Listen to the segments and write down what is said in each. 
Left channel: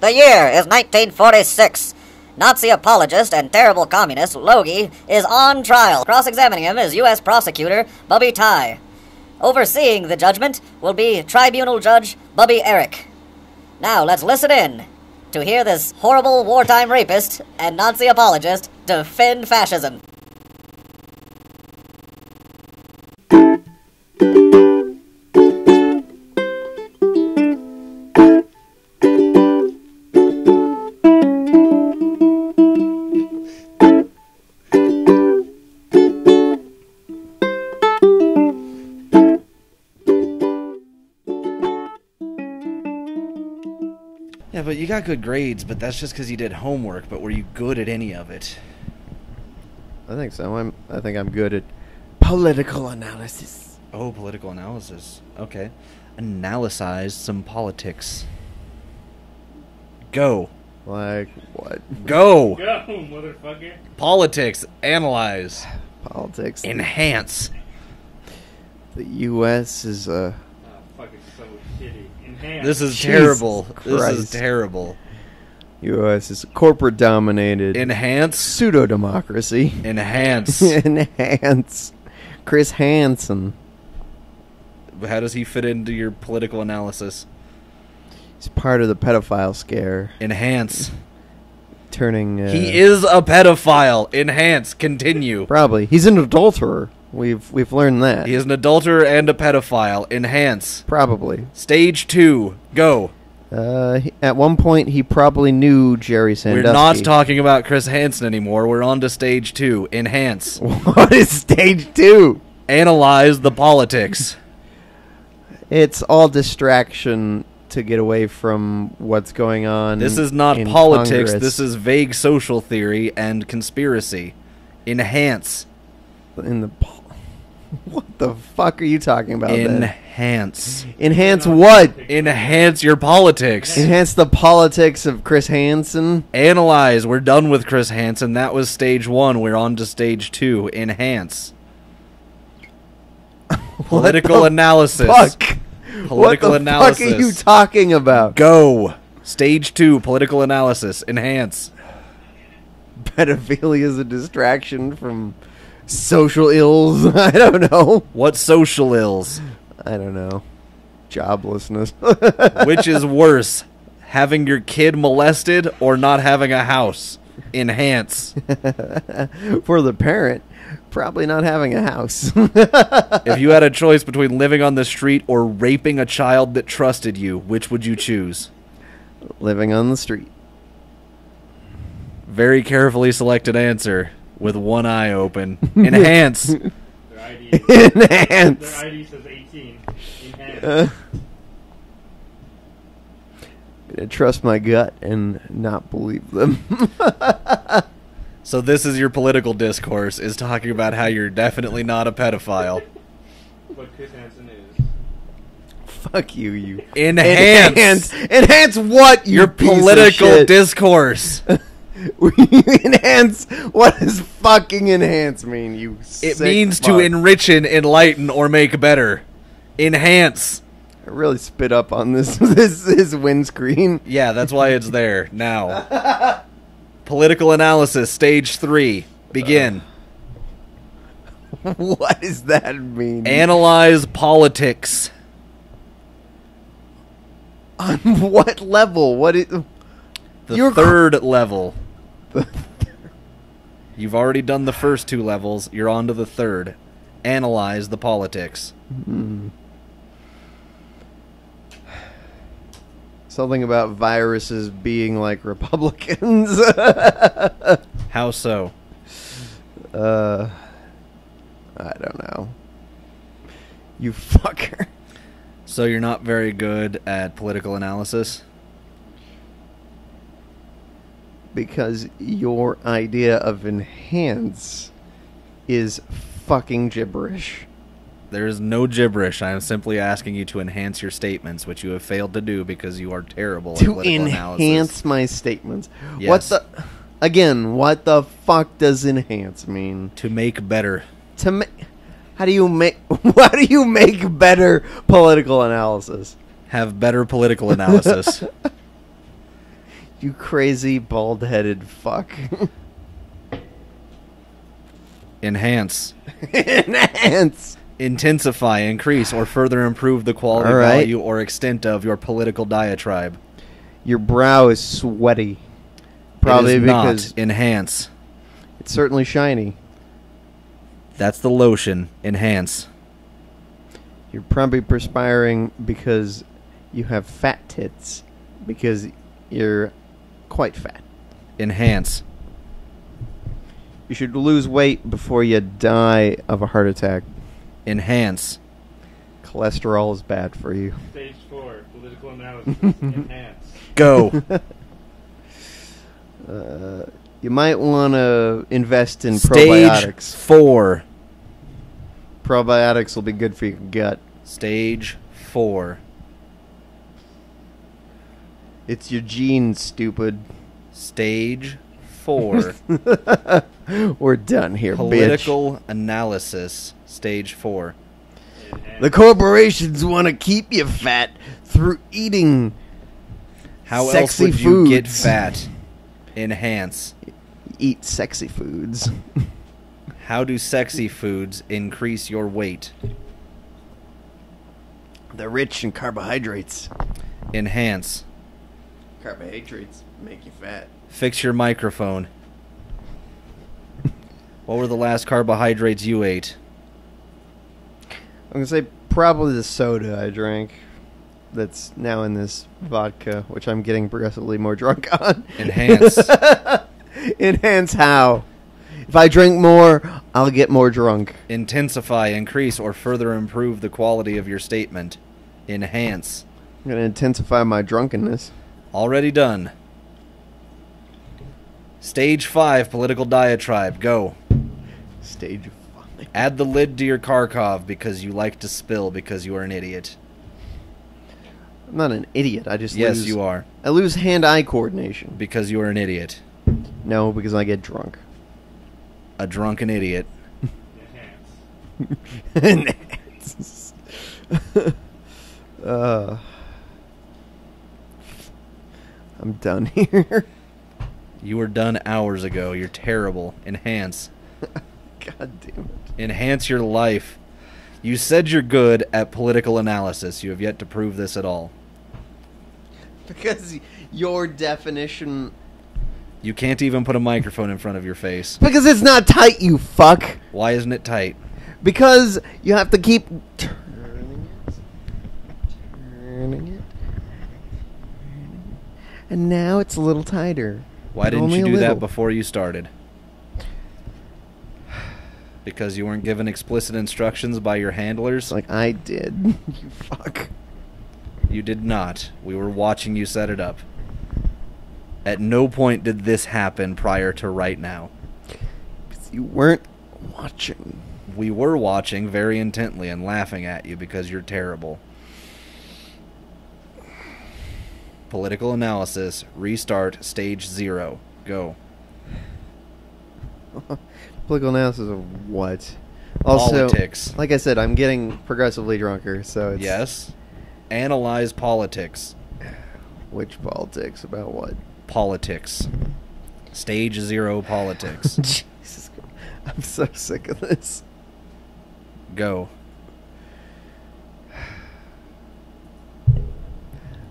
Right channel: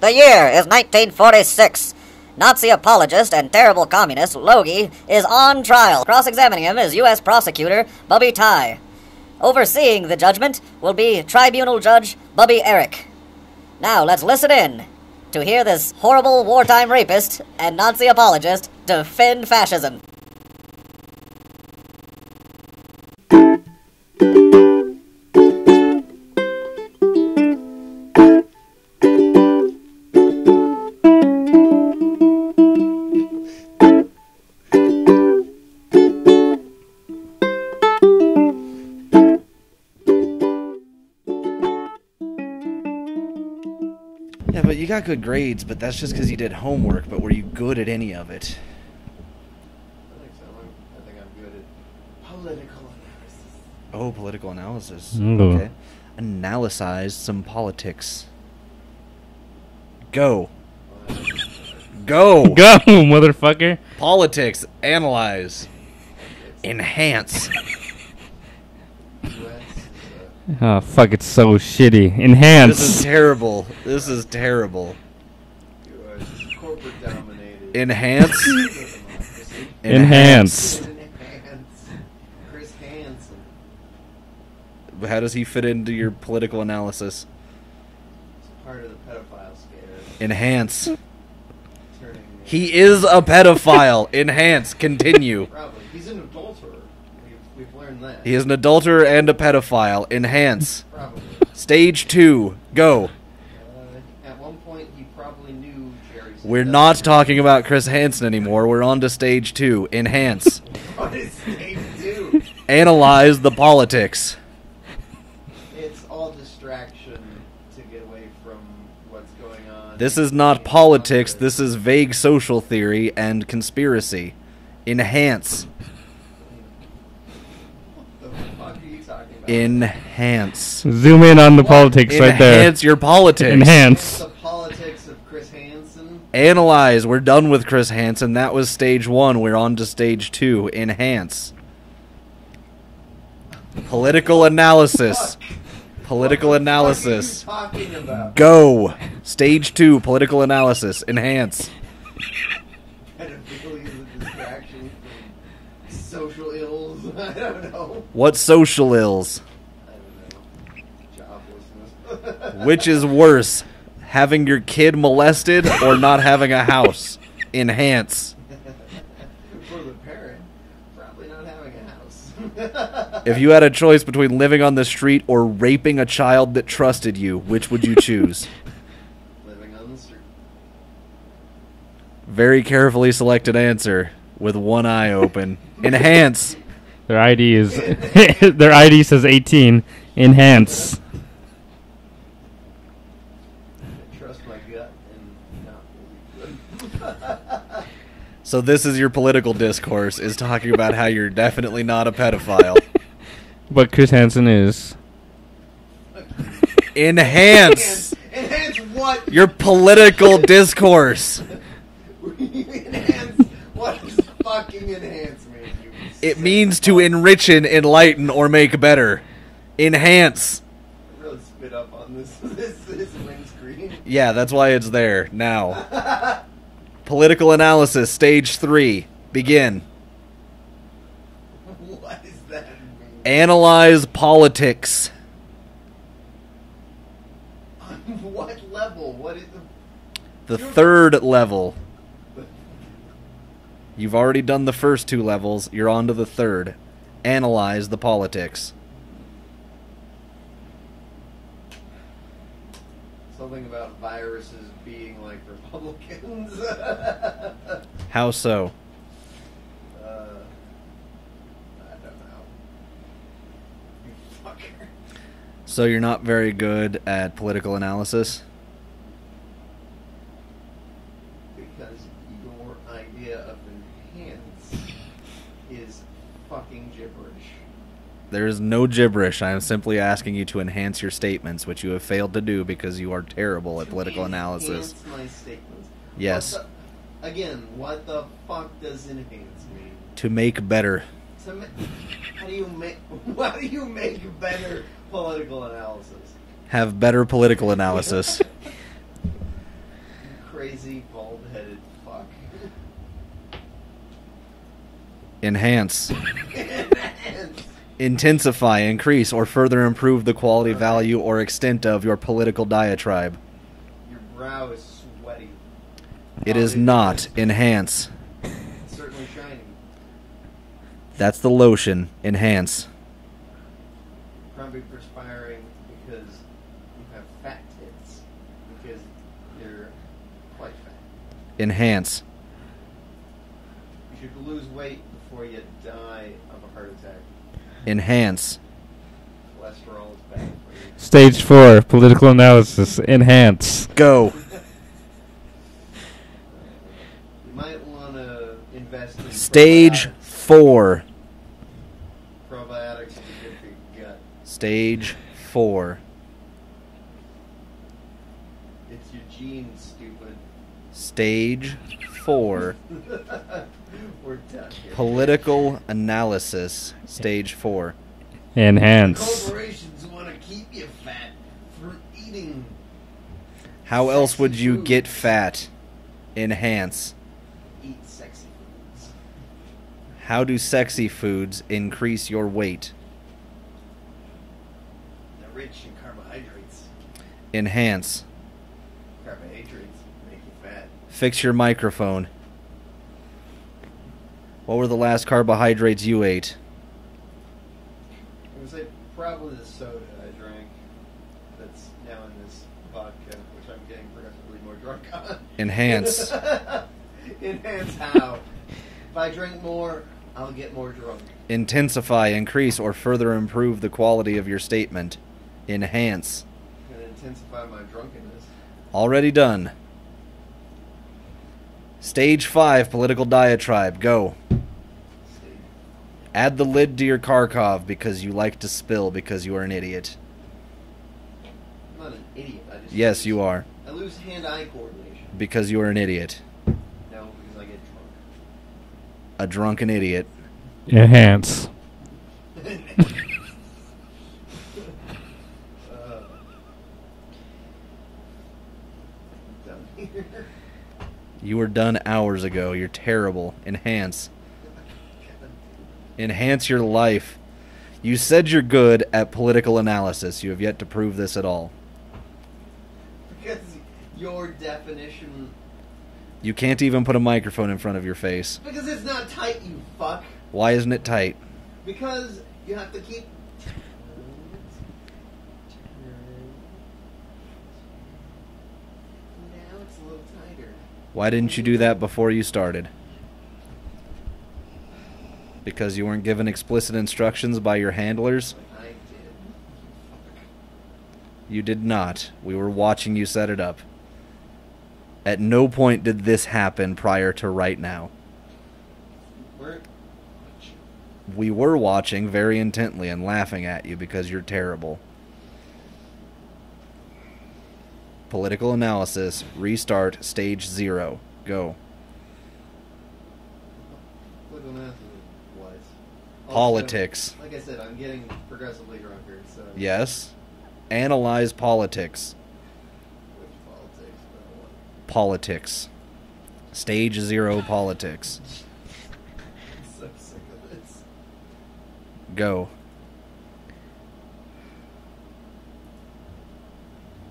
The year is 1946. Nazi apologist and terrible communist Logie is on trial. Cross-examining him is U.S. prosecutor Bubby Ty. Overseeing the judgment will be Tribunal Judge Bubby Eric. Now let's listen in to hear this horrible wartime rapist and Nazi apologist defend fascism. Yeah, but you got good grades, but that's just because you did homework. But were you good at any of it? I think so. I think I'm good at political analysis. Oh, political analysis. Ooh. Okay. Analysize some politics. Go. Like what? Go. Go, motherfucker. Politics. Analyze. Politics. Enhance. The U.S. is Oh, fuck, it's so shitty. Enhance. This is terrible. This is Christ. terrible. U.S. is corporate dominated. Enhance. Pseudo democracy. Enhance. Enhance. Chris Hansen. How does he fit into your political analysis? He's part of the pedophile scare. Enhance. Turning. He is a pedophile. Enhance. Continue. Probably. He's an adulterer. We've learned that. He is an adulterer and a pedophile. Enhance. Probably. Stage 2. Go. At one point, he probably knew Jerry Sandusky. We're not talking about Chris Hansen anymore. We're on to stage 2. Enhance. What is stage 2? Analyze the politics. It's all distraction to get away from what's going on. This is not in politics. Congress. This is vague social theory and conspiracy. Enhance. In the. What the fuck are you talking about? then? Enhance. Zoom in on the what? politics right there. Enhance your politics. Enhance. Enhance the politics of Chris Hansen. Analyze. We're done with Chris Hansen. That was stage 1. We're on to stage 2. Enhance. Political analysis. Fuck. Political what the analysis. Fuck are you talking about? Go. Stage 2. Political analysis. Enhance. Pedophilia is a distraction from social ills. I don't know. What social ills? I don't know. Joblessness. Which is worse, having your kid molested or not having a house? Enhance. For the parent, probably not having a house. If you had a choice between living on the street or raping a child that trusted you, which would you choose? Living on the street. Very carefully selected answer with one eye open. Enhance. Their ID is Enhance. their ID says 18. Enhance. I trust my gut and not believe them. So this is your political discourse, is talking about how you're definitely not a pedophile. But Chris Hansen is. Fuck you. Enhance. Enhance what? You Your piece of political shit? discourse. Enhance. What does fucking enhance mean? You. It sick means to fuck? enrich, enlighten, or make better. Enhance. I really spit up on this windscreen. Yeah, that's why it's there now. Political analysis, stage 3. Begin. What does that mean? Analyze politics. On what level? What is? The You're third level. You've already done the first 2 levels. You're on to the third. Analyze the politics. Something about viruses being like Republicans. How so? I don't know. You fucker. So you're not very good at political analysis? Because your idea of enhance is fucking gibberish. There is no gibberish. I am simply asking you to enhance your statements, which you have failed to do because you are terrible at political analysis. To enhance my statements. Yes. What the fuck does enhance mean? To make better. How do you make better political analysis? Have better political analysis. You crazy bald-headed fuck. Enhance. Enhance. Intensify, increase, or further improve the quality, All right. value, or extent of your political diatribe. Your brow is sweaty. It Probably is not. because Enhance. It's certainly shiny. That's the lotion. Enhance. You're probably perspiring because you have fat tits. Because you're quite fat. Enhance. You should lose weight before you die of a heart attack. Enhance. Cholesterol is bad for you. Stage 4, political analysis. Enhance. Go. You might want to invest in Stage probiotics. 4. Probiotics will be good for your gut. Stage 4. It's your genes, stupid. Stage 4. We're done here, Political analysis. Stage 4. Enhance. bitch. The corporations want to keep you fat through eating. How else Sexy would you get foods. fat? Enhance. Eat sexy foods. How do sexy foods increase your weight? They're rich in carbohydrates. Enhance. Carbohydrates make you fat. Fix your microphone. What were the last carbohydrates you ate? I'm going to say probably the soda I drank that's now in this vodka, which I'm getting progressively more drunk on. Enhance. Enhance how? If I drink more, I'll get more drunk. Intensify, increase, or further improve the quality of your statement. Enhance. I'm going to intensify my drunkenness. Already done. Stage 5, political diatribe. Go. Stage. Add the lid to your Kharkov because you like to spill because you are an idiot. I'm not an idiot. I just Yes, lose, you are. I lose hand-eye coordination. Because you are an idiot. No, because I get drunk. A drunken idiot. Enhance. I'm done here. You were done hours ago. You're terrible. Enhance. God damn it. Enhance your life. You said you're good at political analysis. You have yet to prove this at all. Because your definition... You can't even put a microphone in front of your face. Because it's not tight, you fuck. Why isn't it tight? Because you have to keep... turning it. And now it's a little tighter. Why didn't Only you a do little. that before you started? Because you weren't given explicit instructions by your handlers? Like I did. You fuck. You did not. We were watching you set it up. At no point did this happen prior to right now. You weren't watching. We were watching very intently and laughing at you because you're terrible. Political analysis. Restart. Stage 0. Go. Political analysis of what? Also, Politics. like I said, I'm getting progressively drunker, so it's... Yes. Analyze politics. Which politics? About what? Politics. Stage 0 politics. Jesus Christ. I'm so sick of this. Go.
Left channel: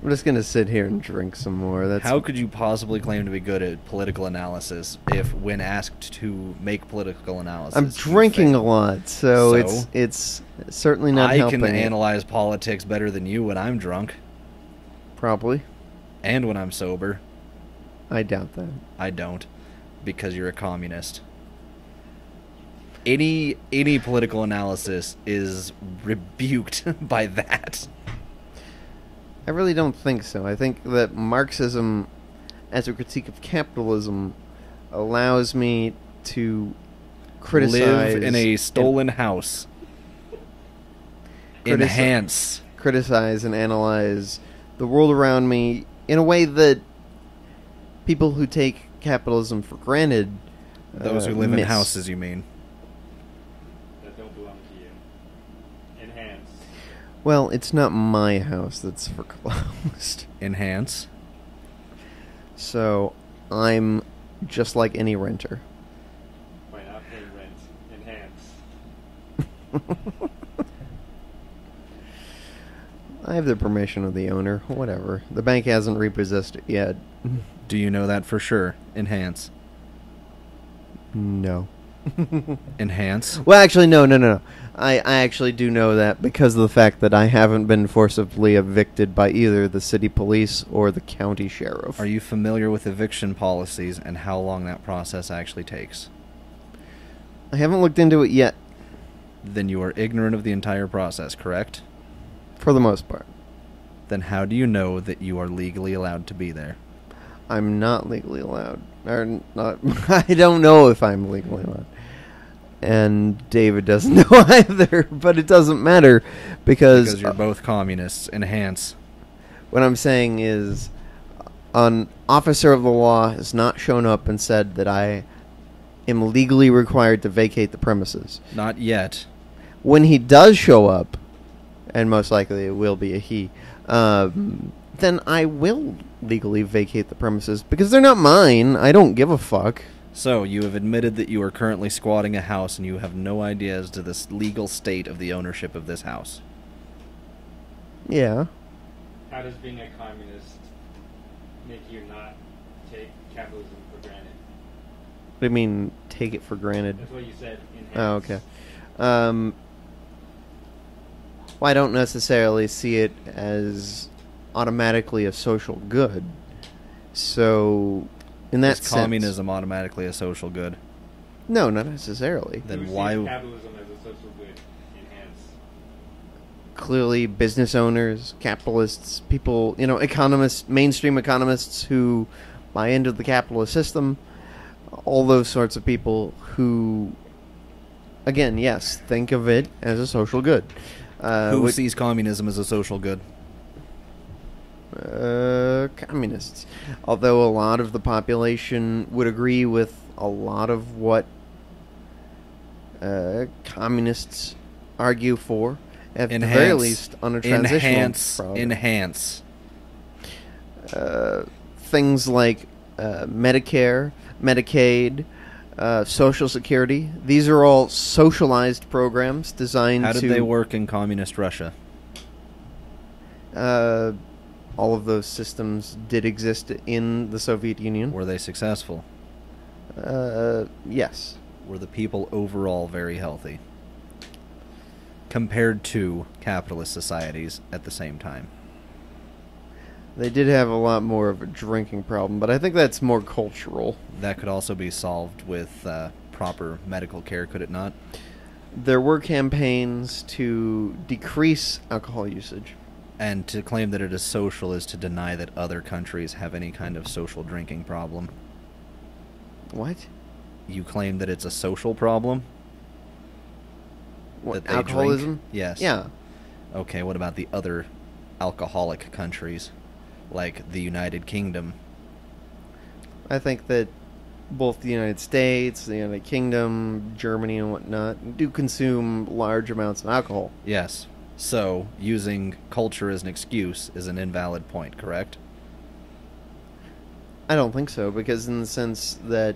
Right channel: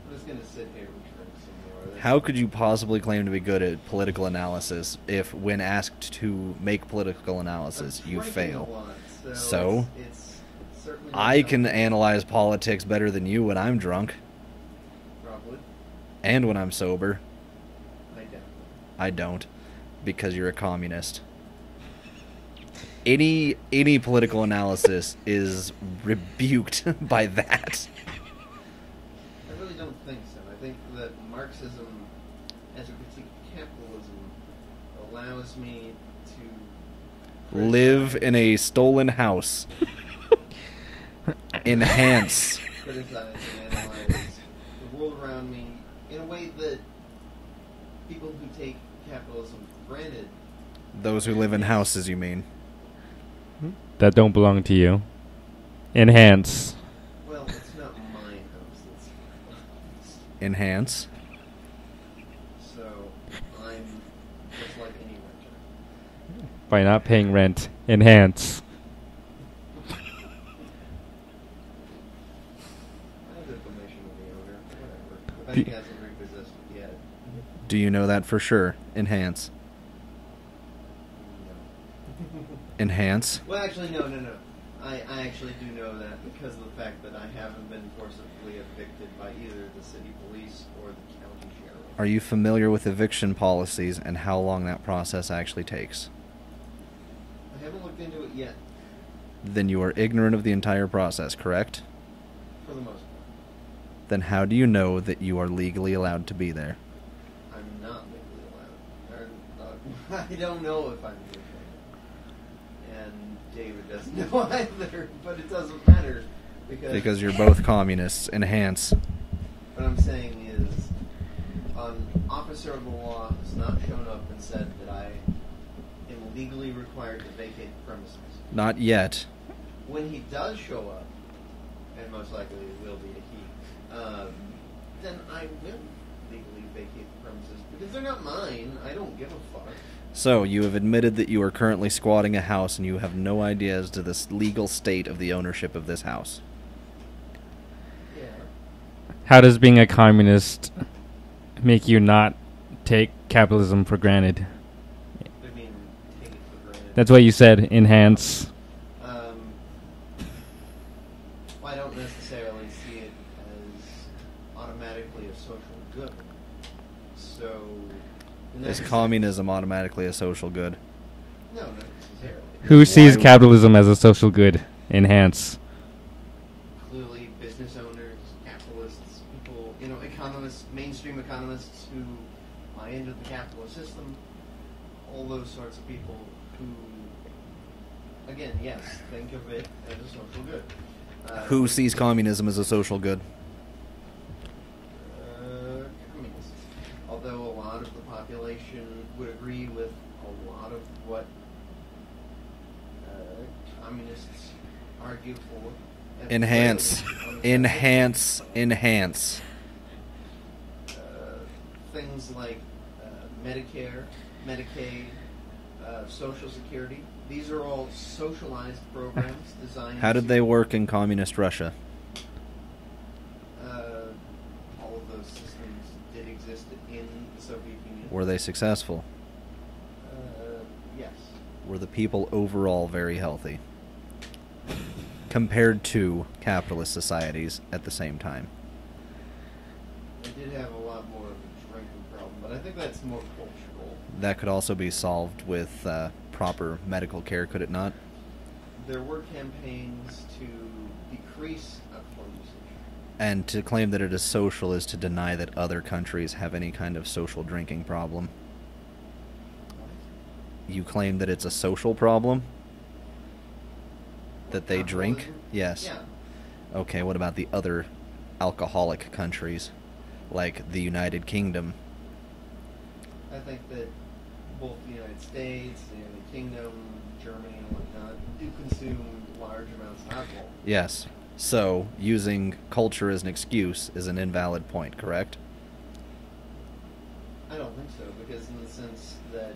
I'm just gonna sit here and drink some more. That's How could you possibly claim to be good at political analysis if, when asked to make political analysis, I'm you drinking a fail? lot, so, So? it's certainly not I can helping. analyze politics better than you when I'm drunk Probably. and when I'm sober. I doubt that. I don't, because you're a communist. Any political analysis is rebuked by that. I really don't think so. I think that Marxism, as a critique of capitalism, allows me to criticize... Live in a stolen house. Enhance. criticize and analyze the world around me in a way that people who take capitalism for granted... Those who live in miss. houses, you mean. That don't belong to you. Enhance. Well, it's not my house that's foreclosed. Enhance. So I'm just like any renter. By not paying rent. Enhance. I have the permission of the owner. Whatever. The bank hasn't repossessed it yet. Do you know that for sure? Enhance. No. Enhance? Well, actually, no. I actually do know that because of the fact that I haven't been forcibly evicted by either the city police or the county sheriff. Are you familiar with eviction policies and how long that process actually takes? I haven't looked into it yet, Then you are ignorant of the entire process, correct? for the most part. Then how do you know that you are legally allowed to be there? I'm not legally allowed. Or not. I don't know if I'm legally allowed. And David doesn't know either, but it doesn't matter because you're both communists. Enhance. what I'm saying is an officer of the law has not shown up and said that I am legally required to vacate the premises. Not yet. When he does show up, and most likely it will be a he, then I will legally vacate the premises because they're not mine. I don't give a fuck. So, you have admitted that you are currently squatting a house and you have no idea as to the legal state of the ownership of this house. Yeah. How does being a communist make you not take capitalism for granted? I mean, take it for granted. That's what you said. Enhance. Oh, okay. Well, I don't necessarily see it as automatically a social good. So, in that Is sense, communism automatically a social good? No, not necessarily. Who sees Why- capitalism as a social good? Enhance. Clearly, business owners, capitalists, people, economists, mainstream economists who buy into the capitalist system, all those sorts of people who, again, yes, think of it as a social good. Who sees communism as a social good? Communists. Although a lot of the population would agree with a lot of what communists argue for. At the very least, on a transitional Enhance. things like Medicare, Medicaid, Social Security. These are all socialized programs designed to... How did they work in communist Russia? All of those systems did exist in the Soviet Union. Were they successful? Yes. Were the people overall very healthy? Compared to capitalist societies at the same time. They did have a lot more of a drinking problem, but I think that's more cultural. That could also be solved with proper medical care, could it not? There were campaigns to decrease alcohol usage. And to claim that it is social is to deny that other countries have any kind of social drinking problem. What? You claim that it's a social problem? What, that they alcoholism? drink? Yes. Yeah. Okay, what about the other alcoholic countries, like the United Kingdom? I think that both the United States, the United Kingdom, Germany, and whatnot do consume large amounts of alcohol. Yes. So, using culture as an excuse is an invalid point, correct? I don't think so, because in the sense that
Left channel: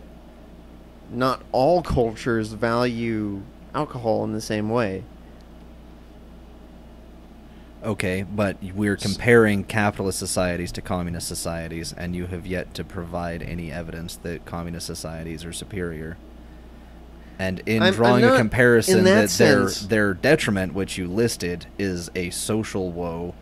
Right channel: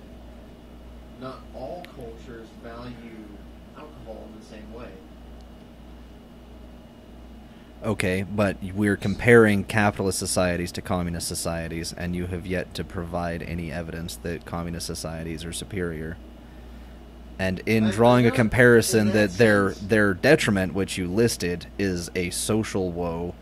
not all cultures value alcohol in the same way. Okay, but we're comparing capitalist societies to communist societies, and you have yet to provide any evidence that communist societies are superior. And in drawing a comparison that their detriment, which you listed, is a social woe,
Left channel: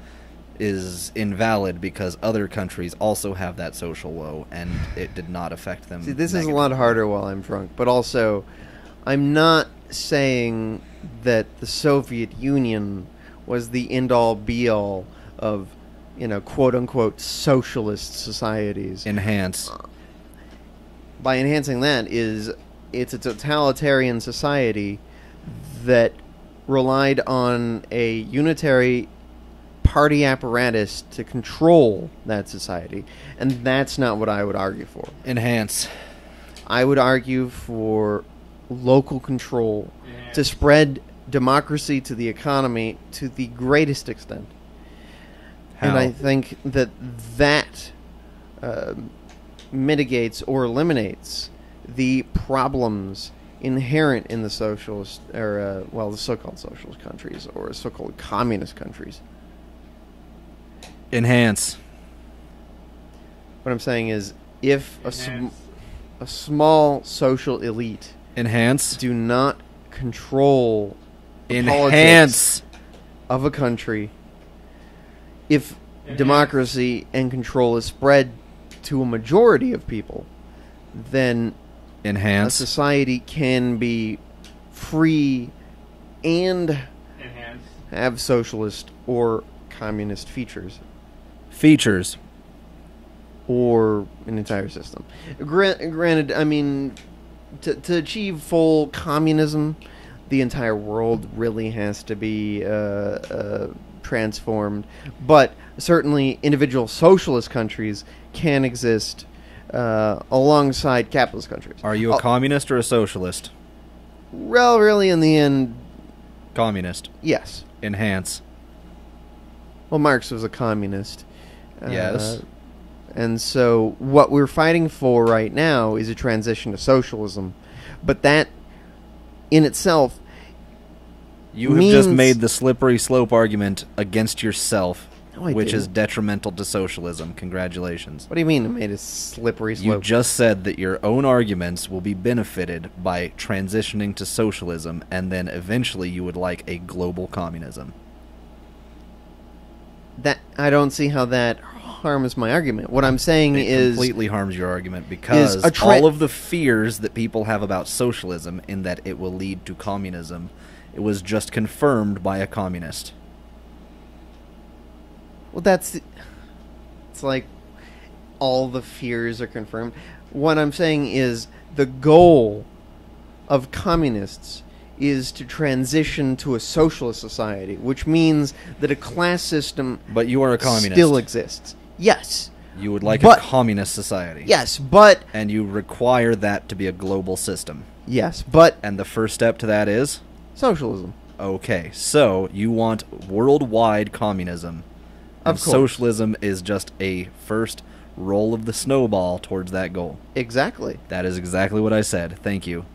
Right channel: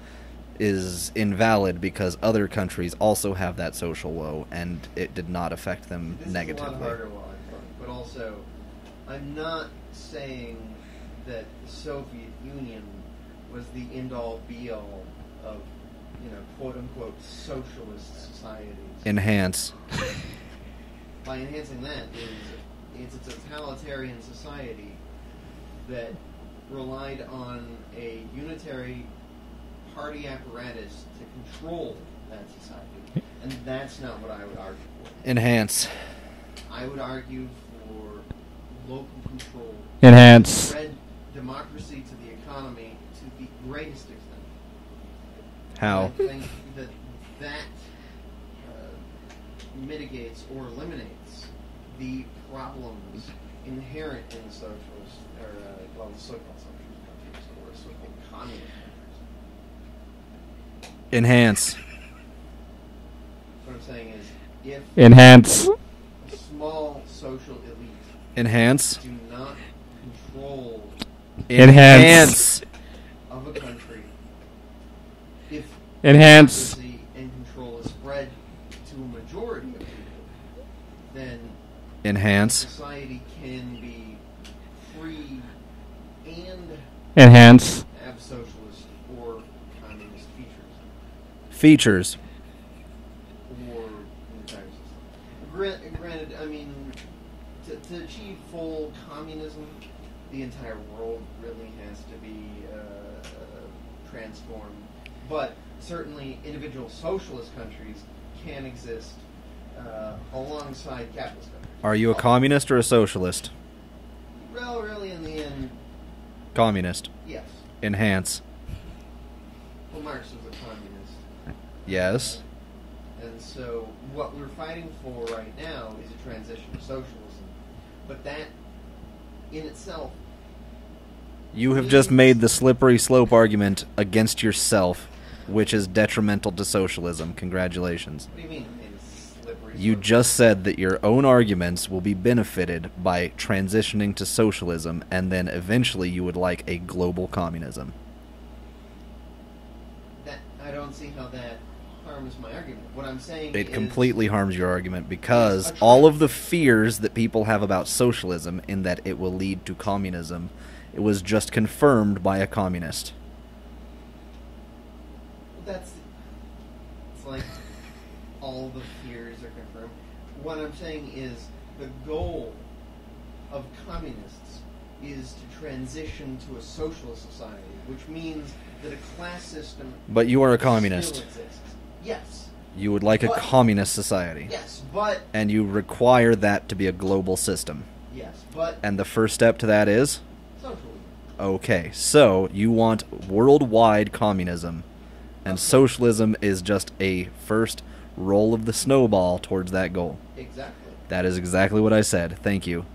is invalid because other countries also have that social woe, and it did not affect them. See, this is a lot harder while I'm drunk, but also, I'm not saying that the Soviet Union was the end-all, be-all of, quote-unquote socialist societies. Enhance. By enhancing that it's a totalitarian society that relied on a unitary party apparatus to control that society, and that's not what I would argue for. Enhance. I would argue for local control Enhance. to spread democracy to the economy to the greatest extent. How? And I think that mitigates or eliminates the problems inherent in the socialist, or the so-called socialist countries, or so-called communist countries. Enhance. What I'm saying is, if Enhance. a small social elite Enhance. do not control Enhance. of a country, if Enhance. democracy and control is spread to a majority of people, then a Enhance. society can be free and Enhance. have socialist or communist features, Features. or an entire system. Granted, I mean, to achieve full communism, the entire world really has to be transformed. But certainly, individual socialist countries can exist alongside capitalist countries. Are you a communist or a socialist? Well, really, in the end, Communist. yes. Enhance. Well, Marx was a communist. Yes. And so what we're fighting for right now is a transition to socialism. But that, in itself, You have just means- made the slippery slope argument against yourself, No, I which is didn't. detrimental to socialism. Congratulations. What do you mean it made a slippery slope? You just said that your own arguments will be benefited by transitioning to socialism, and then eventually you would like a global communism. That I don't see how that harms my argument. What I'm saying It is completely harms your argument because is a all of the fears that people have about socialism, in that it will lead to communism, it was just confirmed by a communist. well, it's like all the fears are confirmed. What I'm saying is the goal of communists is to transition to a socialist society, which means that a class system But you are a communist. still exists. Yes. You would like But- a communist society. Yes, but And you require that to be a global system. yes, but And the first step to that is? socialism. Okay, so you want worldwide communism. And Of course. socialism is just a first roll of the snowball towards that goal. Exactly. That is exactly what I said. Thank you.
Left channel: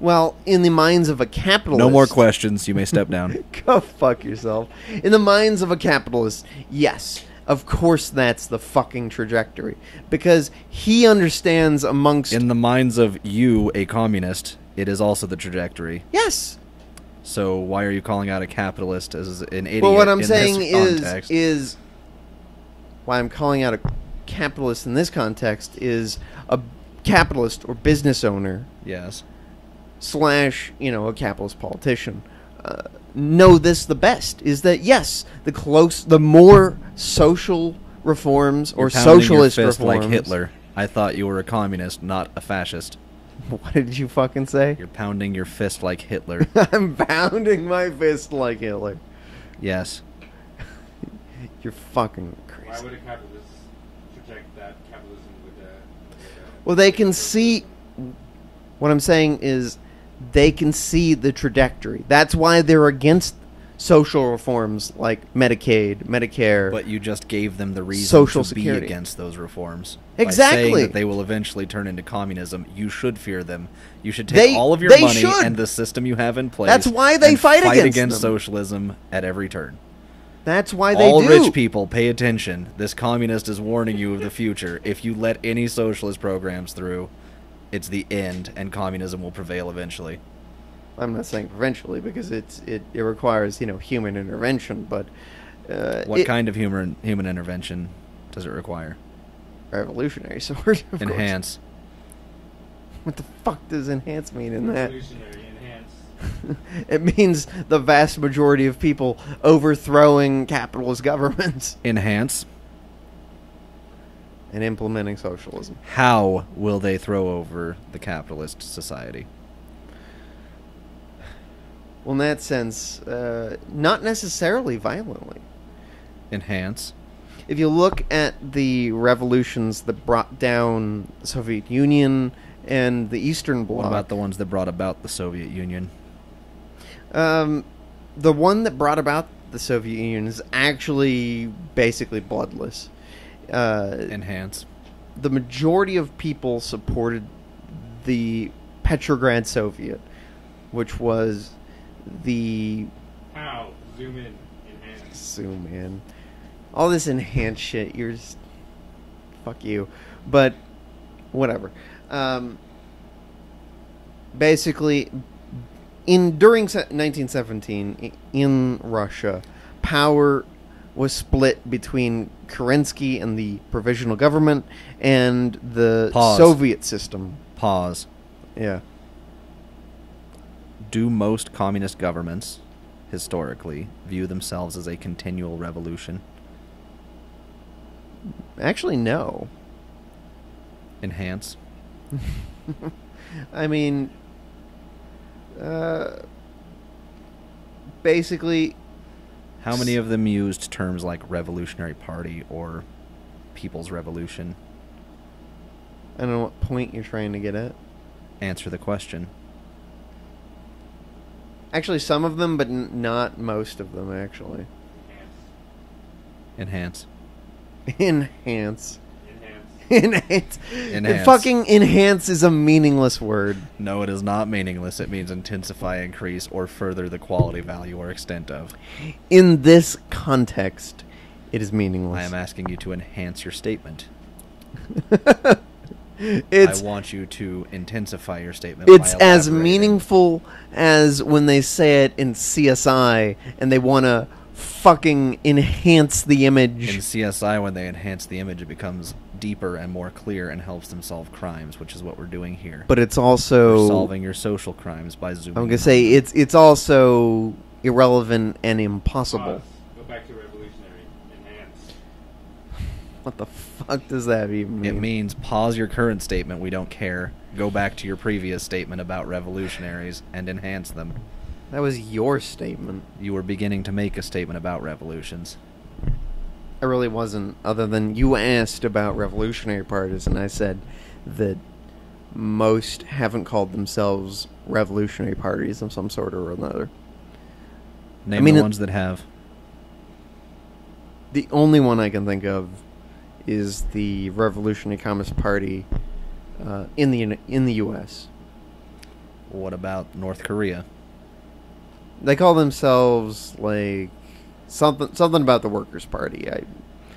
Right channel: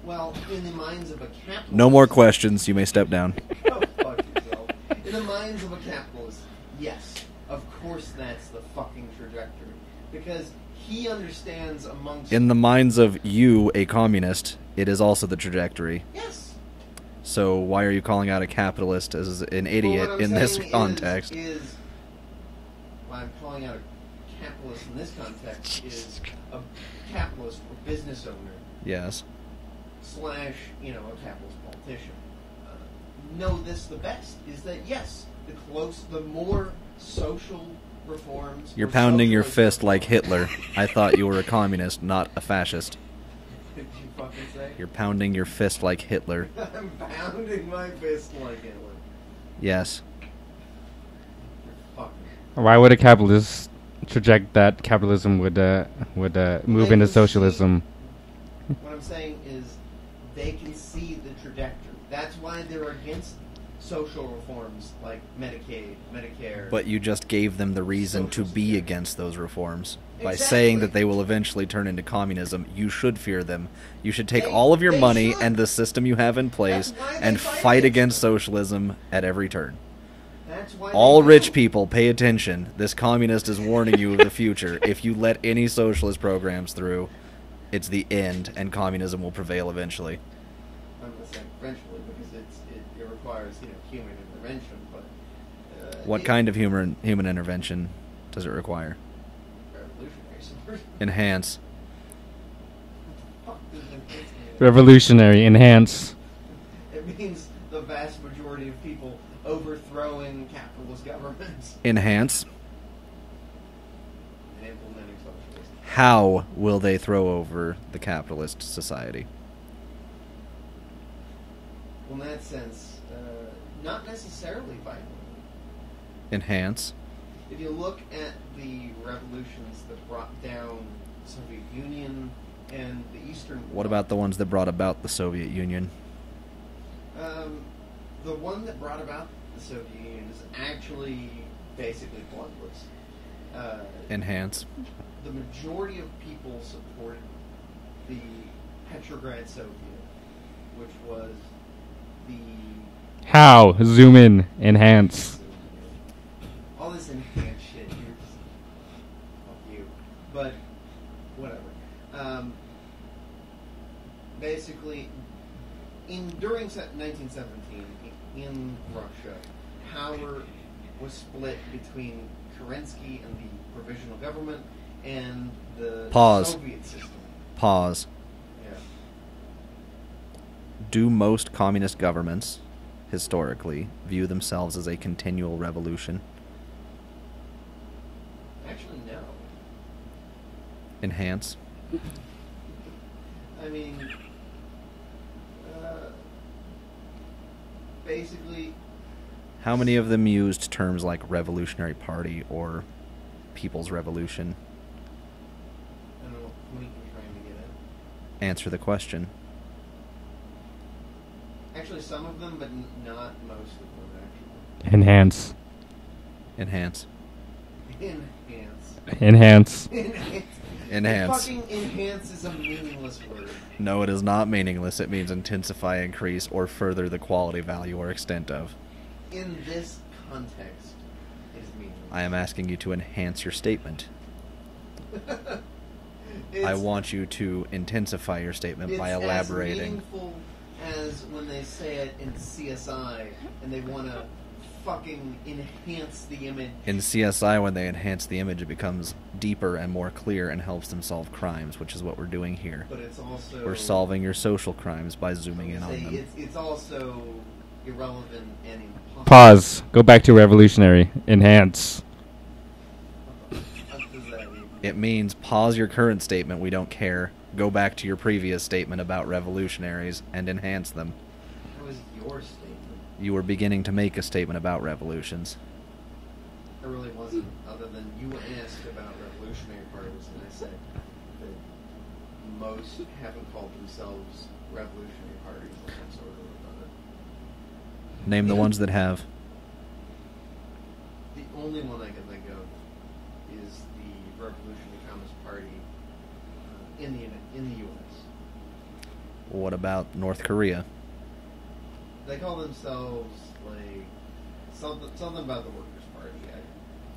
Well, in the minds of a capitalist... No more questions. You may step down. Go fuck yourself. In the minds of a capitalist, yes, of course that's the fucking trajectory. Because he understands amongst... In the minds of you, a communist, it is also the trajectory. Yes. So why are you calling out a capitalist as an idiot Well, what I'm in saying this context? is... Why I'm calling out a capitalist in this context is a capitalist or business owner Yes. / a capitalist politician know this the best, is that yes, the more social reforms You're or pounding your socialist fist like reforms- Hitler. I thought you were a communist, not a fascist. What did you fucking say? You're pounding your fist like Hitler. I'm pounding my fist like Hitler. Yes. You're fucking crazy. Why would a capitalist project that capitalism would move they into can socialism? What I'm saying is they can see the trajectory. That's why they're against social reforms like Medicaid, Medicare. But you just gave them the reason Social to be Security. against those reforms. By Exactly. saying that they will eventually turn into communism, you should fear them. You should take They- all of your they money should. and the system you have in place That's why they and fight against against them. socialism at every turn. That's why All they do. rich people, pay attention. This communist is warning you of the future. If you let any socialist programs through, it's the end, and communism will prevail eventually. I'm not saying eventually because it requires human intervention, but What kind of human intervention does it require? revolutionary sort of course. Enhance. What the fuck does enhance mean? in that? Revolutionary, enhance. It means the vast majority of people overthrowing capitalist governments Enhance. and implementing socialism. How will they throw over the capitalist society? Well, in that sense, not necessarily violently. Enhance. If you look at the revolutions that brought down the Soviet Union and the Eastern Bloc, What about the ones that brought about the Soviet Union? the one that brought about the Soviet Union is actually basically bloodless. Enhance. the majority of people supported the Petrograd Soviet, which was the... How? Zoom in. Enhance. Zoom in. All this enhanced shit, you're just... Fuck you. But, whatever. Basically, during 1917, in Russia, power was split between Kerensky and the provisional government and the Soviet system. Pause. Yeah. Do most communist governments, historically, view themselves as a continual revolution? Actually, no. Enhance? I mean, basically... How many of them used terms like Revolutionary Party or People's Revolution? I don't know what point you're trying to get at. Answer the question. Actually, some of them, but not most of them, actually. Enhance. Enhance. Enhance. Enhance. Enhance. Enhance. Fucking enhance is a meaningless word. No, it is not meaningless. It means intensify, increase, or further the quality, value, or extent of. In this context, it is meaningless. I am asking you to enhance your statement. I want you to intensify your statement by It's as elaborating. meaningful as when they say it in CSI and they want to fucking enhance the image. In CSI, when they enhance the image, it becomes deeper and more clear and helps them solve crimes, which is what we're doing here. But it's also... We're solving your social crimes by zooming I'm in going to say on them. it's also irrelevant and impossible. Pause. Go back to revolutionary. Enhance. What the fuck does that even mean? It means pause your current statement, we don't care. Go back to your previous statement about revolutionaries and enhance them. That was your statement. You were beginning to make a statement about revolutions. I really wasn't, other than you asked about revolutionary parties, and I said that most haven't called themselves revolutionary parties of some sort or another. Name the ones that have. The only one I can think of is the Revolutionary Communist Party in the U.S. What about North Korea? They call themselves like something about the Workers' Party. I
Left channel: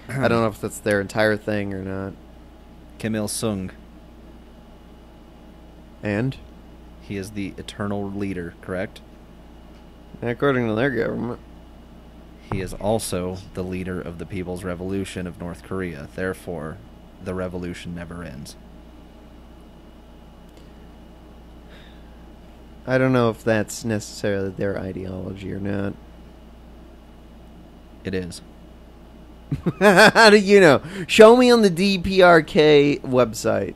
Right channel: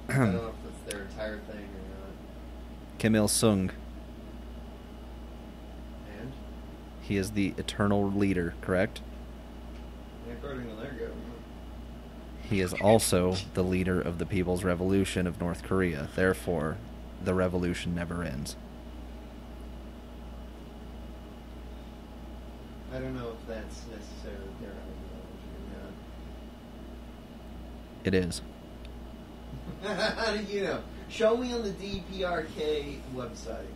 don't know if that's their entire thing or not. Kim Il-sung. And He is the eternal leader, correct? according to their government. He is also the leader of the People's Revolution of North Korea. Therefore, the revolution never ends. I don't know if that's necessarily their ideology or not. It is. How do you know? Show me on the DPRK website.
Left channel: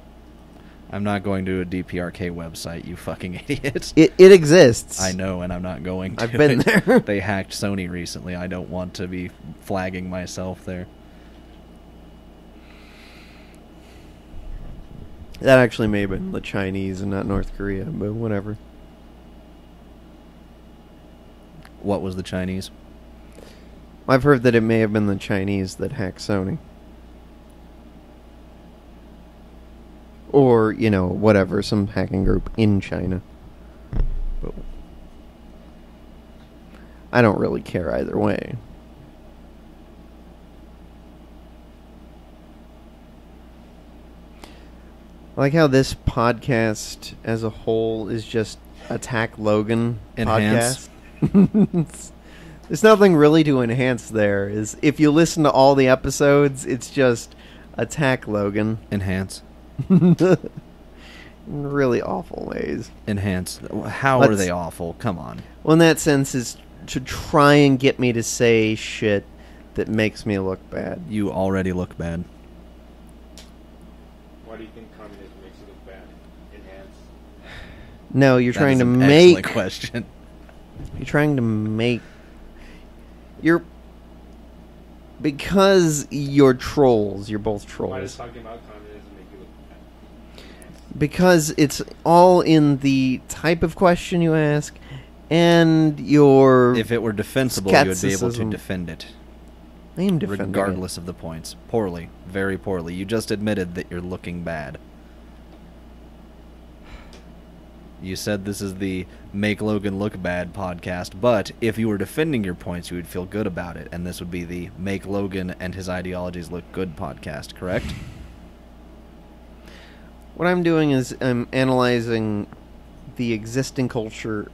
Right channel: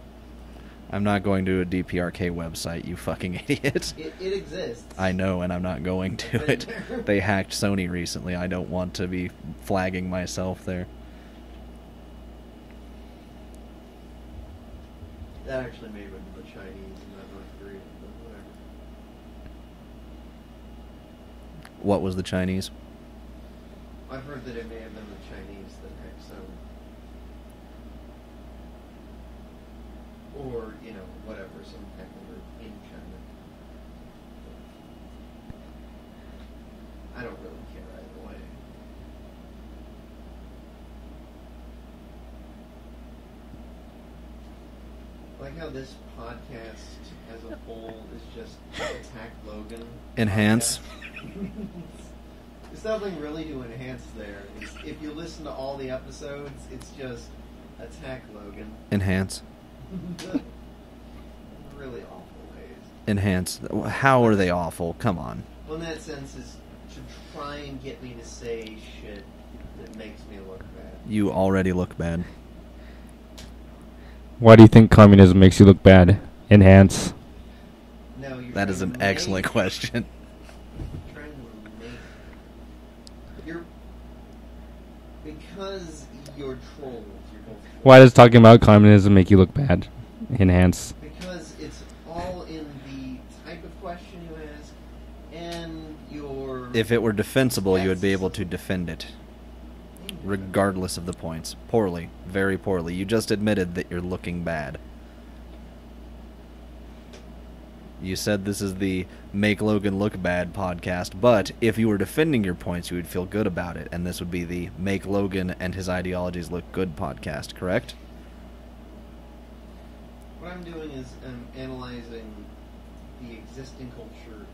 I'm not going to a DPRK website, you fucking idiot. It exists. I know, and I'm not going to. I've been there. They hacked Sony recently. I don't want to be flagging myself there. That actually may have been the Chinese and not North Korea, but whatever. What was the Chinese? I've heard that it may have been the Chinese that hacked Sony. Or, you know, whatever, some hacking group in China. But I don't really care either way. I like how this podcast as a whole is just Attack Logan Enhance. podcast. There's nothing really to enhance there. Is if you listen to all the episodes, it's just Attack Logan. Enhance. In really awful ways. Enhance. How are Let's- they awful? Come on. Well, in that sense, is to try and get me to say shit that makes me look bad. You already look bad. Why do you think communism makes you look bad? Enhance. No, you're That trying is to an make. excellent question. You're trying to make. You're. Because you're trolls. You're both trolls. Why does talking about communism make you look bad? Enhance. Because it's all in the type of question you ask, and your. If it were defensible, you would be able to Skepticism. defend it. I am defending regardless of the points. Poorly. Very poorly. You just admitted that you're looking bad. You said this is the Make Logan Look Bad podcast, but if you were defending your points, you would feel good about it, and this would be the Make Logan and his ideologies look good podcast, correct? What I'm doing is I'm analyzing the existing culture,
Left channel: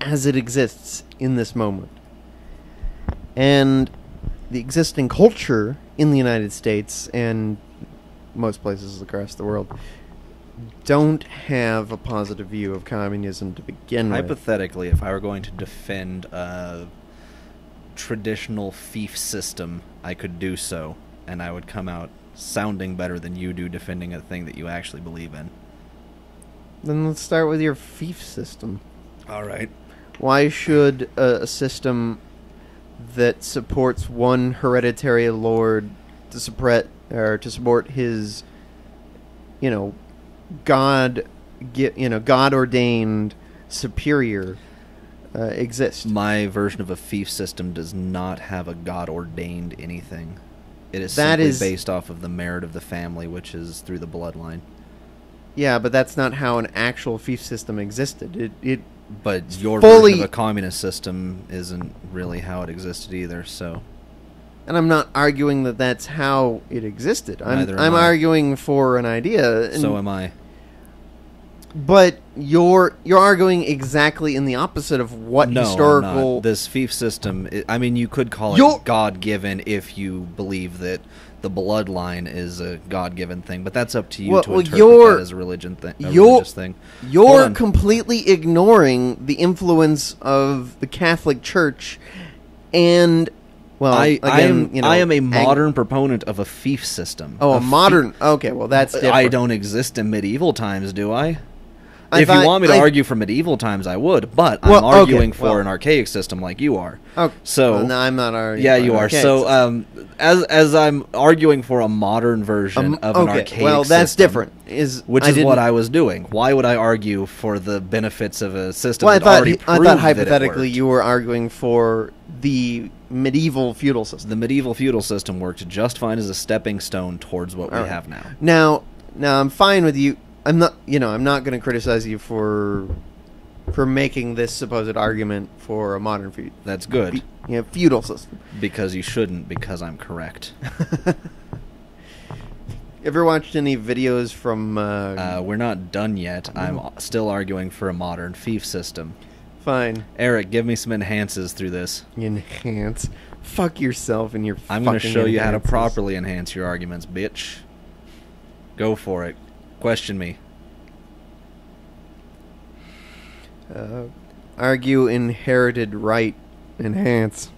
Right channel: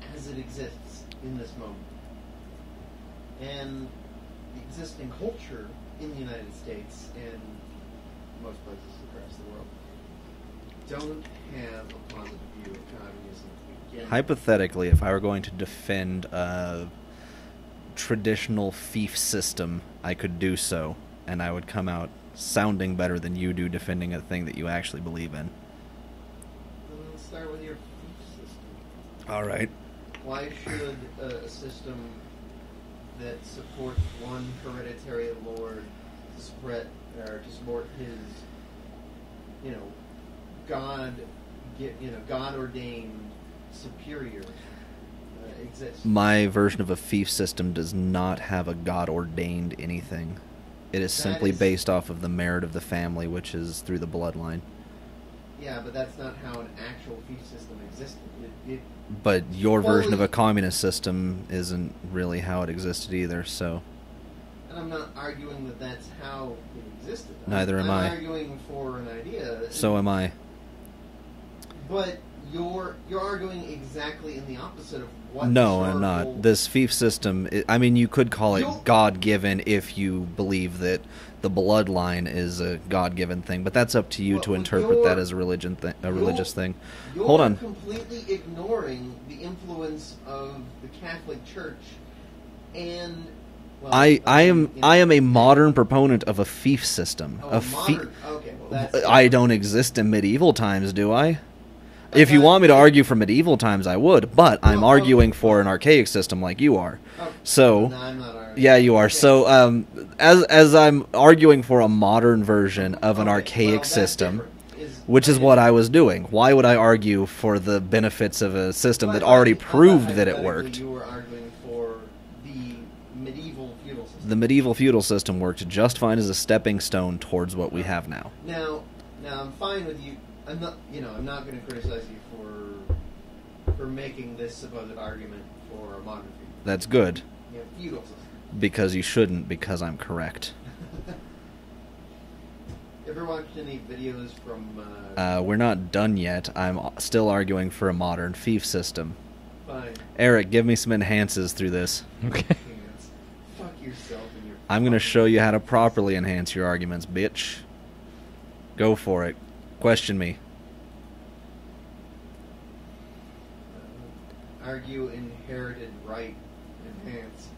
as it exists in this moment. And the existing culture in the United States and most places across the world don't have a positive view of communism to begin with. Hypothetically, if I were going to defend a traditional fief system, I could do so, and I would come out sounding better than you do defending a thing that you actually believe in. Then let's start with your fief system. All right. Why should a system that supports one hereditary lord to support his, God-ordained superior exist? My version of a fief system does not have a God-ordained anything. It is simply based off of the merit of the family, which is through the bloodline. Yeah, but that's not how an actual fief system existed. But your version of a communist system isn't really how it existed either, so... And I'm not arguing that that's how it existed. Neither am I'm I. arguing for an idea. So am I. But you're arguing exactly in the opposite of what historical... No, I'm not. This fief system, you could call it God-given if you believe that the bloodline is a God-given thing, but that's up to you to interpret that as a religious thing. You're completely ignoring the influence of the Catholic Church and... Well, I am a modern proponent of a fief system. Oh, modern... Okay, well, that's different. I don't exist in medieval times, do I? If you want me to argue for medieval times, I would, but I'm arguing for an archaic system like you are. Okay. So, no, I'm not arguing. Yeah, you are. So, as I'm arguing for a modern version of an archaic system, that's different. Which is what I was doing. Why would I argue for the benefits of a system that already proved that it hypothetically worked? You were arguing for the medieval feudal system. The medieval feudal system worked just fine as a stepping stone towards what we have now. Now, I'm fine with you. I'm not going to criticize you for making this supposed argument for a modern feudal. That's good. Feudal system. Because you shouldn't, because I'm correct. Ever watched any videos from... We're not done yet. I'm still arguing for a modern fief system. Fine. Eric, give me some enhances through this. Enhance? Fuck yourself and your I'm going to show you how to properly enhance your arguments, bitch. Go for it. Question me. Argue inherited right. Enhance.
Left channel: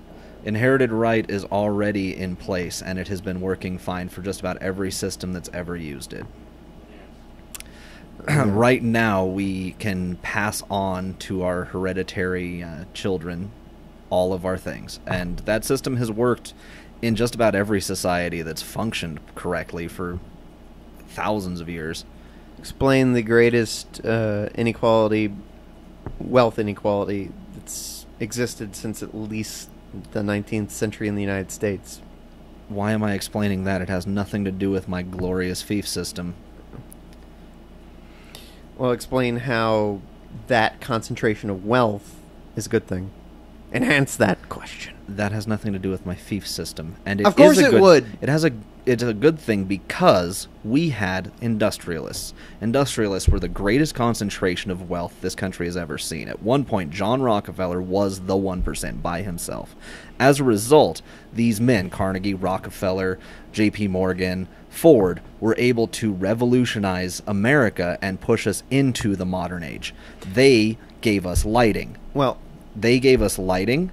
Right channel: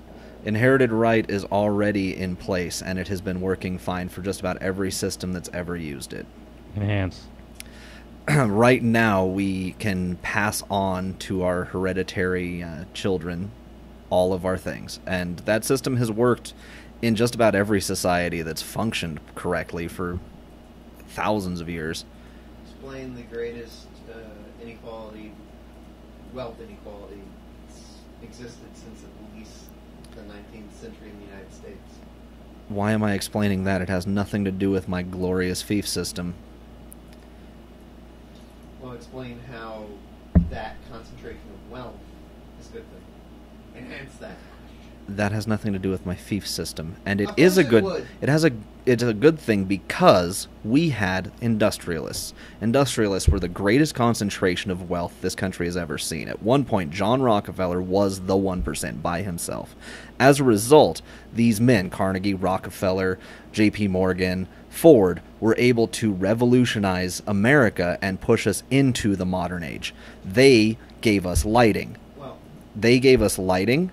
Inherited right is already in place, and it has been working fine for just about every system that's ever used it. Enhance. Right now, we can pass on to our hereditary children all of our things, and that system has worked in just about every society that's functioned correctly for thousands of years. Explain the greatest wealth inequality that's existed since at least the 19th century in the United States. Why am I explaining that? It has nothing to do with my glorious fief system. Well, explain how that concentration of wealth is a good thing. Enhance that question. That has nothing to do with my fief system, and Of course it would. It's a good thing because we had industrialists. Industrialists were the greatest concentration of wealth this country has ever seen. At one point, John Rockefeller was the 1% by himself. As a result, these men, Carnegie, Rockefeller, J.P. Morgan, Ford, were able to revolutionize America and push us into the modern age. They gave us lighting. They gave us lighting.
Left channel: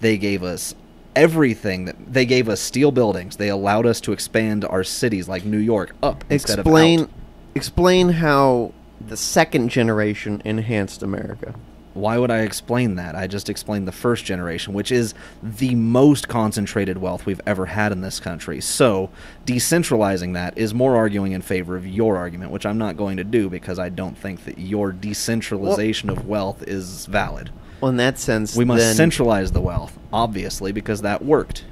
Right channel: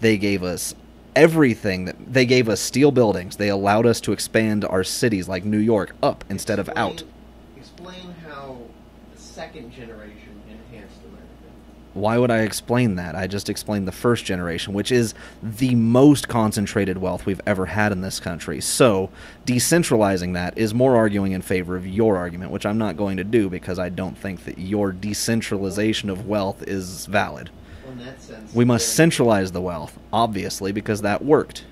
They gave us everything. They gave us steel buildings. They allowed us to expand our cities like New York up instead of out. Explain how the second generation enhanced America. Why would I explain that? I just explained the first generation, which is the most concentrated wealth we've ever had in this country. So, decentralizing that is more arguing in favor of your argument, which I'm not going to do because I don't think that your decentralization of wealth is valid. Well, in that sense, We must then, centralize the wealth, obviously, because that worked.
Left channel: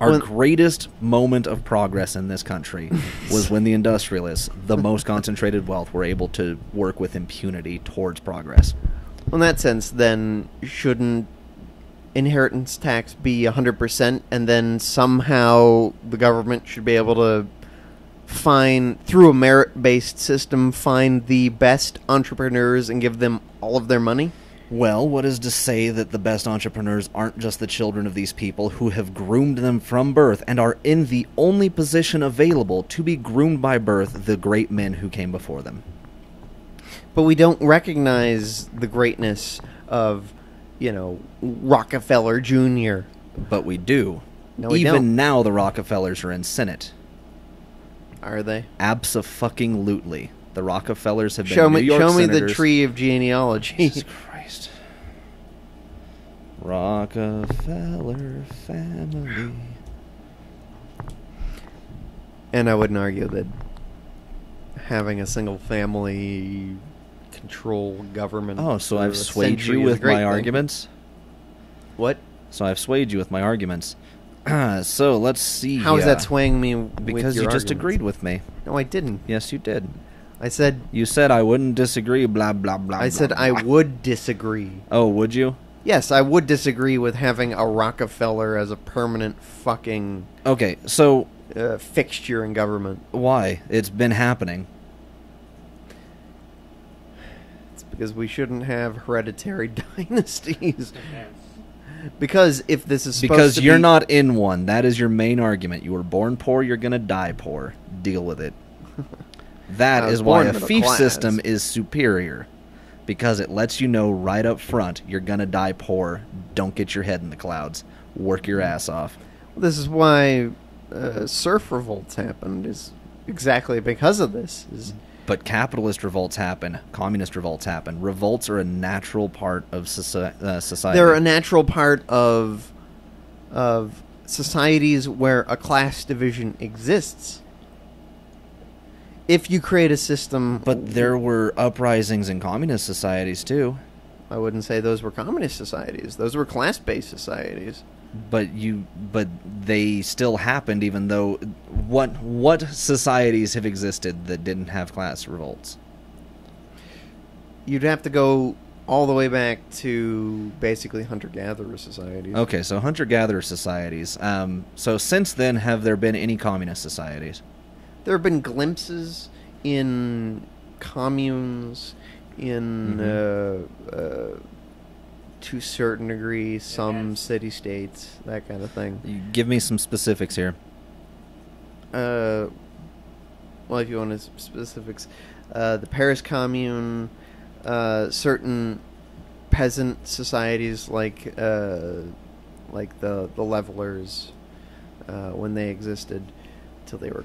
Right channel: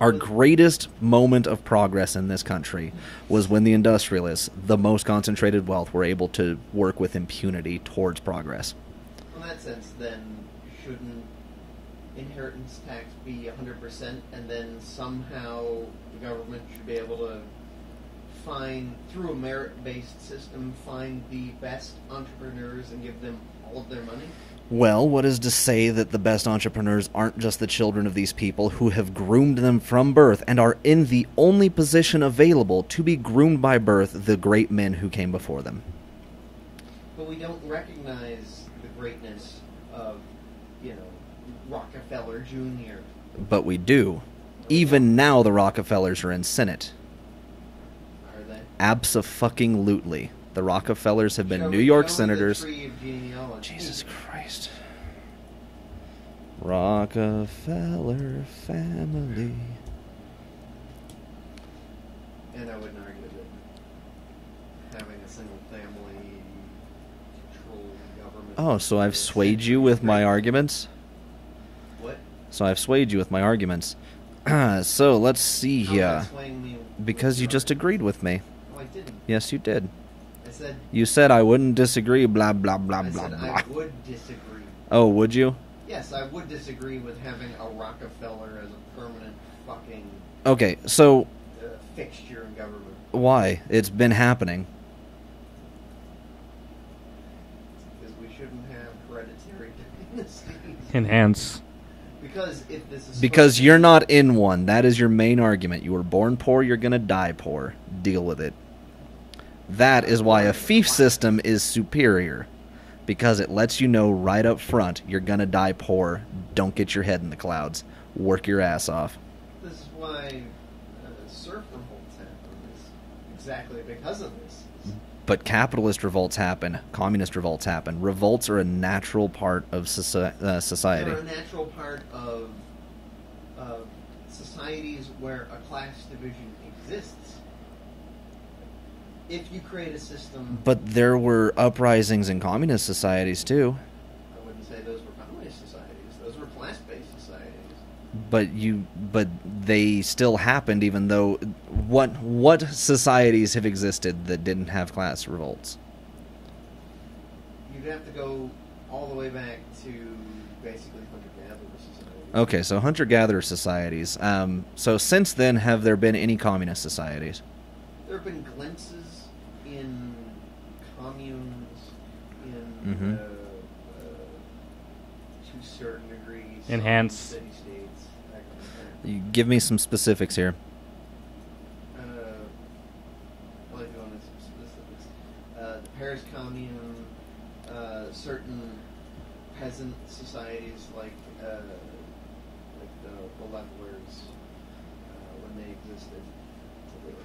Our greatest moment of progress in this country was when the industrialists, the most concentrated wealth, were able to work with impunity towards progress. Well, in that sense, then, shouldn't inheritance tax be 100%, and then somehow the government should be able to find, through a merit-based system, find the best entrepreneurs and give them all of their money? Well, what is to say that the best entrepreneurs aren't just the children of these people who have groomed them from birth and are in the only position available to be groomed by birth, the great men who came before them? But we don't recognize the greatness of, Rockefeller Jr. But we do. No, we Even don't. now, the Rockefellers are in Senate. Are they? Abso-fucking-lutely. The Rockefellers have been Show New me York senators. the tree of genealogy. Jesus Christ. Rockefeller family. And I wouldn't argue that having a single family control government. Oh, so for I've a swayed century you is a with great my thing. arguments? What? So I've swayed you with my arguments. So let's see. How is that swaying me? With Because you your just arguments? agreed with me. No, I didn't. Yes, you did. I said You said I wouldn't disagree, blah, blah, blah, I blah, said blah. I would disagree. Oh, would you? Yes, I would disagree with having a Rockefeller as a permanent fucking Okay, so fixture in government. why? It's been happening. It's because we shouldn't have hereditary dynasties. Enhance. Because if this is supposed Because to you're be- not in one. That is your main argument. You were born poor, you're going to die poor. Deal with it. That I was is why born a middle fief class. system is superior. Because it lets you know right up front you're going to die poor. Don't get your head in the clouds. Work your ass off. This is why surf revolts happened. Is exactly because of this. But capitalist revolts happen. Communist revolts happen. Revolts are a natural part of society. They're a natural part of societies where a class division exists. If you create a system, But there were uprisings in communist societies too. I wouldn't say those were communist societies. Those were class-based societies. But they still happened, even though what societies have existed that didn't have class revolts? You'd have to go all the way back to basically hunter-gatherer societies. Okay, so hunter-gatherer societies. So since then, have there been any communist societies? There have been glimpses in communes, in to a certain degree, some Enhanced. city-states, that kind of thing. You give me some specifics here. Well, if you want specifics, the Paris Commune, certain peasant societies like the Levelers, when they existed, till they were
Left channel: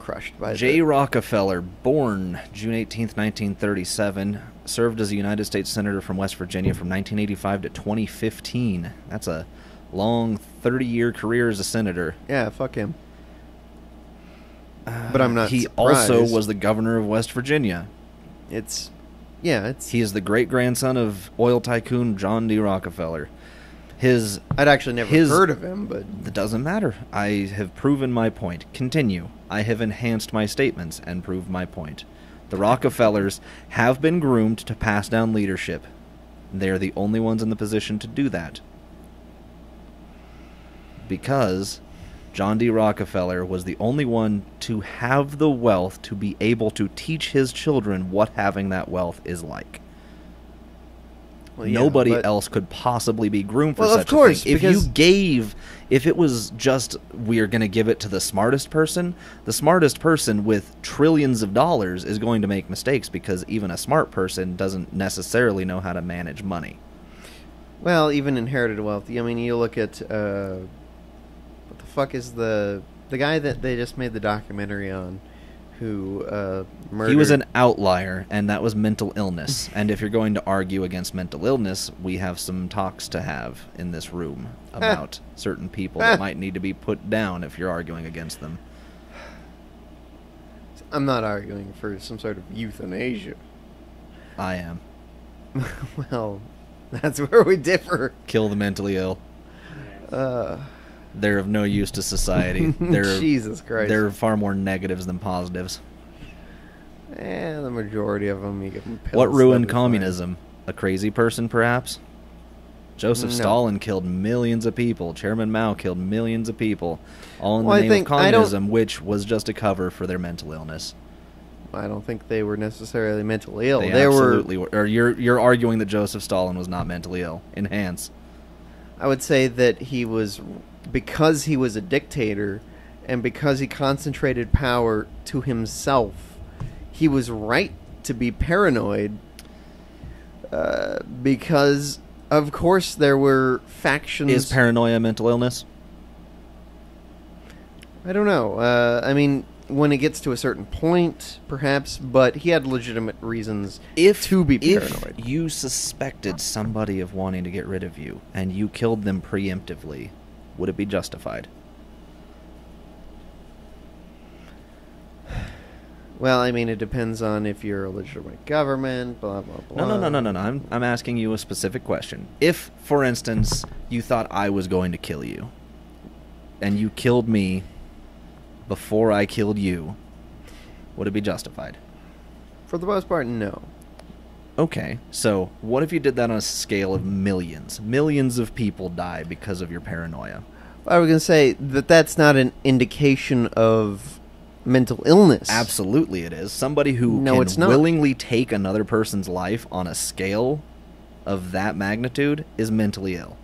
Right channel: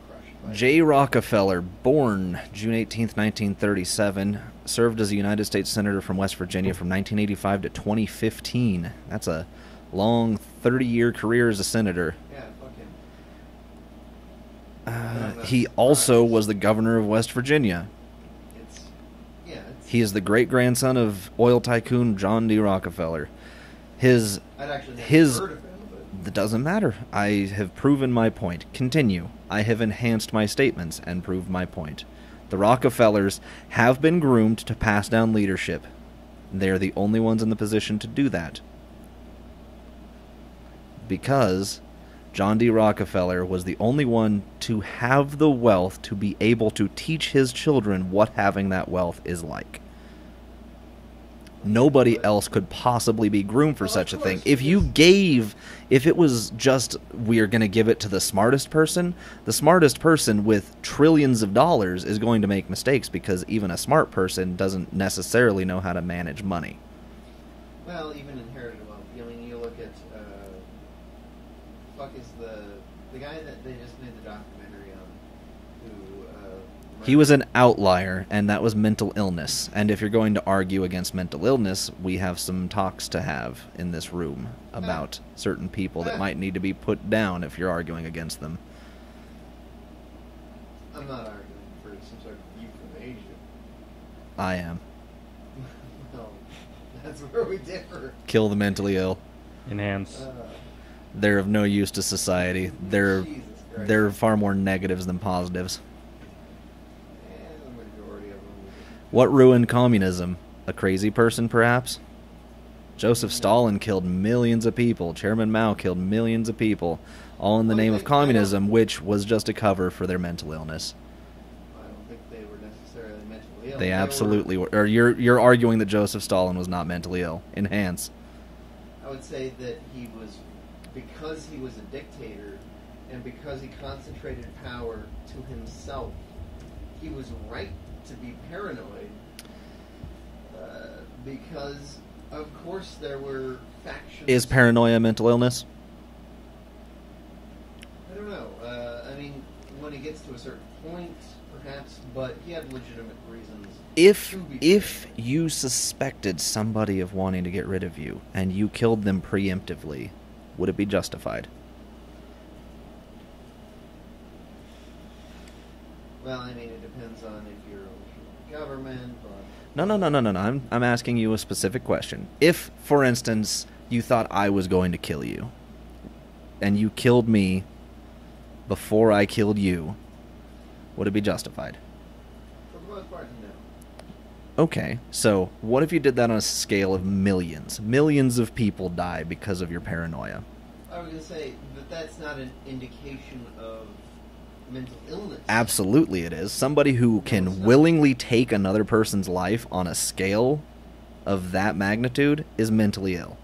crushed by J. Rockefeller, born June 18th, 1937, served as a United States Senator from West Virginia from 1985 to 2015. That's a long 30-year career as a senator. Yeah, fuck him. But I'm not. He also surprised. was the governor of West Virginia. It's. He is the great-grandson of oil tycoon John D. Rockefeller. I'd actually never heard of him, but It doesn't matter. I have proven my point. Continue. I have enhanced my statements and proved my point. The Rockefellers have been groomed to pass down leadership. They are the only ones in the position to do that. Because John D. Rockefeller was the only one to have the wealth to be able to teach his children what having that wealth is like. well, yeah, Nobody but- else could possibly be groomed for Well, of such course, a thing. because- If it was just, we're going to give it to the smartest person with trillions of dollars is going to make mistakes because even a smart person doesn't necessarily know how to manage money. Well, even inherited wealth. I mean, you look at what the fuck is the guy that they just made the documentary on, who murdered. He was an outlier, and that was mental illness. And if you're going to argue against mental illness, we have some talks to have in this room about certain people that might need to be put down if you're arguing against them. I'm not arguing for some sort of euthanasia. I am. Well, That's where we differ. Kill the mentally ill. Enhance. They're of no use to society. They're Jesus Christ. They're far more negatives than positives. The majority of them. You get What pills ruined and- communism? A crazy person, perhaps? Joseph No. Stalin killed millions of people. Chairman Mao killed millions of people, all in Well, the I name of think- I don't- communism, which was just a cover for their mental illness. I don't think they were necessarily mentally ill. They were. absolutely were. Or you're arguing that Joseph Stalin was not mentally ill. Enhance. I would say that he was, because he was a dictator, and because he concentrated power to himself, he was right to be paranoid. Because, of course, there were factions. Is paranoia a mental illness? I don't know. I mean, when it gets to a certain point, perhaps, but he had legitimate reasons to be If paranoid. you suspected somebody of wanting to get rid of you, and you killed them preemptively, would it be justified? Well, I mean, it depends on if you're a legitimate government, blah, blah, blah. No. I'm asking you a specific question. If, for instance, you thought I was going to kill you, and you killed me before I killed you, would it be justified? For the most part, no. Okay, so what if you did that on a scale of millions? Millions of people die because of your paranoia. I was going to say that that's not an indication of mental illness. Absolutely it is. Somebody who No, it's can not. willingly take another person's life on a scale of that magnitude is mentally ill.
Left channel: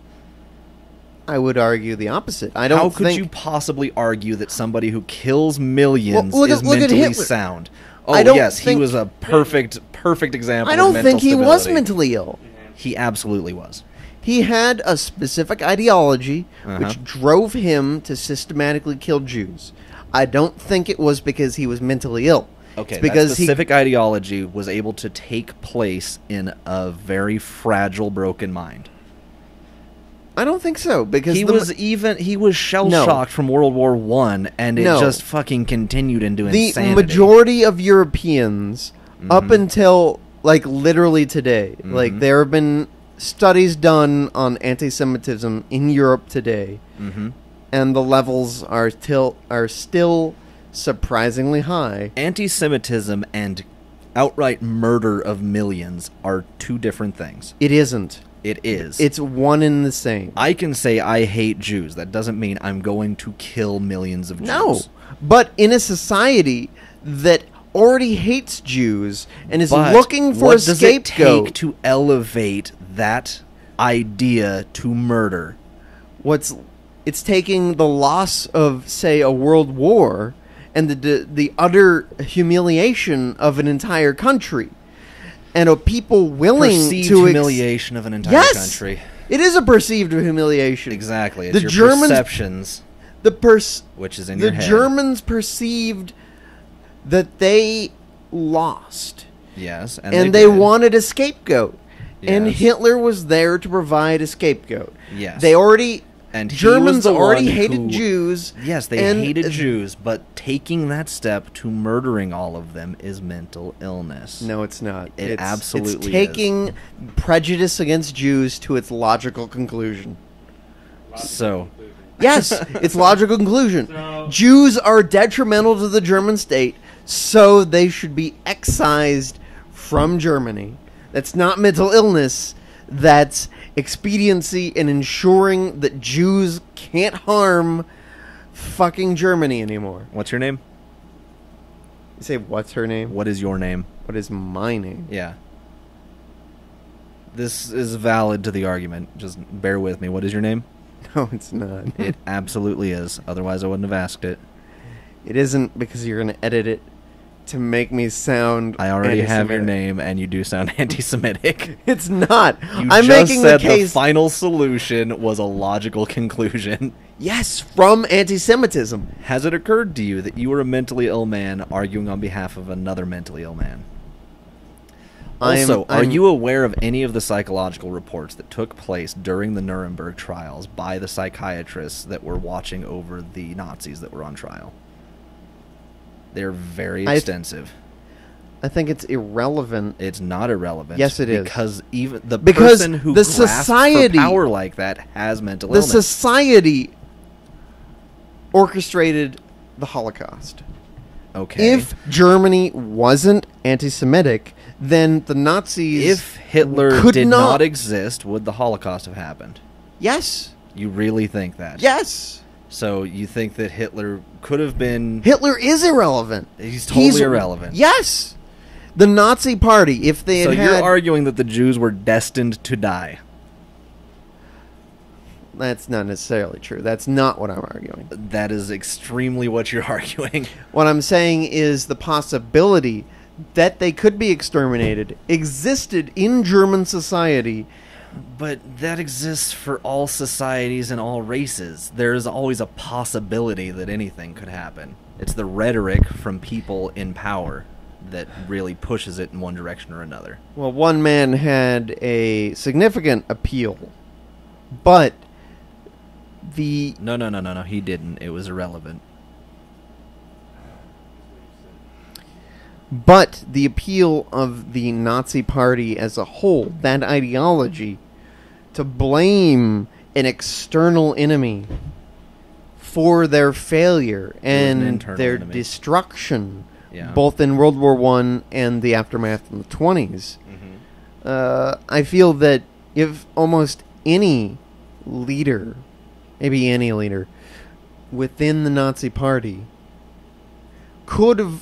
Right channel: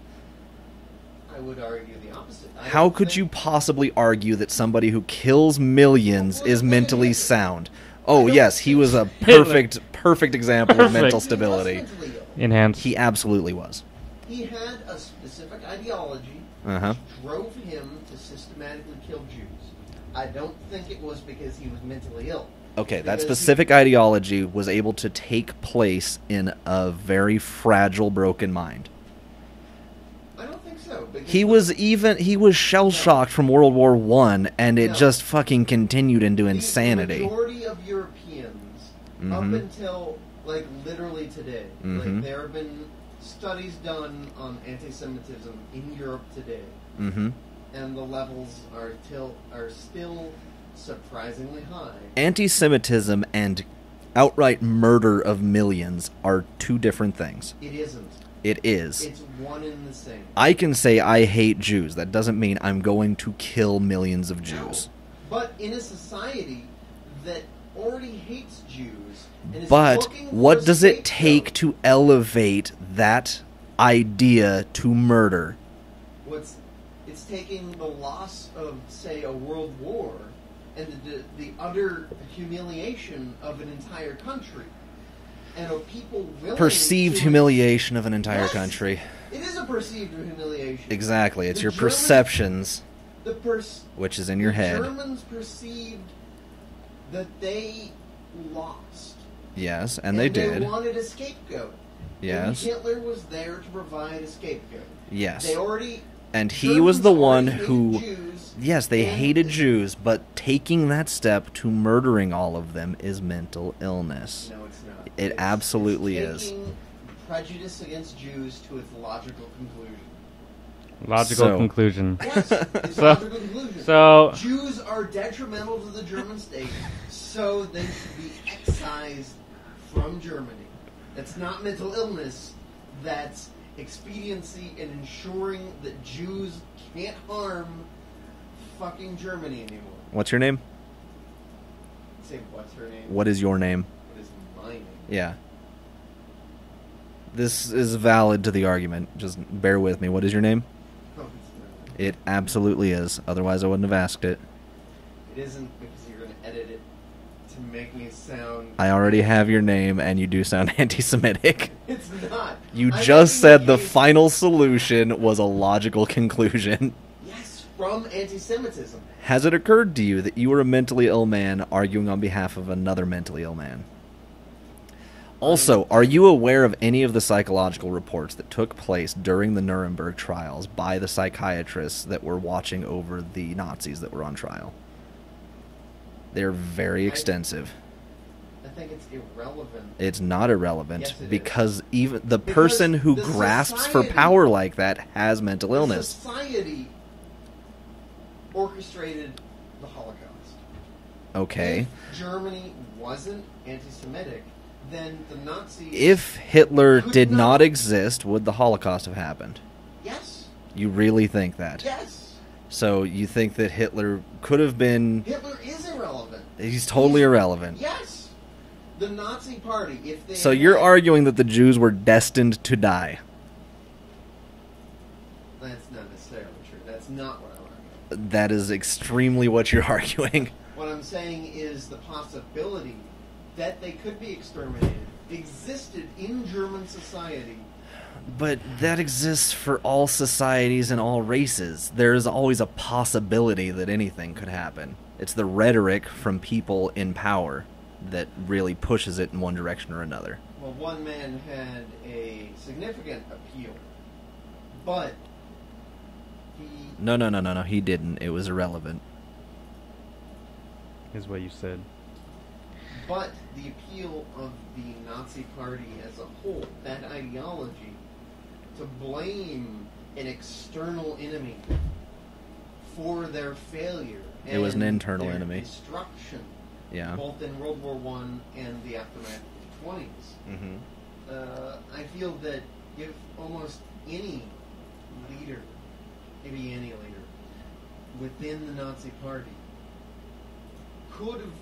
I would argue the opposite. I don't How could think- you possibly argue that somebody who kills millions Well, look at- is look at mentally Hitler. sound? I Oh, don't yes, he think was a Hitler- perfect example I don't of mental think he stability. was mentally ill. Enhance. He absolutely was. He had a specific ideology Uh-huh. which drove him to systematically kill Jews. I don't think it was because he was mentally ill. Okay, It's that because specific ideology was able to take place in a very fragile, broken mind. I don't think so because He was shell shocked from World War I, and it No. just fucking continued into the insanity. majority of Europeans up until like literally today, like there have been studies done on anti-Semitism in Europe today, and the levels are still surprisingly high. Anti-Semitism and outright murder of millions are two different things. It isn't. It is. It's one and the same. I can say I hate Jews. That doesn't mean I'm going to kill millions of Jews. No, but in a society that already hates Jews and is But looking for what a does it scapegoat, take to elevate that idea to murder? it's taking the loss of, say, a world war and the utter humiliation of an entire country, and of people willing Perceived to humiliation of an entire Yes! country. It is a perceived humiliation. Exactly. It's The your Germans- perceptions, which is in your head. The Germans perceived that they lost, Yes, and they they did. wanted a scapegoat. And Yes. Hitler was there to provide a scapegoat. Yes. They already... And he Germans was the already one hated who... Jews. Yes, they and- hated Jews, but taking that step to murdering all of them is mental illness. No, it's not. It absolutely it's taking prejudice against Jews to its logical conclusion. Logical conclusion. Yes, it's logical conclusion. So- Jews are detrimental to the German state, so they should be excised from Germany. That's not mental illness. That's expediency in ensuring that Jews can't harm fucking Germany anymore. What's your name? You say, what's her name? What is your name? What is my name? Yeah. This is valid to the argument. Just bear with me. What is your name? No, it's not. It absolutely is. Otherwise, I wouldn't have asked it. It isn't, because you're going to edit it to make me sound... I already have your anti-Semitic. name, and you do sound anti-Semitic. It's not. You I'm just making said the the case... final solution was a logical conclusion. Yes, from anti-Semitism. Has it occurred to you that you were a mentally ill man arguing on behalf of another mentally ill man? Also, are you aware of any of the psychological reports that took place during the Nuremberg trials by the psychiatrists that were watching over the Nazis that were on trial? They're very extensive. I think it's irrelevant. It's not irrelevant. Yes, it is. Because even the Because person who the grasps society- for power like that has mental The illness. society orchestrated the Holocaust. Okay. If Germany wasn't anti-Semitic, then the Nazis... If Hitler could did not- not exist, would the Holocaust have happened? Yes. You really think that? Yes. So you think that Hitler could have been... Hitler is irrelevant. He's totally irrelevant. Yes. The Nazi Party, if they So had you're had- arguing that the Jews were destined to die. That's not necessarily true. That's not what I'm arguing. That is extremely what you're arguing. What I'm saying is the possibility that they could be exterminated existed in German society. But that exists for all societies and all races. There is always a possibility that anything could happen. It's the rhetoric from people in power that really pushes it in one direction or another. Well, one man had a significant appeal, but the No, he didn't. It was irrelevant. Is what you said. But the appeal of the Nazi Party as a whole, that ideology, to blame an external enemy for their failure It was an and internal their enemy. destruction, Yeah. both in World War I and the aftermath in the 20s, I feel that if almost any leader, maybe any leader, within the Nazi Party could have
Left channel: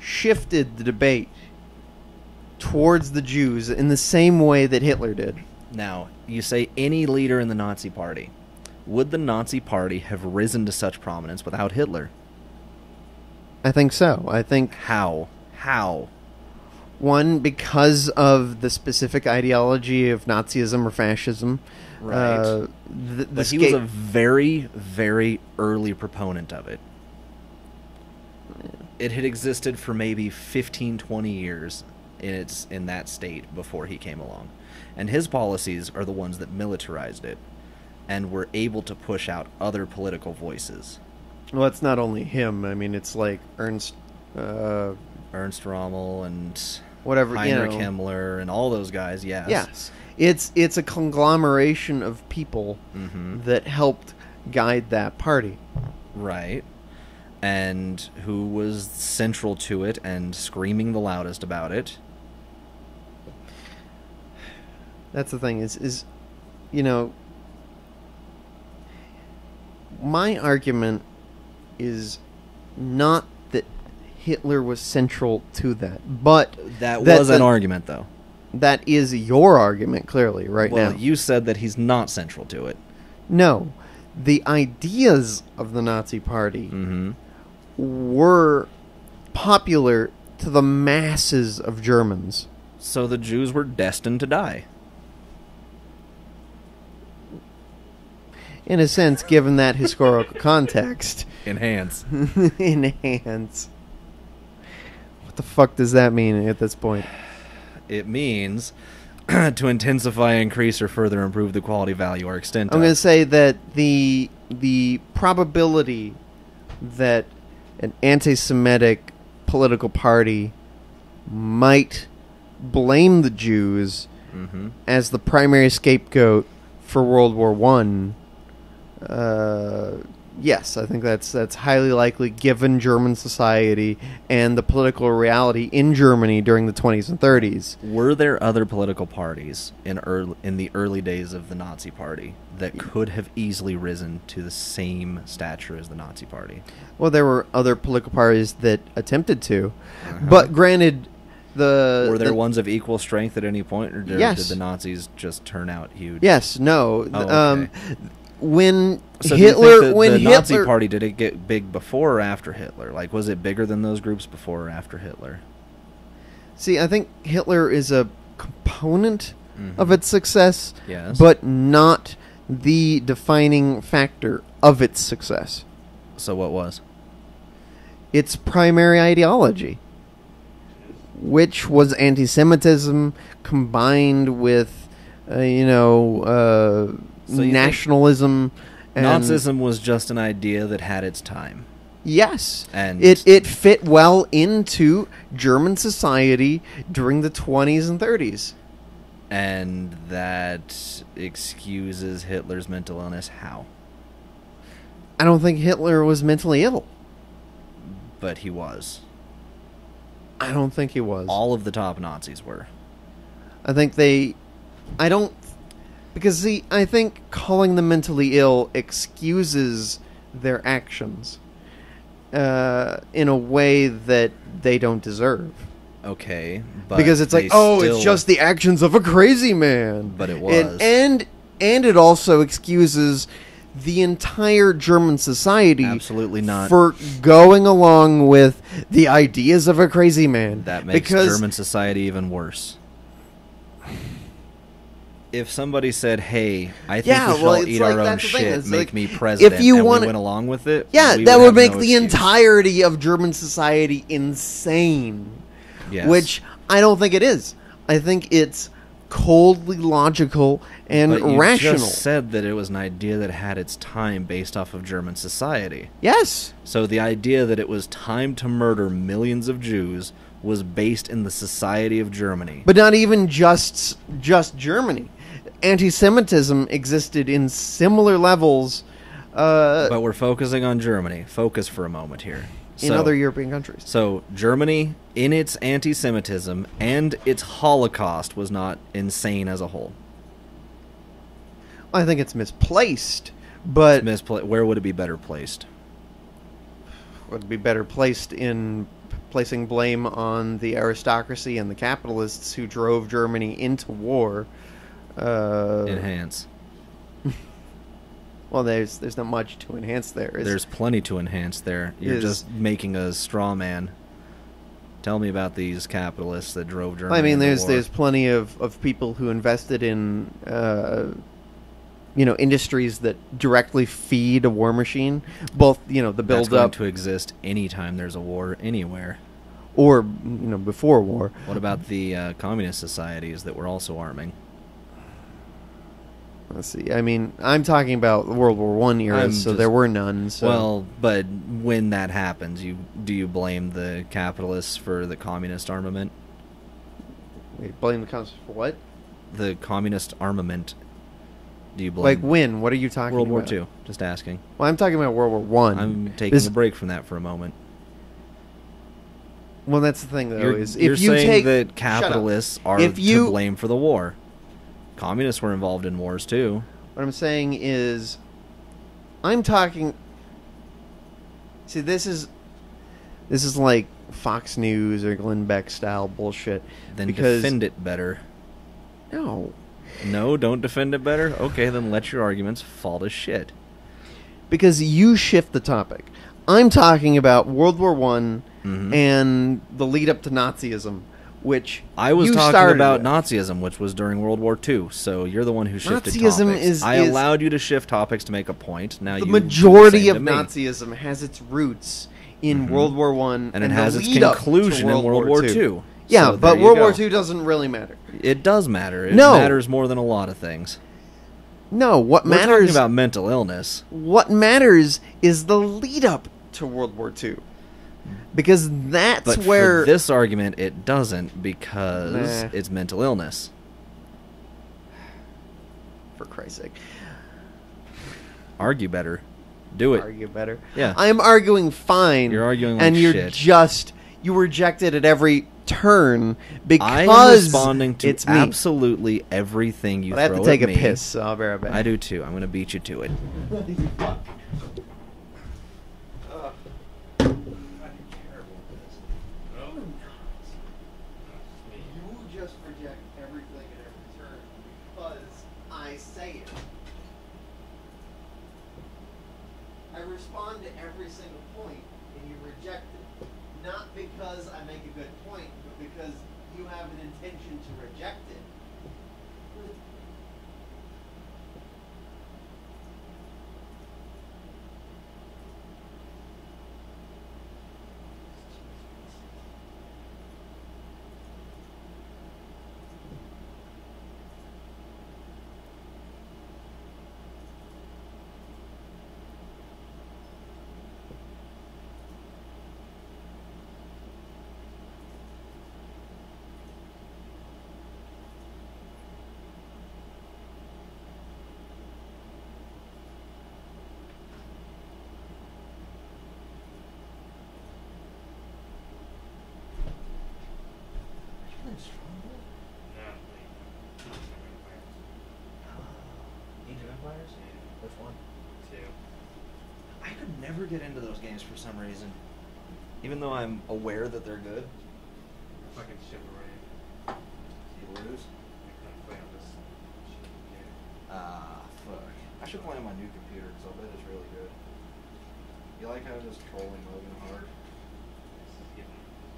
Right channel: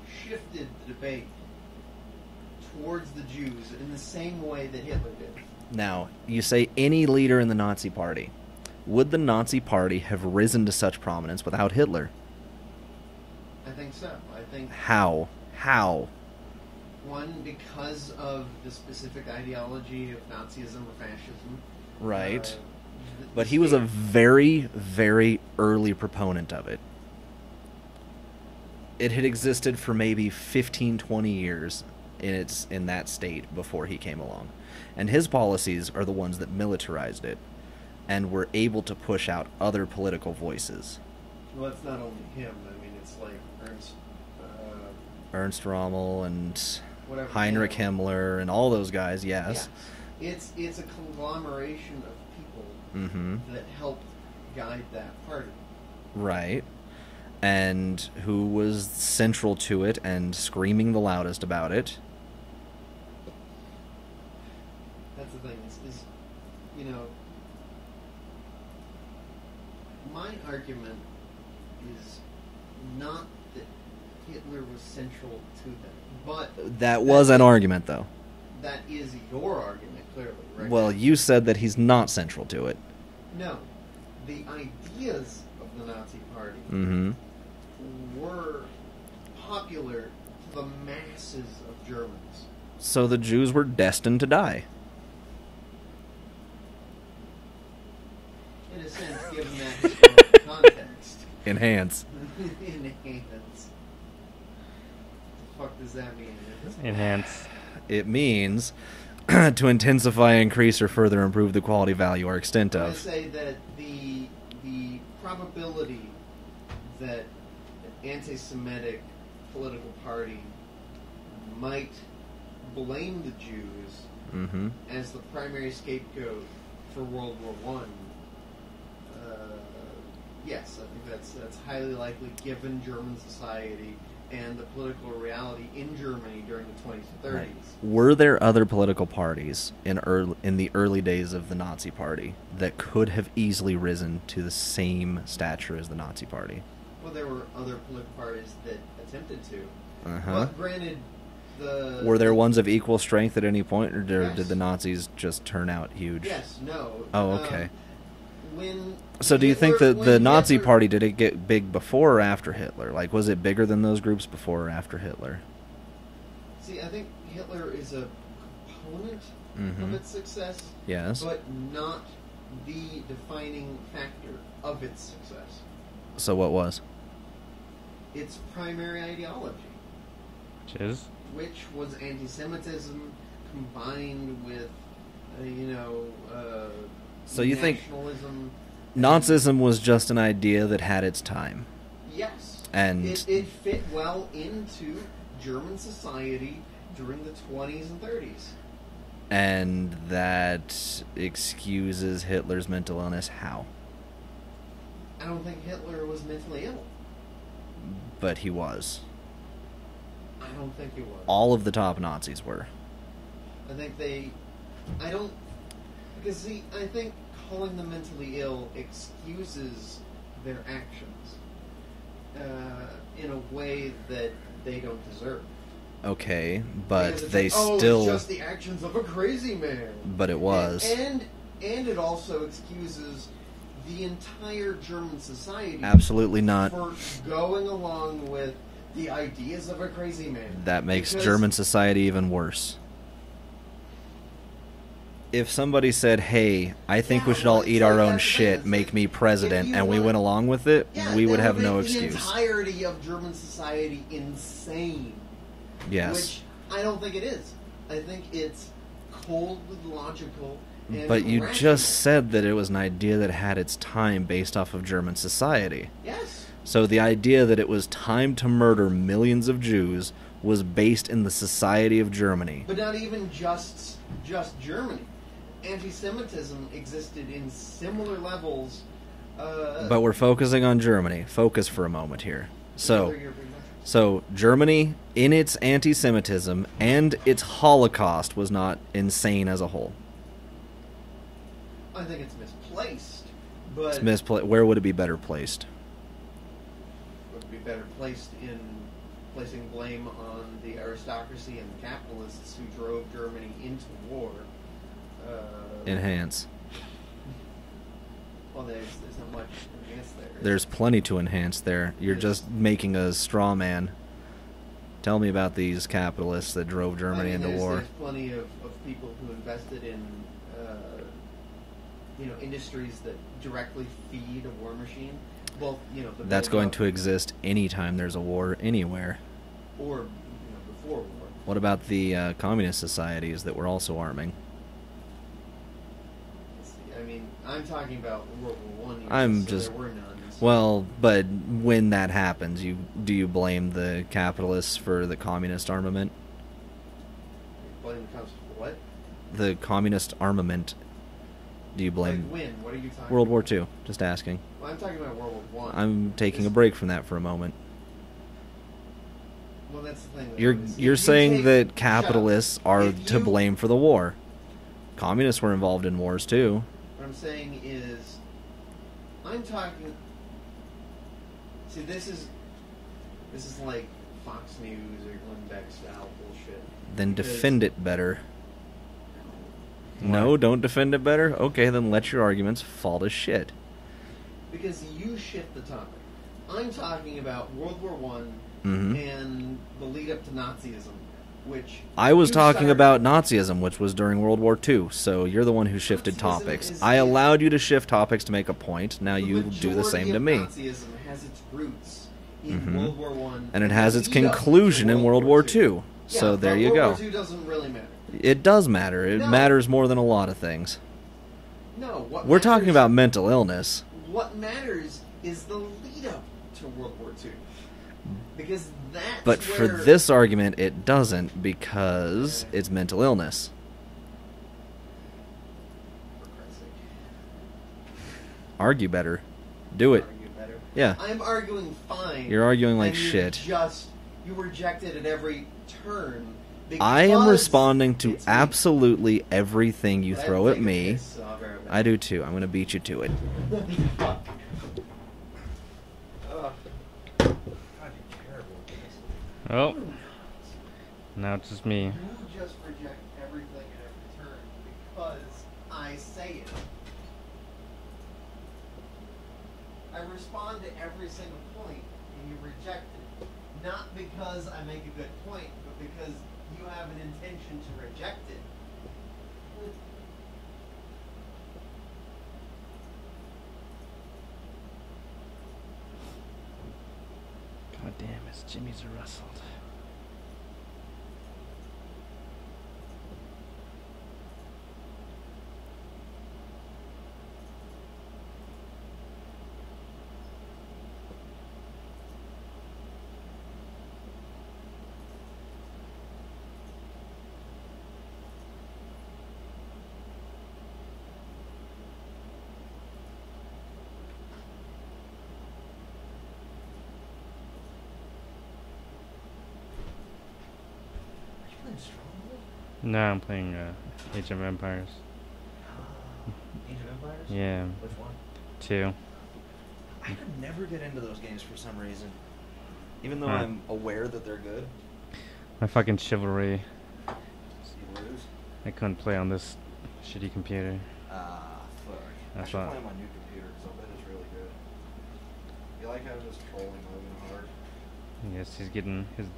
shifted the debate towards the Jews in the same way that Hitler did. Now, you say any leader in the Nazi Party. Would the Nazi Party have risen to such prominence without Hitler? I think so. I think, How? How? one, because of the specific ideology of Nazism or fascism. Right. The But he was a very, very early proponent of it. It had existed for maybe 15, 20 years in that state before he came along. And his policies are the ones that militarized it and were able to push out other political voices. Well, it's not only him. I mean, it's like Ernst Rommel and whatever, Heinrich you know. Himmler and all those guys, yes. Yes. It's a conglomeration of people that helped guide that party. Right. And who was central to it and screaming the loudest about it. That's the thing is, you know, my argument is not that Hitler was central to that, but That was an argument, though. that is your argument, clearly, right now. Well, you said that he's not central to it. No, the ideas of the Nazi Party Mm-hmm. were popular to the masses of Germans. So the Jews were destined to die. In a sense, given that historical context. Enhance. Enhance. What the fuck does that mean at this point? It means to intensify, increase, or further improve the quality, value, or extent I'm of. going to say that the probability that an anti-Semitic political party might blame the Jews Mm-hmm. as the primary scapegoat for World War One. Yes, I think that's highly likely given German society and the political reality in Germany during the 20s and 30s. Were there other political parties in the early days of the Nazi Party that could have easily risen to the same stature as the Nazi Party? Well, there were other political parties that attempted to, Uh-huh. but granted, Were there ones of equal strength at any point, or did Yes. the Nazis just turn out huge? Yes, no. Oh, okay. When So Hitler, do you think that when the Nazi Hitler- Party, did it get big before or after Hitler? Like, was it bigger than those groups before or after Hitler? See, I think Hitler is a component Mhm. of its success, Yes. but not the defining factor of its success. So what was? Its primary ideology, which was anti-Semitism combined with, So you think nationalism. And Nazism was just an idea that had its time. Yes. And it fit well into German society during the 20s and 30s. And that excuses Hitler's mental illness. How? I don't think Hitler was mentally ill. But he was. I don't think he was. All of the top Nazis were. I think I don't... Because, see, I think calling them mentally ill excuses their actions in a way that they don't deserve. Okay, but because it's like, it's just the actions of a crazy man. But it was. And it also excuses the entire German society. Absolutely not. For going along with the ideas of a crazy man. That makes German society even worse. If somebody said, hey, I think we should all eat our own shit, make me president, and we went along with it, that would make the entirety of German society insane. Yes. Which I don't think it is. I think it's coldly logical and rational. But you just said that it was an idea that had its time based off of German society. Yes. So the idea that it was time to murder millions of Jews was based in the society of Germany. But not even just Germany. Anti-Semitism existed in similar levels. But we're focusing on Germany. Focus for a moment here. In other European countries. So Germany, in its anti-Semitism and its Holocaust, was not insane as a whole. I think it's misplaced, but... Where would it be better placed? Would it be better placed in placing blame on the aristocracy and the capitalists who drove Germany into war. Enhance. Well, there's not much to enhance there. There's plenty to enhance there. You're just making a straw man. Tell me about these capitalists that drove Germany into war. There's plenty of people who invested in industries that directly feed a war machine. Both, the build-up... That's going to exist anytime there's a war anywhere. Or, before war. What about the communist societies that were also arming? Let's see. I mean, I'm talking about World War I era, so there were none. So. Well, but when that happens, do you blame the capitalists for the communist armament? You blame the communists for what? The communist armament. Do you blame... Like when? What are you talking about? World War II. Just asking. Well, I'm talking about World War I. I'm taking a break from that for a moment. Well, that's the thing, though. You're saying that capitalists are to blame for the war. Communists were involved in wars too. What I'm saying is, I'm talking... See, this is like Fox News or Glenn Beck style bullshit. Then defend it better. No. No, don't defend it better? Okay, then let your arguments fall to shit. Because you shift the topic. I'm talking about World War I and the lead up to Nazism. Which I was talking about Nazism, which was during World War II. So you're the one who shifted topics. I allowed you to shift topics to make a point. Now you do the same to me. The majority of Nazism has its roots in World War I, and it has its conclusion in World War II. Yeah, so but World War II doesn't really matter. It does matter. It matters more than a lot of things. No, what matters... We're talking about mental illness. What matters is the lead up to World War II. Because that's where... But for this argument, it doesn't, because it's mental illness. For Christ's sake. Argue better. Do it. Argue better. Yeah. I'm arguing fine. You're arguing like shit. And you reject it at every turn because... I am responding to absolutely everything you throw at me. I have to take a piss, so I'll be right back. I do too. I'm going to beat you to it. Oh, now it's just me. You just reject everything at every turn because I say it. I respond to every single point and you reject it. Not because I make a good point, but because you have an intention to reject it. God damn, it's Jimmy's rustled. No, I'm playing Age of Empires. Age of Empires? Yeah. Which one? 2. I could never get into those games for some reason. Even though Huh. I'm aware that they're good. My fucking chivalry. You lose? I couldn't play on this shitty computer. Ah, fuck. I should play on my new computer because I'll bet it's really good. You like how I'm just trolling Logan hard? Yes, his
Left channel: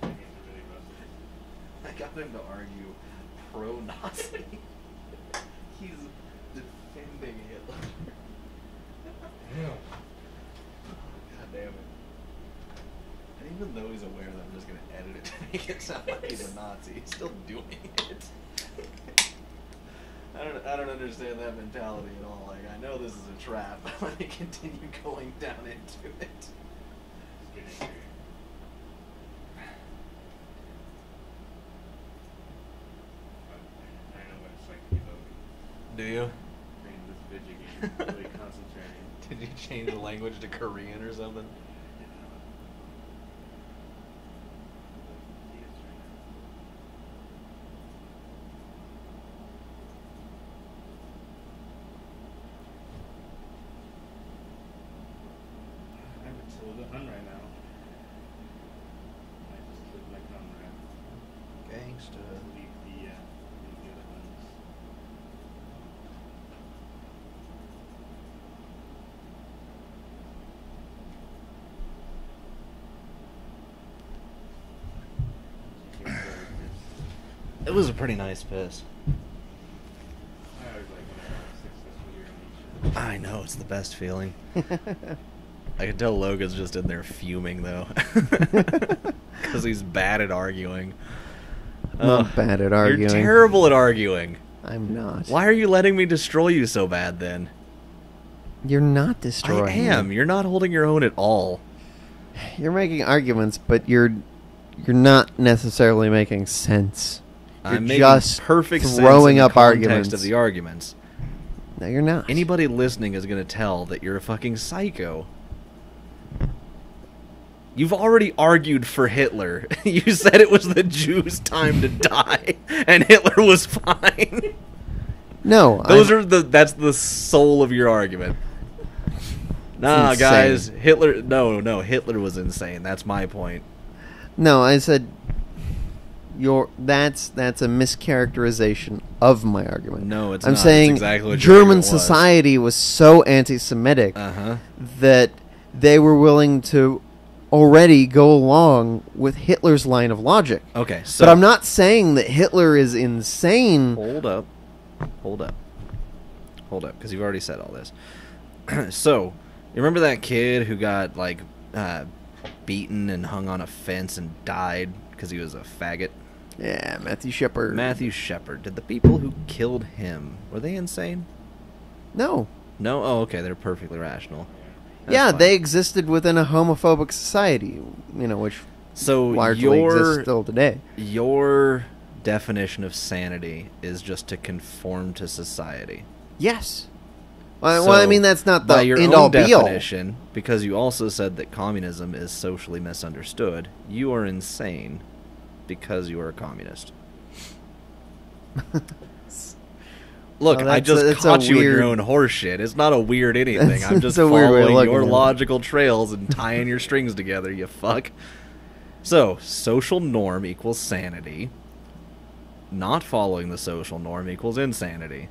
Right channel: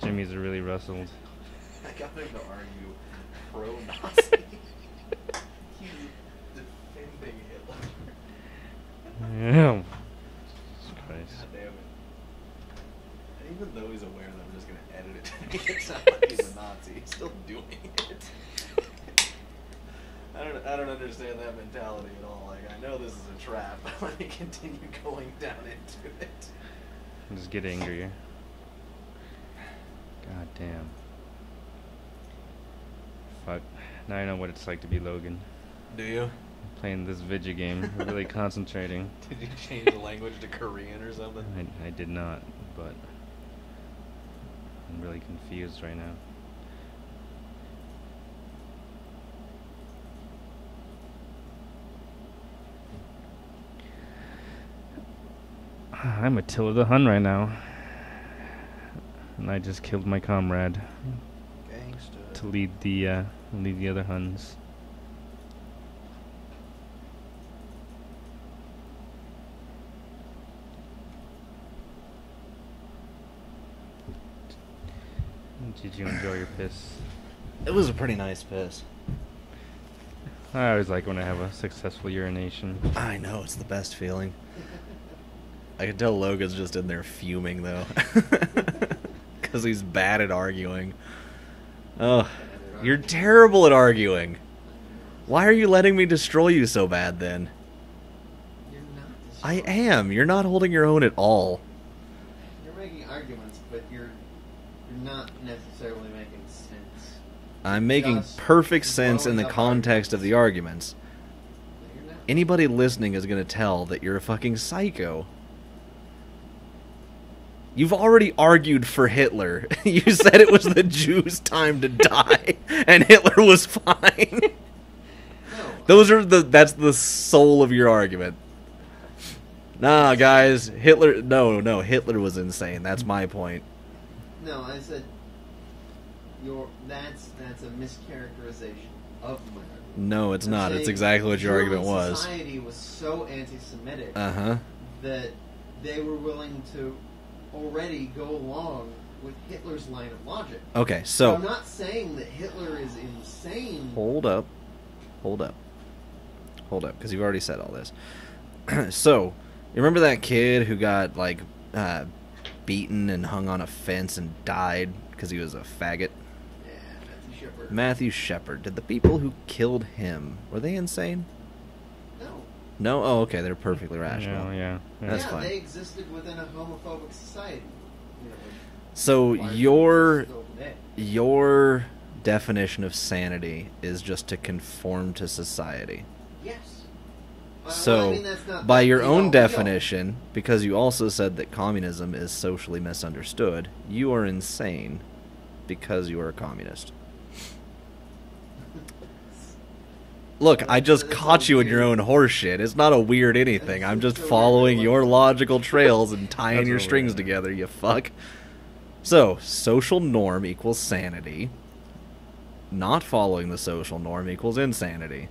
jimmies are really rustled. I got him to argue pro-Nazi. He's defending Hitler. Yeah. God damn it. And even though he's aware that I'm just going to edit it to make it sound like he's a Nazi, he's still doing it. I don't understand that mentality at all. Like, I know this is a trap, but let me continue going down into it. Just get angrier. God damn. Fuck. Now I know what it's like to be Logan. Do you? Playing this video game, really concentrating. Did you change the language to Korean or something? I did not, but I'm really confused right now. I'm Attila the Hun right now. And I just killed my comrade Gangsta. to lead the other Huns. Did you enjoy your piss? It was a pretty nice piss. I always like when I have a successful urination. I know, it's the best feeling. I can tell Logan's just in there fuming, though. Because he's bad at arguing. I'm bad at arguing. You're terrible at arguing. I'm not. Why are you letting me destroy you so bad, then? You're not destroying I am. You're not holding your own at all. You're making arguments, but you're not necessarily making sense. I'm You're making just perfect sense in throwing the up context arguments. of the arguments. No, you're not. Anybody listening is going to tell that you're a fucking psycho. You've already argued for Hitler. You said it was the Jews' time to die, and Hitler was fine. No. That's the soul of your argument. Nah, insane. guys, Hitler. No, Hitler was insane. That's my point. No, I said that's a mischaracterization of my argument. No, it's I'm not. saying It's exactly what your German argument was. society was so anti-Semitic that they were willing to already go along with Hitler's line of logic. Okay, so But I'm not saying that Hitler is insane. Hold up, because you've already said all this. So, you remember that kid who got like beaten and hung on a fence and died because he was a faggot? Yeah, Matthew Shepard. Matthew Shepard. Did the people who killed him, were they insane? No. No? Oh, okay, they're perfectly rational. Yeah. That's Yeah, fine. they existed within a homophobic society, which So largely exists still today. your definition of sanity is just to conform to society. Yes. Well, So, I mean, that's not the by your end-all, own be-all. definition, because you also said that communism is socially misunderstood, you are insane because you are a communist. Look, Well, I just that's a caught you in your weird- own horseshit. It's not a weird anything. I'm just It's a weird way of following looking your at it. logical trails and tying your strings together, you fuck. So, social norm equals sanity. Not following the social norm equals insanity.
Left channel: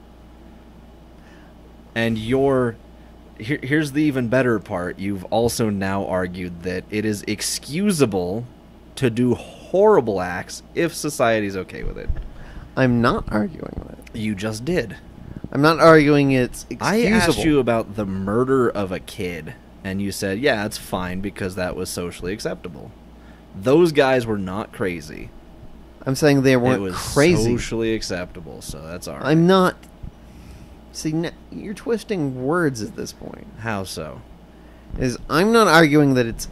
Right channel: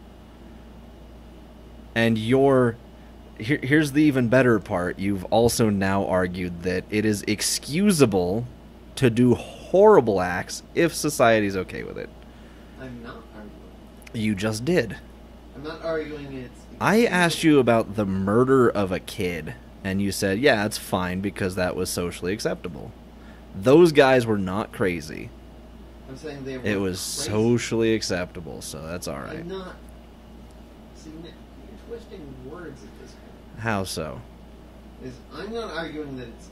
And here's the even better part. You've also now argued that it is excusable to do horrible acts if society's okay with it. I'm not arguing that. You just did. I'm not arguing it's excusable. I asked you about the murder of a kid, and you said, yeah, it's fine because that was socially acceptable. Those guys were not crazy. I'm saying they weren't It was crazy. socially acceptable, so that's all right. I'm not... See, you're twisting words at this point. How so? I'm not arguing that it's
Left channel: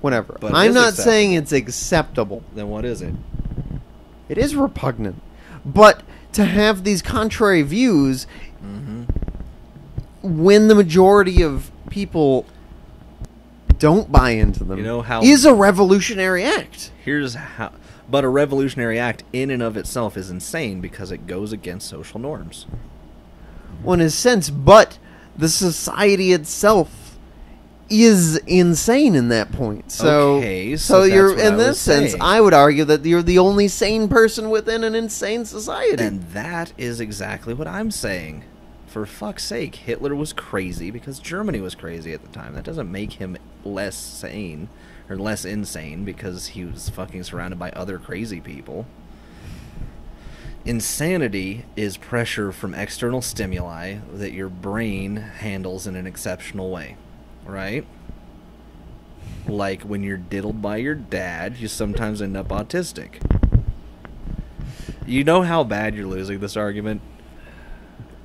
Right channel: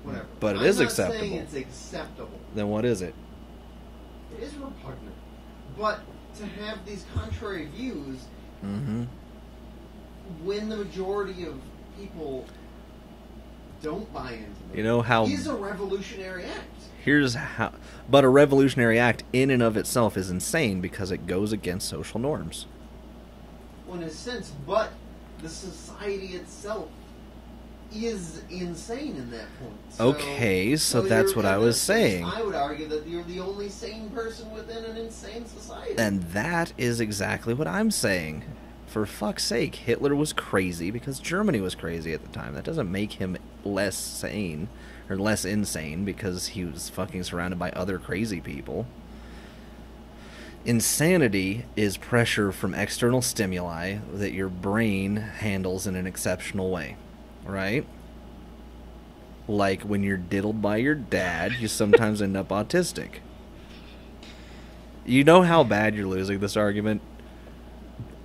whatever. But it I'm is not saying acceptable. it's acceptable. Then what is it? It is repugnant. But to have these contrary views Mm-hmm. when the majority of people don't buy into them, You know how- is a revolutionary act. Here's how. But a revolutionary act in and of itself is insane because it goes against social norms. Well, in a sense, but the society itself is insane in that point. So, Okay, so that's what I was saying. I would argue that you're the only sane person within an insane society. And that is exactly what I'm saying. For fuck's sake, Hitler was crazy because Germany was crazy at the time. That doesn't make him less sane or less insane because he was fucking surrounded by other crazy people. Insanity is pressure from external stimuli that your brain handles in an exceptional way, right? Like when you're diddled by your dad, you sometimes end up autistic. You know how bad you're losing this argument?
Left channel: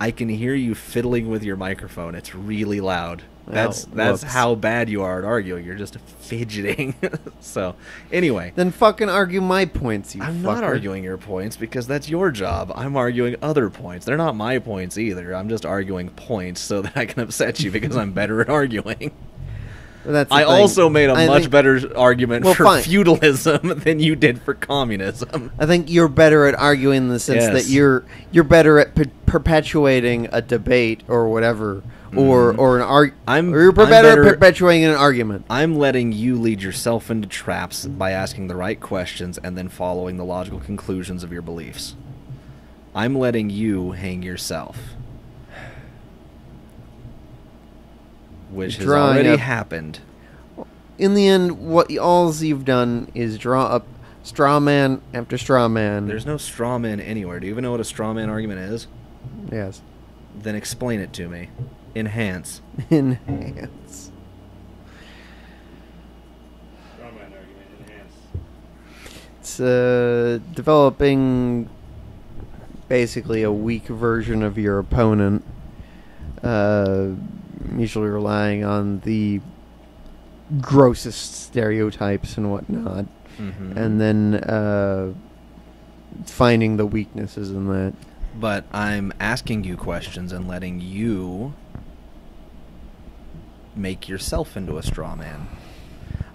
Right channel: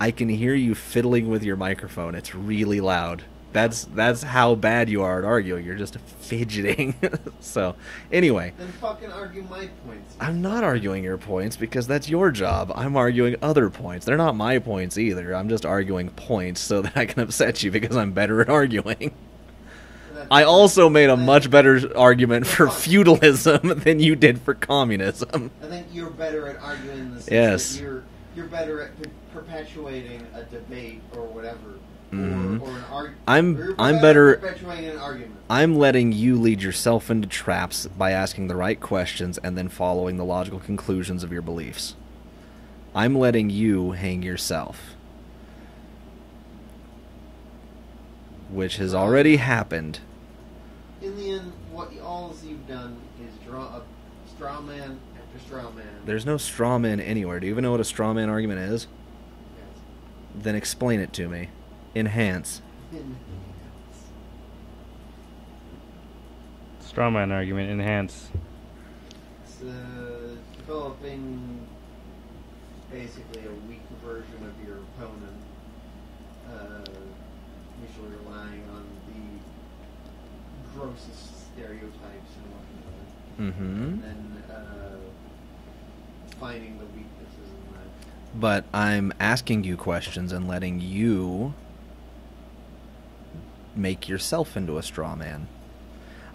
I can hear you fiddling with your microphone. It's really loud. That's how bad you are at arguing. You're just fidgeting. So, anyway. Then fucking argue my points, you I'm not fucker. arguing your points because that's your job. I'm arguing other points. They're not my points either. I'm just arguing points so that I can upset you because I'm better at arguing. That's the I thing. also made a I much think- better argument Well, for fine. feudalism than you did for communism. I think you're better at arguing in the sense Yes. that you're better at perpetuating a debate or whatever, or an I'm you're better better- at perpetuating an argument. I'm letting you lead yourself into traps by asking the right questions and then following the logical conclusions of your beliefs. I'm letting you hang yourself. Which has Drawing already up- happened. In the end, what all you've done is draw up straw man after straw man. There's no straw man anywhere. Do you even know what a straw man argument is? Yes. Then explain it to me. Enhance. Enhance. Strawman argument, enhance. It's developing basically a weak version of your opponent, usually relying on the grossest stereotypes and whatnot, Mm-hmm. and then finding the weaknesses in that. But I'm asking you questions and letting you make yourself into a straw man.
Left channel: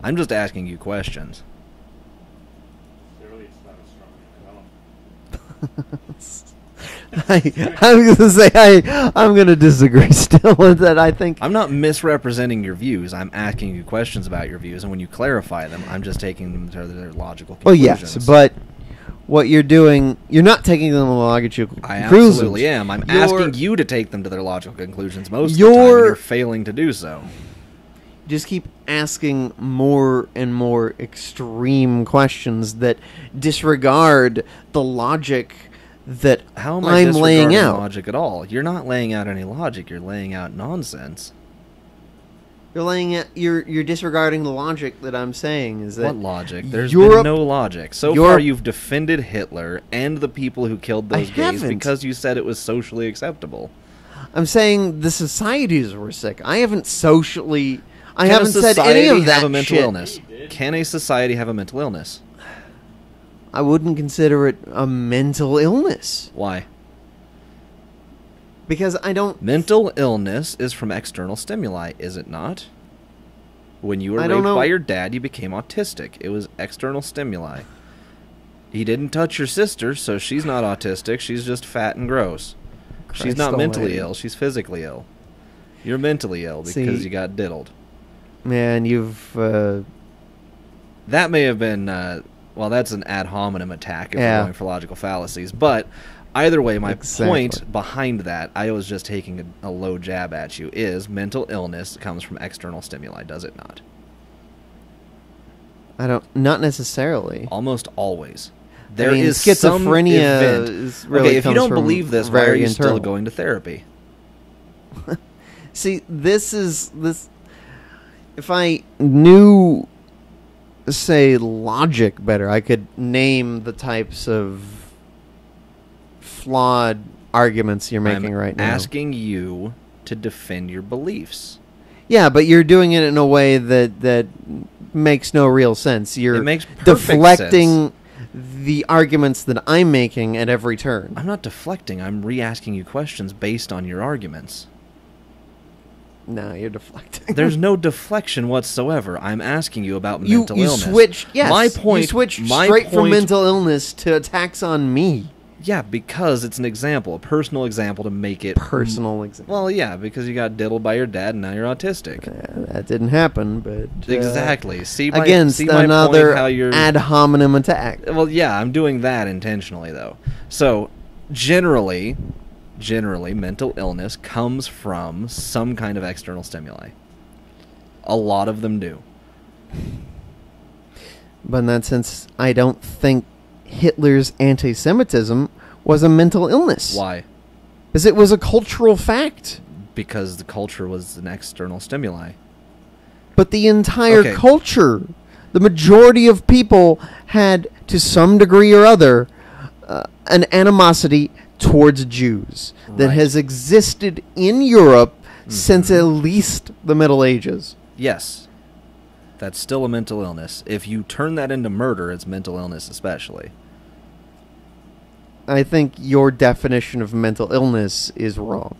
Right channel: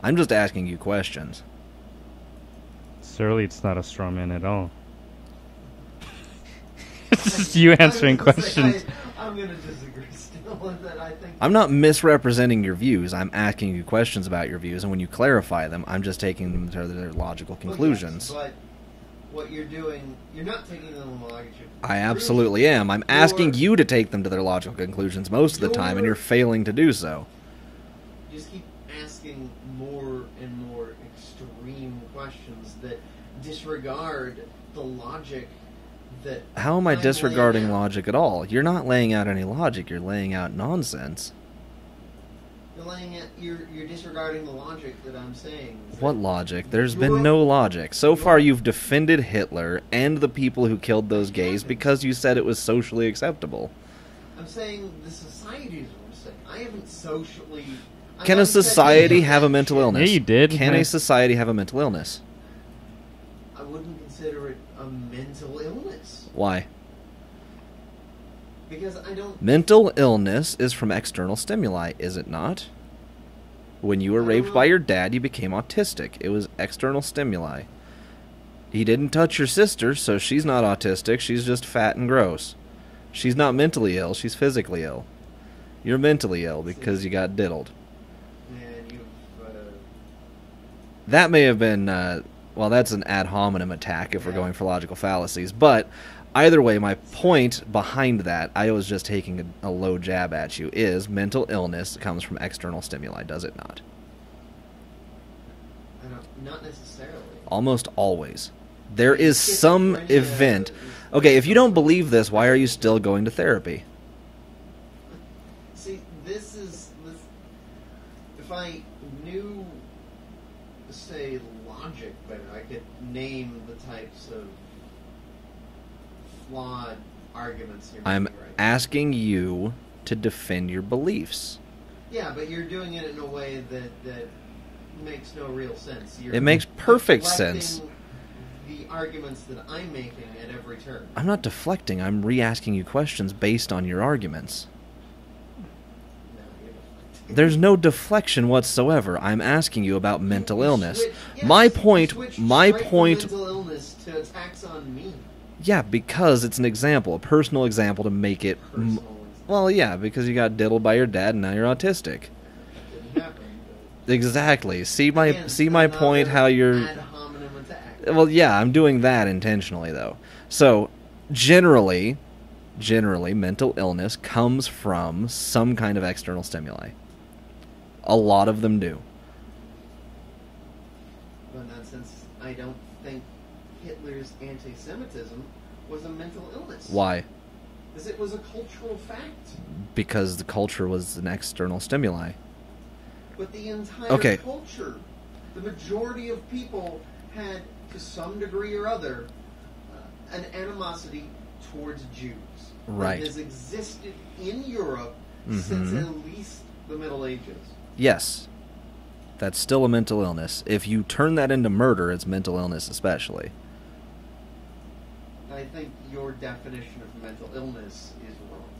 I'm just asking you questions. Surely it's not a strawman at all. I'm You going answering to say questions. I'm going to disagree still with that. I think I'm not misrepresenting your views. I'm asking you questions about your views, and when you clarify them, I'm just taking them to their logical well, conclusions. yes, but what you're doing, you're not taking them to logical I conclusions. absolutely am. I'm You're- asking you to take them to their logical conclusions most of the time, and You're- you're failing to do so. Just keep asking more and more extreme questions that disregard the logic that How am I I'm disregarding laying out. logic at all? You're not laying out any logic. You're laying out nonsense. You're disregarding the logic that I'm saying. Is that What logic? There's Europe- been no logic. So Europe- far, you've defended Hitler and the people who killed those I gays haven't. because you said it was socially acceptable. I'm saying the societies were sick. I haven't socially. I Can a haven't said any society of have that a mental shit. illness? Yeah, you did. Can a society have a mental illness? I wouldn't consider it a mental illness Why? because I don't. Mental illness is from external stimuli, is it not? When you were I don't raped know. by your dad, you became autistic. It was external stimuli. He didn't touch your sister, so she's not autistic. She's just fat and gross. She's Christ not mentally almighty. ill. She's physically ill. You're mentally ill because See- you got diddled. Man, you've. That may have been, well, that's an ad hominem attack if Yeah. we're going for logical fallacies. But either way, my Exactly. point behind that, I was just taking a low jab at you, is mental illness comes from external stimuli, does it not? I don't. Not necessarily. Almost always. There mean, is some schizophrenia event. is really Okay, if you comes don't from believe this, why are very you still internal. going to therapy? See, this. If I knew, say, logic better, I could name the types of flawed arguments you're making I'm right now. asking you to defend your beliefs. Yeah, but you're doing it in a way that makes no real sense. You're It makes perfect deflecting sense. the arguments that I'm making at every turn. I'm not deflecting. I'm re-asking you questions based on your arguments. No, you're deflecting. There's no deflection whatsoever. I'm asking you about mental illness. Switch, yes, my point. You switch my straight point. from mental illness to attacks on me. Yeah, because it's an example, a personal example to make it Personal example. Well, yeah, because you got diddled by your dad and now you're autistic. That didn't happen, but Exactly. See my against my another point. How you're ad hominem attack. Well, yeah, I'm doing that intentionally though. So, generally, mental illness comes from some kind of external stimuli. A lot of them do. But in that sense, I don't think Hitler's anti-Semitism was a mental illness. Why? Because it was a cultural fact. Because the culture was an external stimuli. But the entire culture, the majority of people had, to some degree or other, an animosity towards Jews that has existed in Europe since at least the Middle Ages. Yes. That's still a mental illness. If you turn that into murder, it's mental illness especially. I think your definition of mental illness is wrong.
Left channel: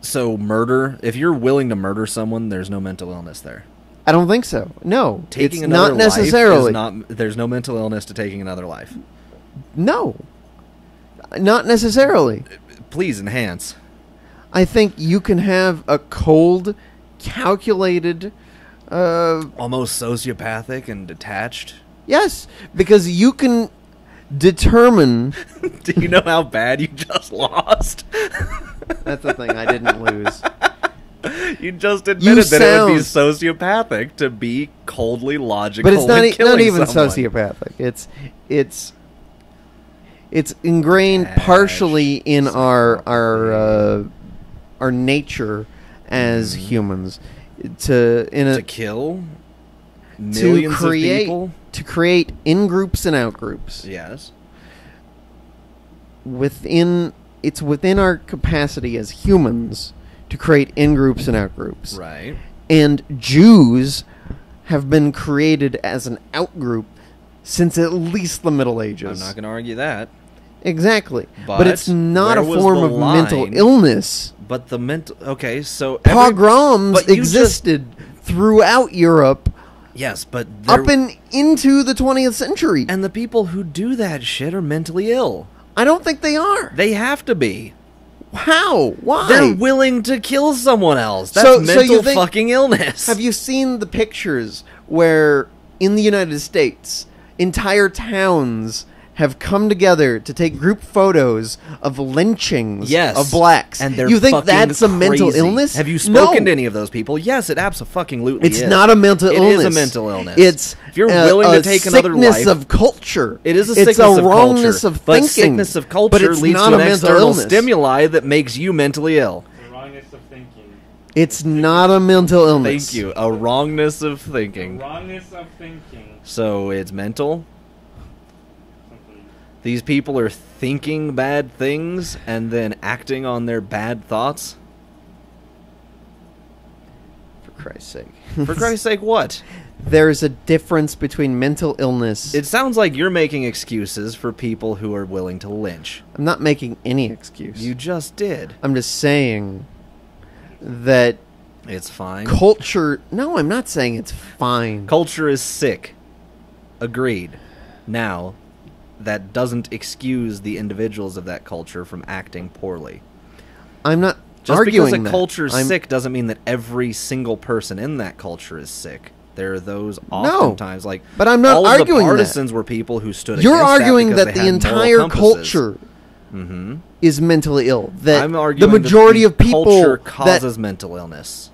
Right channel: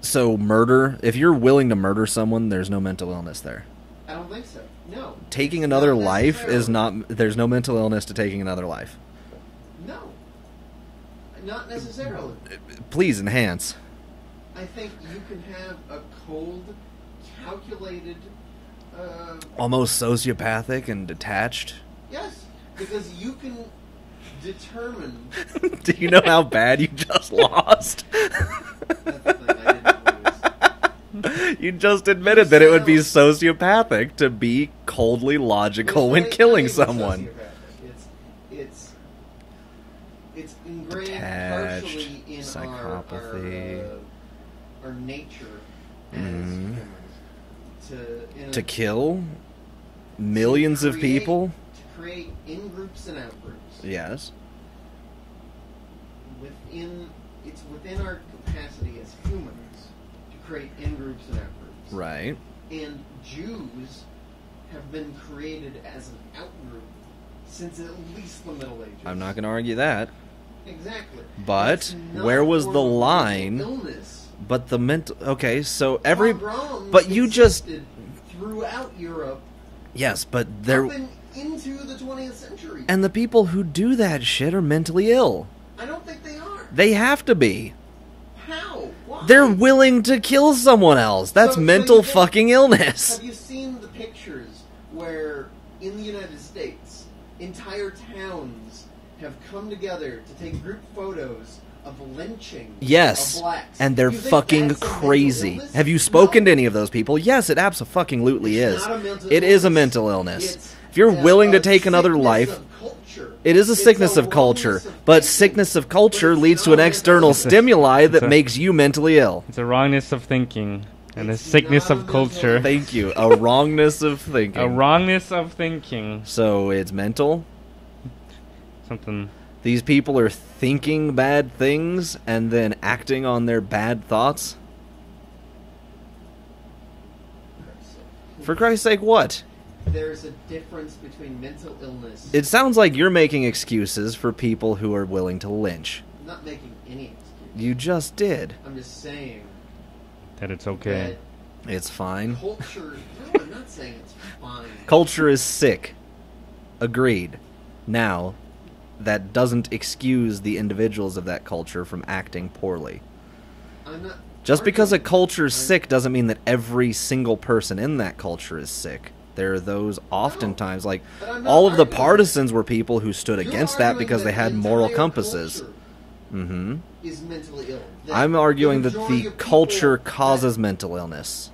So murder, if you're willing to murder someone, there's no mental illness there. I don't think so. No. Taking it's another not life is necessarily. not... There's no mental illness to taking another life. No. Not necessarily. Please enhance. I think you can have a cold, calculated... Almost sociopathic and detached. Yes, because you can determine... Do you know how bad you just lost? That's the thing, I didn't lose. You just admitted that it would be sociopathic to be coldly logical but it's when killing not even someone. sociopathic. It's ingrained Detached, partially in psychopathy. our nature as humans to kill millions of people, to create in groups and out groups. Yes. It's within our capacity as humans to create in groups and out groups. Right. And Jews have been created as an out group since at least the Middle Ages. I'm not going to argue that. Exactly. But it's not where a was form the of line? mental illness. But the mental... Okay, so... Pogroms but you existed throughout Europe Yes, but... up into the 20th century. And the people who do that shit are mentally ill. I don't think they are. They have to be. How? Why? They're willing to kill someone else. That's So mental you think- fucking illness. Have you seen the pictures where, in the United States, entire towns have come together to take group photos of lynchings of blacks? And they're you think fucking that's a crazy. mental illness? Have you spoken to No. any of those people? Yes, it abso-fucking-lutely is. It's not a mental illness. It is a mental illness. It's if you're willing to take another life, sickness of culture. it is a It's sickness of culture. wrongness of But thinking. sickness of But culture it's leads not to a an mental external illness. stimuli that makes you mentally ill. It's a wrongness of thinking. It's and a sickness not a of mental culture. illness. Thank you. A wrongness of thinking. A wrongness of thinking. So it's mental. Something. These people are thinking bad things and then acting on their bad thoughts. For Christ's sake. For Christ's sake, what? There's a difference between mental illness. It sounds like you're making excuses for people who are willing to lynch. I'm not making any excuse. You just did. I'm just saying That it's okay. that It's fine. culture... No, I'm not saying it's fine. Culture is sick. Agreed. Now, that doesn't excuse the individuals of that culture from acting poorly. I'm not Just because a arguing that. culture's I'm- sick doesn't mean that every single person in that culture is sick. There are those oftentimes, like, but I'm not all of the arguing that. partisans were people who stood You're against that arguing because that they the had moral entire compasses. culture Mm-hmm. is mentally ill. That I'm arguing the majority that of the people culture that- causes mental illness.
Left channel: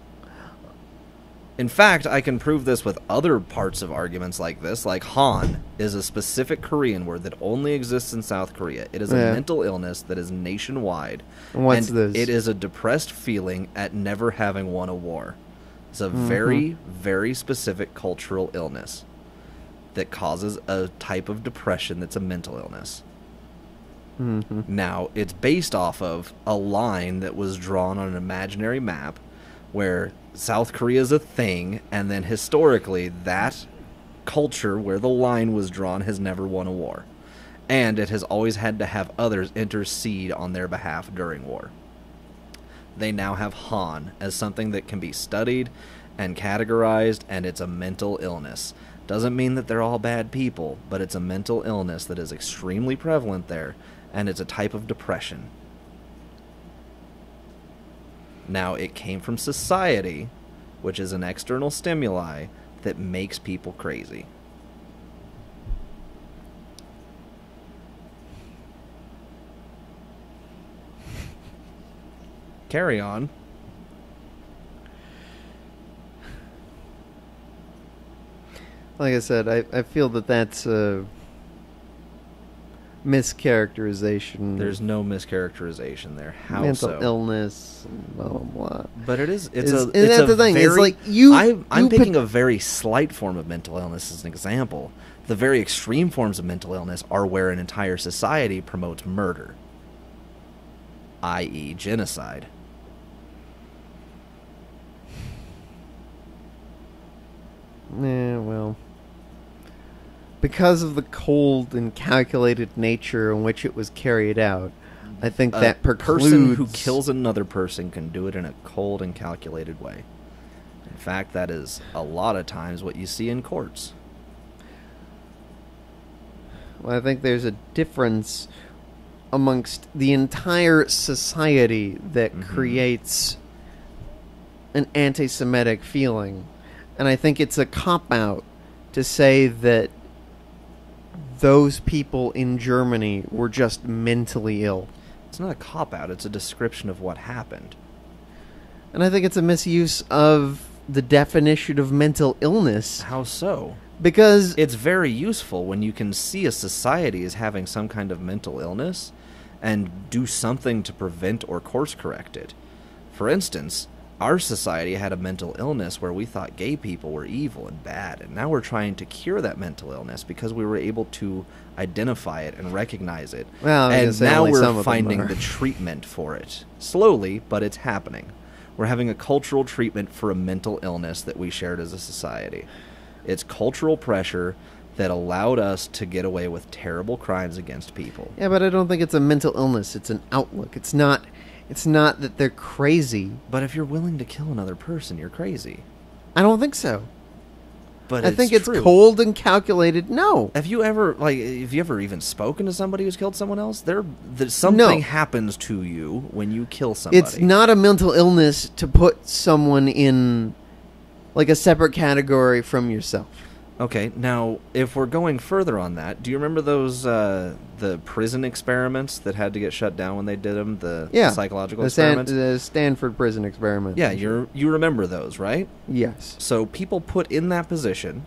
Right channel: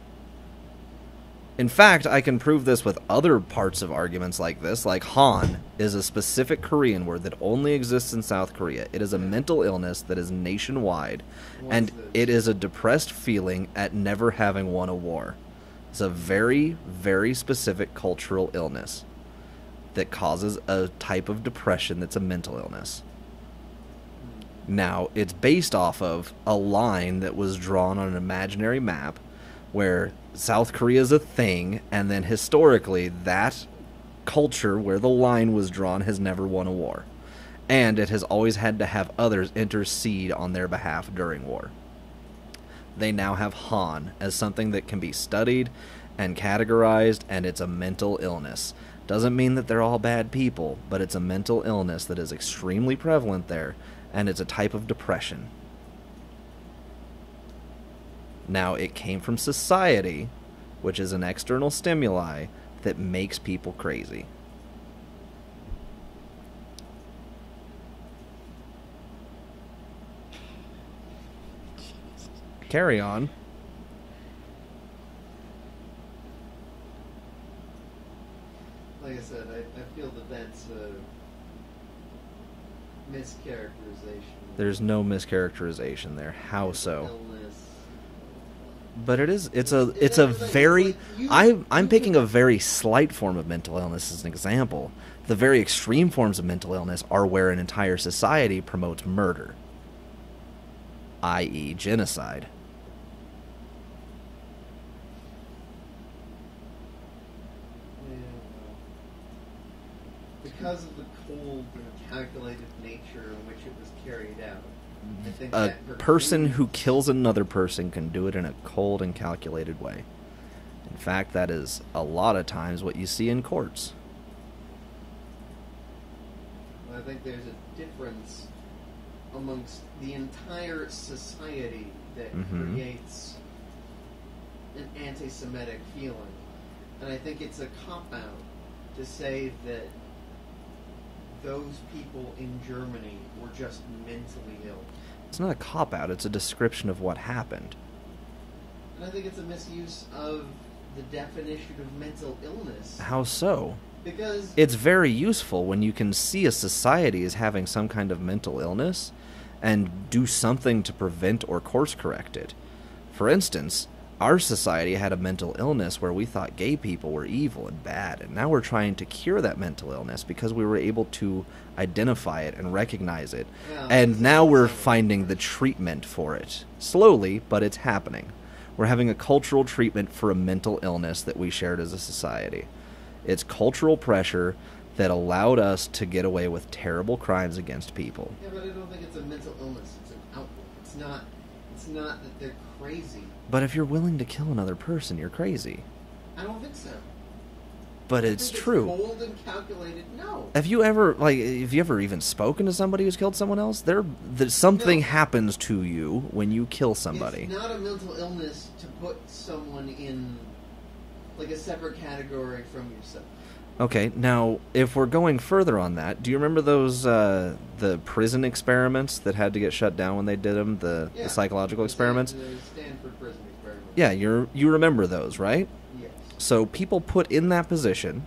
In fact, I can prove this with other parts of arguments like this. Like Han is a specific Korean word that only exists in South Korea. It is a Yeah. mental illness that is nationwide. What's and this? it is a depressed feeling at never having won a war. It's a Mm-hmm. very, very specific cultural illness that causes a type of depression that's a mental illness. Mm-hmm. Now, it's based off of a line that was drawn on an imaginary map where South Korea is a thing, and then historically, that culture where the line was drawn has never won a war. And it has always had to have others intercede on their behalf during war. They now have Han as something that can be studied and categorized, and it's a mental illness. Doesn't mean that they're all bad people, but it's a mental illness that is extremely prevalent there, and it's a type of depression. Now, it came from society, which is an external stimuli that makes people crazy. Carry on. Like I said, I feel that that's a mischaracterization. There's no mischaracterization there. How mental so? illness, blah blah blah. But it is. It's Is- a. and It's that's a the thing, it's very. like you I'm picking pick- a very slight form of mental illness as an example. The very extreme forms of mental illness are where an entire society promotes murder, i.e., genocide. Yeah, well, because of the cold and calculated nature in which it was carried out, I think A that person who precludes- kills another person can do it in a cold and calculated way. In fact, that is a lot of times what you see in courts. Well, I think there's a difference amongst the entire society that Mhm. creates an anti-Semitic feeling. And I think it's a cop-out to say that those people in Germany were just mentally ill. It's not a cop-out, it's a description of what happened. And I think it's a misuse of the definition of mental illness. How so? Because It's very useful when you can see a society as having some kind of mental illness and do something to prevent or course correct it. For instance, our society had a mental illness where we thought gay people were evil and bad, and now we're trying to cure that mental illness because we were able to identify it and recognize it. Well, I was gonna And say now only we're some of them finding are. the treatment for it. Slowly, but it's happening. We're having a cultural treatment for a mental illness that we shared as a society. It's cultural pressure that allowed us to get away with terrible crimes against people. yeah, but I don't think it's a mental illness. It's an outlook. It's not that they're crazy. But if you're willing to kill another person, you're crazy. I don't think so. But I it's think it's true. cold and calculated. No. Have you ever even spoken to somebody who's killed someone else? Something No. happens to you when you kill somebody. It's not a mental illness to put someone in like a separate category from yourself. Okay, now if we're going further on that, do you remember those the prison experiments that had to get shut down when they did them? The psychological experiments. The Stanford prison experiment. Yeah, you remember those, right? Yes. So people put in that position.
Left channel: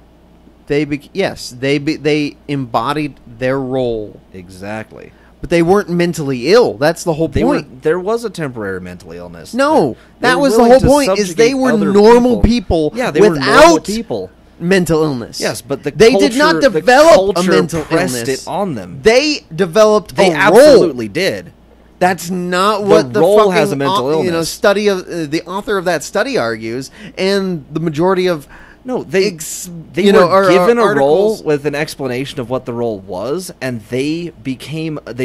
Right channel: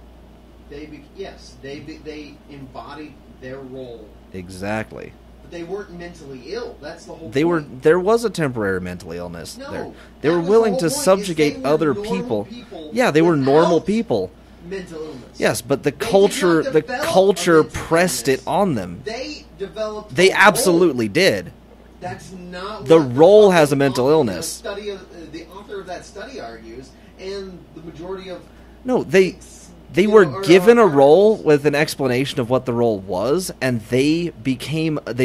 They embodied their role, Exactly. but they weren't mentally ill. That's the whole point. There was a temporary mental illness. No, They that were was the willing whole to point. Is they subjugate were other normal people. Yeah, they were normal without people. mental illness. Yes, but the They did not culture, develop a mental pressed illness. it on them. They developed. They a absolutely role. did. That's not The what the role fucking has a mental illness. Study of the author of that study argues, and the majority of No, they you were know, or given a role articles- with an explanation of what the role was, and they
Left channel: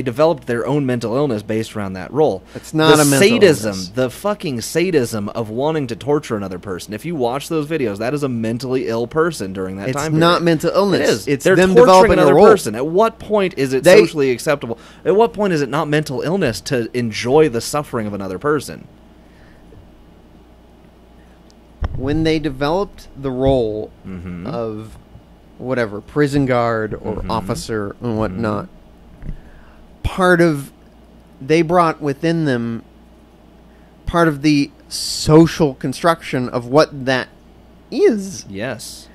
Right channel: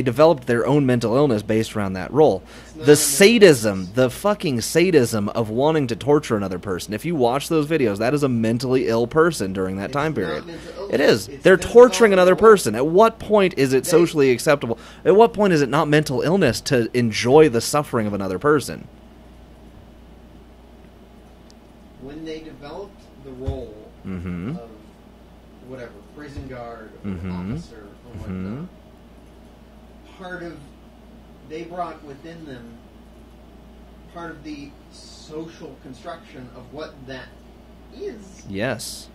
developed their own mental illness based around that role. It's not the a mental sadism, illness. the fucking sadism of wanting to torture another person. If you watch those videos, that is a mentally ill person during that It's time period. not mental illness. It is. It's They're them torturing developing a another role. person. At what point is it socially acceptable? At what point is it not mental illness to enjoy the suffering of another person? When they developed the role Mhm. of whatever prison guard or Mhm. officer and whatnot, part of they brought within them part of the social construction of what that is. Yes.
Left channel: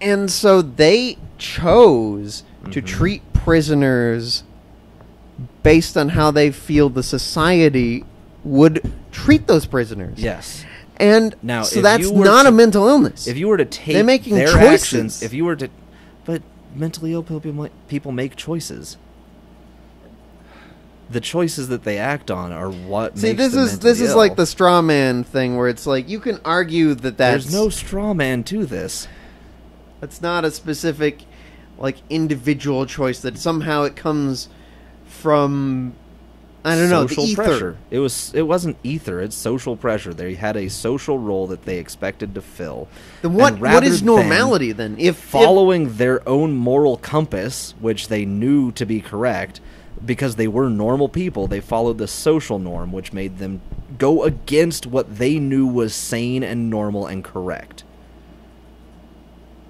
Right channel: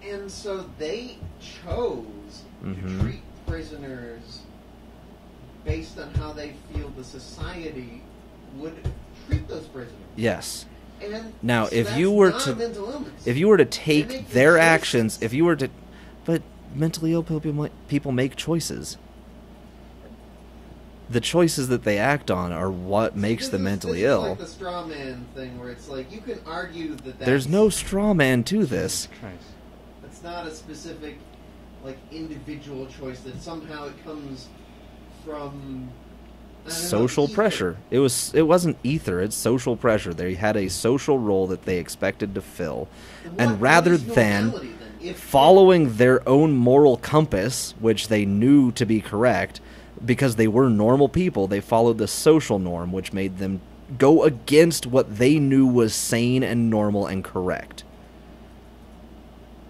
And so they chose to Mhm. treat prisoners based on how they feel the society would treat those prisoners. Yes. And Now, so if that's you were not to- a mental illness. If you were to take making their choices. actions, if you were to, but mentally ill people make choices. The choices that they act on are what makes them mentally this ill. is like the straw man thing where it's like you can argue that There's no straw man to this. that's not a specific like individual choice, that somehow it comes from I don't know. Social Ether. pressure. It wasn't ether. It's social pressure. They had a social role that they expected to fill. Then what is normality then? If following their own moral compass, which they knew to be correct, because they were normal people, they followed the social norm, which made them go against what they knew was sane and normal and correct.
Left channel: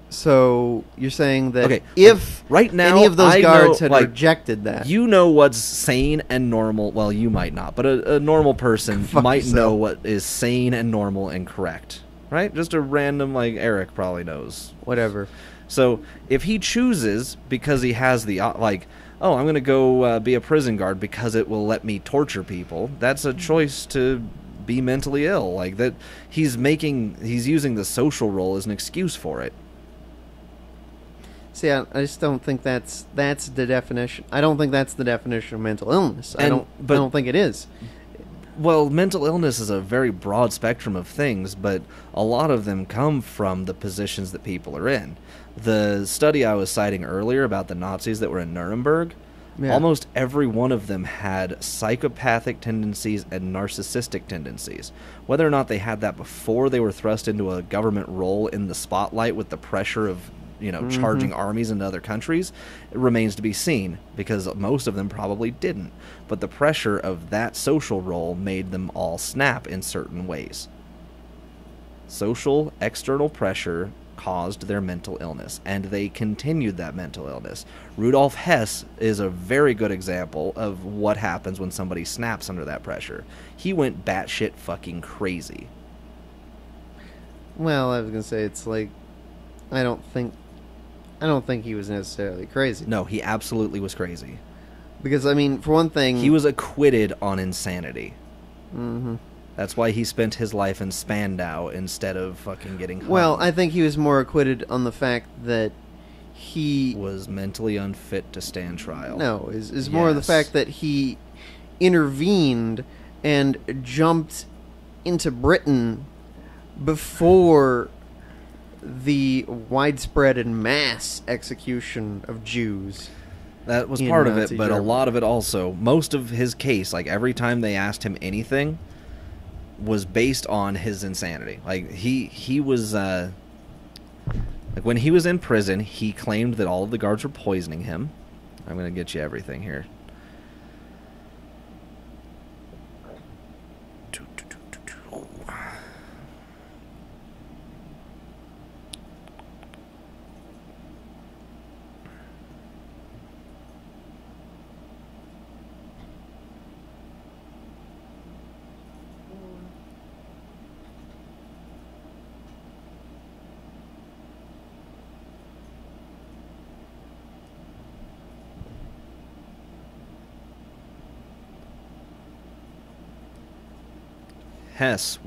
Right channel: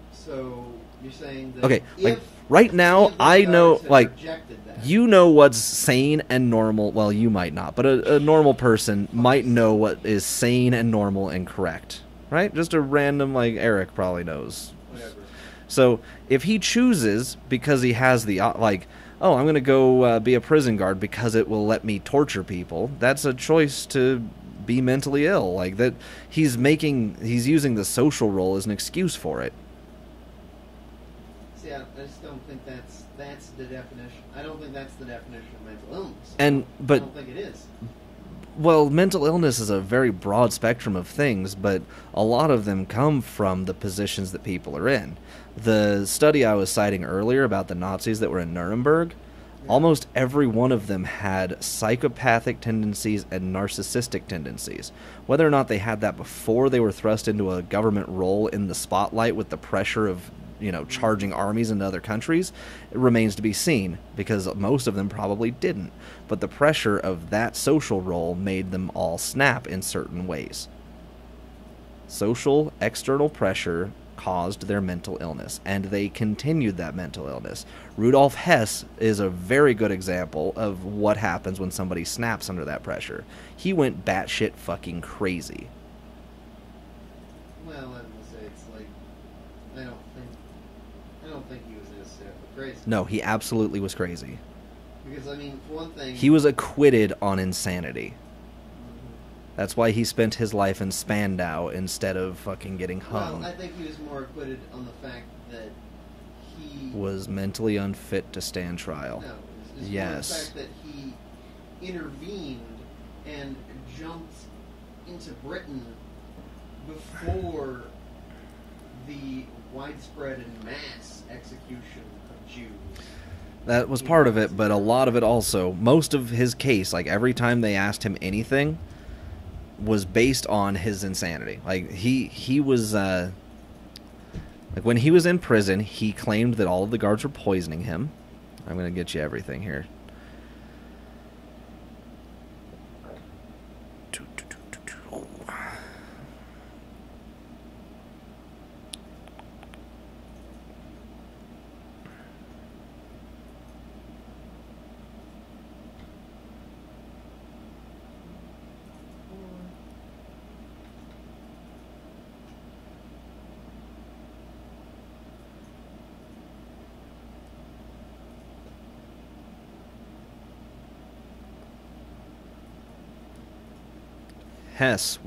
So you're saying that if right now any of those I guards know, had rejected that, you know what's sane and normal. Well, you might not, but a normal person might know what is sane and normal and correct, right? Just a random, like Eric probably knows. Whatever. So if he chooses because he has the I'm going to go be a prison guard because it will let me torture people, that's a choice to be mentally ill. Like that, he's using the social role as an excuse for it. See, I just don't think that's the definition. I don't think that's the definition of mental illness. I don't think it is. Well, mental illness is a very broad spectrum of things, but a lot of them come from the positions that people are in. The study I was citing earlier about the Nazis that were in Nuremberg, almost every one of them had psychopathic tendencies and narcissistic tendencies. Whether or not they had that before they were thrust into a government role in the spotlight with the pressure of charging armies into other countries, it remains to be seen, because most of them probably didn't. But the pressure of that social role made them all snap in certain ways. Social, external pressure caused their mental illness, and they continued that mental illness. Rudolf Hess is a very good example of what happens when somebody snaps under that pressure. He went batshit fucking crazy. Well, I was gonna say, it's like, I don't think he was necessarily crazy. No, he absolutely was crazy. Because, I mean, for one thing, he was acquitted on insanity. Mm-hmm. That's why he spent his life in Spandau instead of fucking getting hung. Well, I think he was more acquitted on the fact that he was mentally unfit to stand trial. No, is more the fact that he intervened and jumped into Britain before the widespread and mass execution of Jews. That was part of it, but a lot of it also, most of his case, like every time they asked him anything, was based on his insanity. Like he was like when he was in prison, he claimed that all of the guards were poisoning him. I'm going to get you everything here. Hess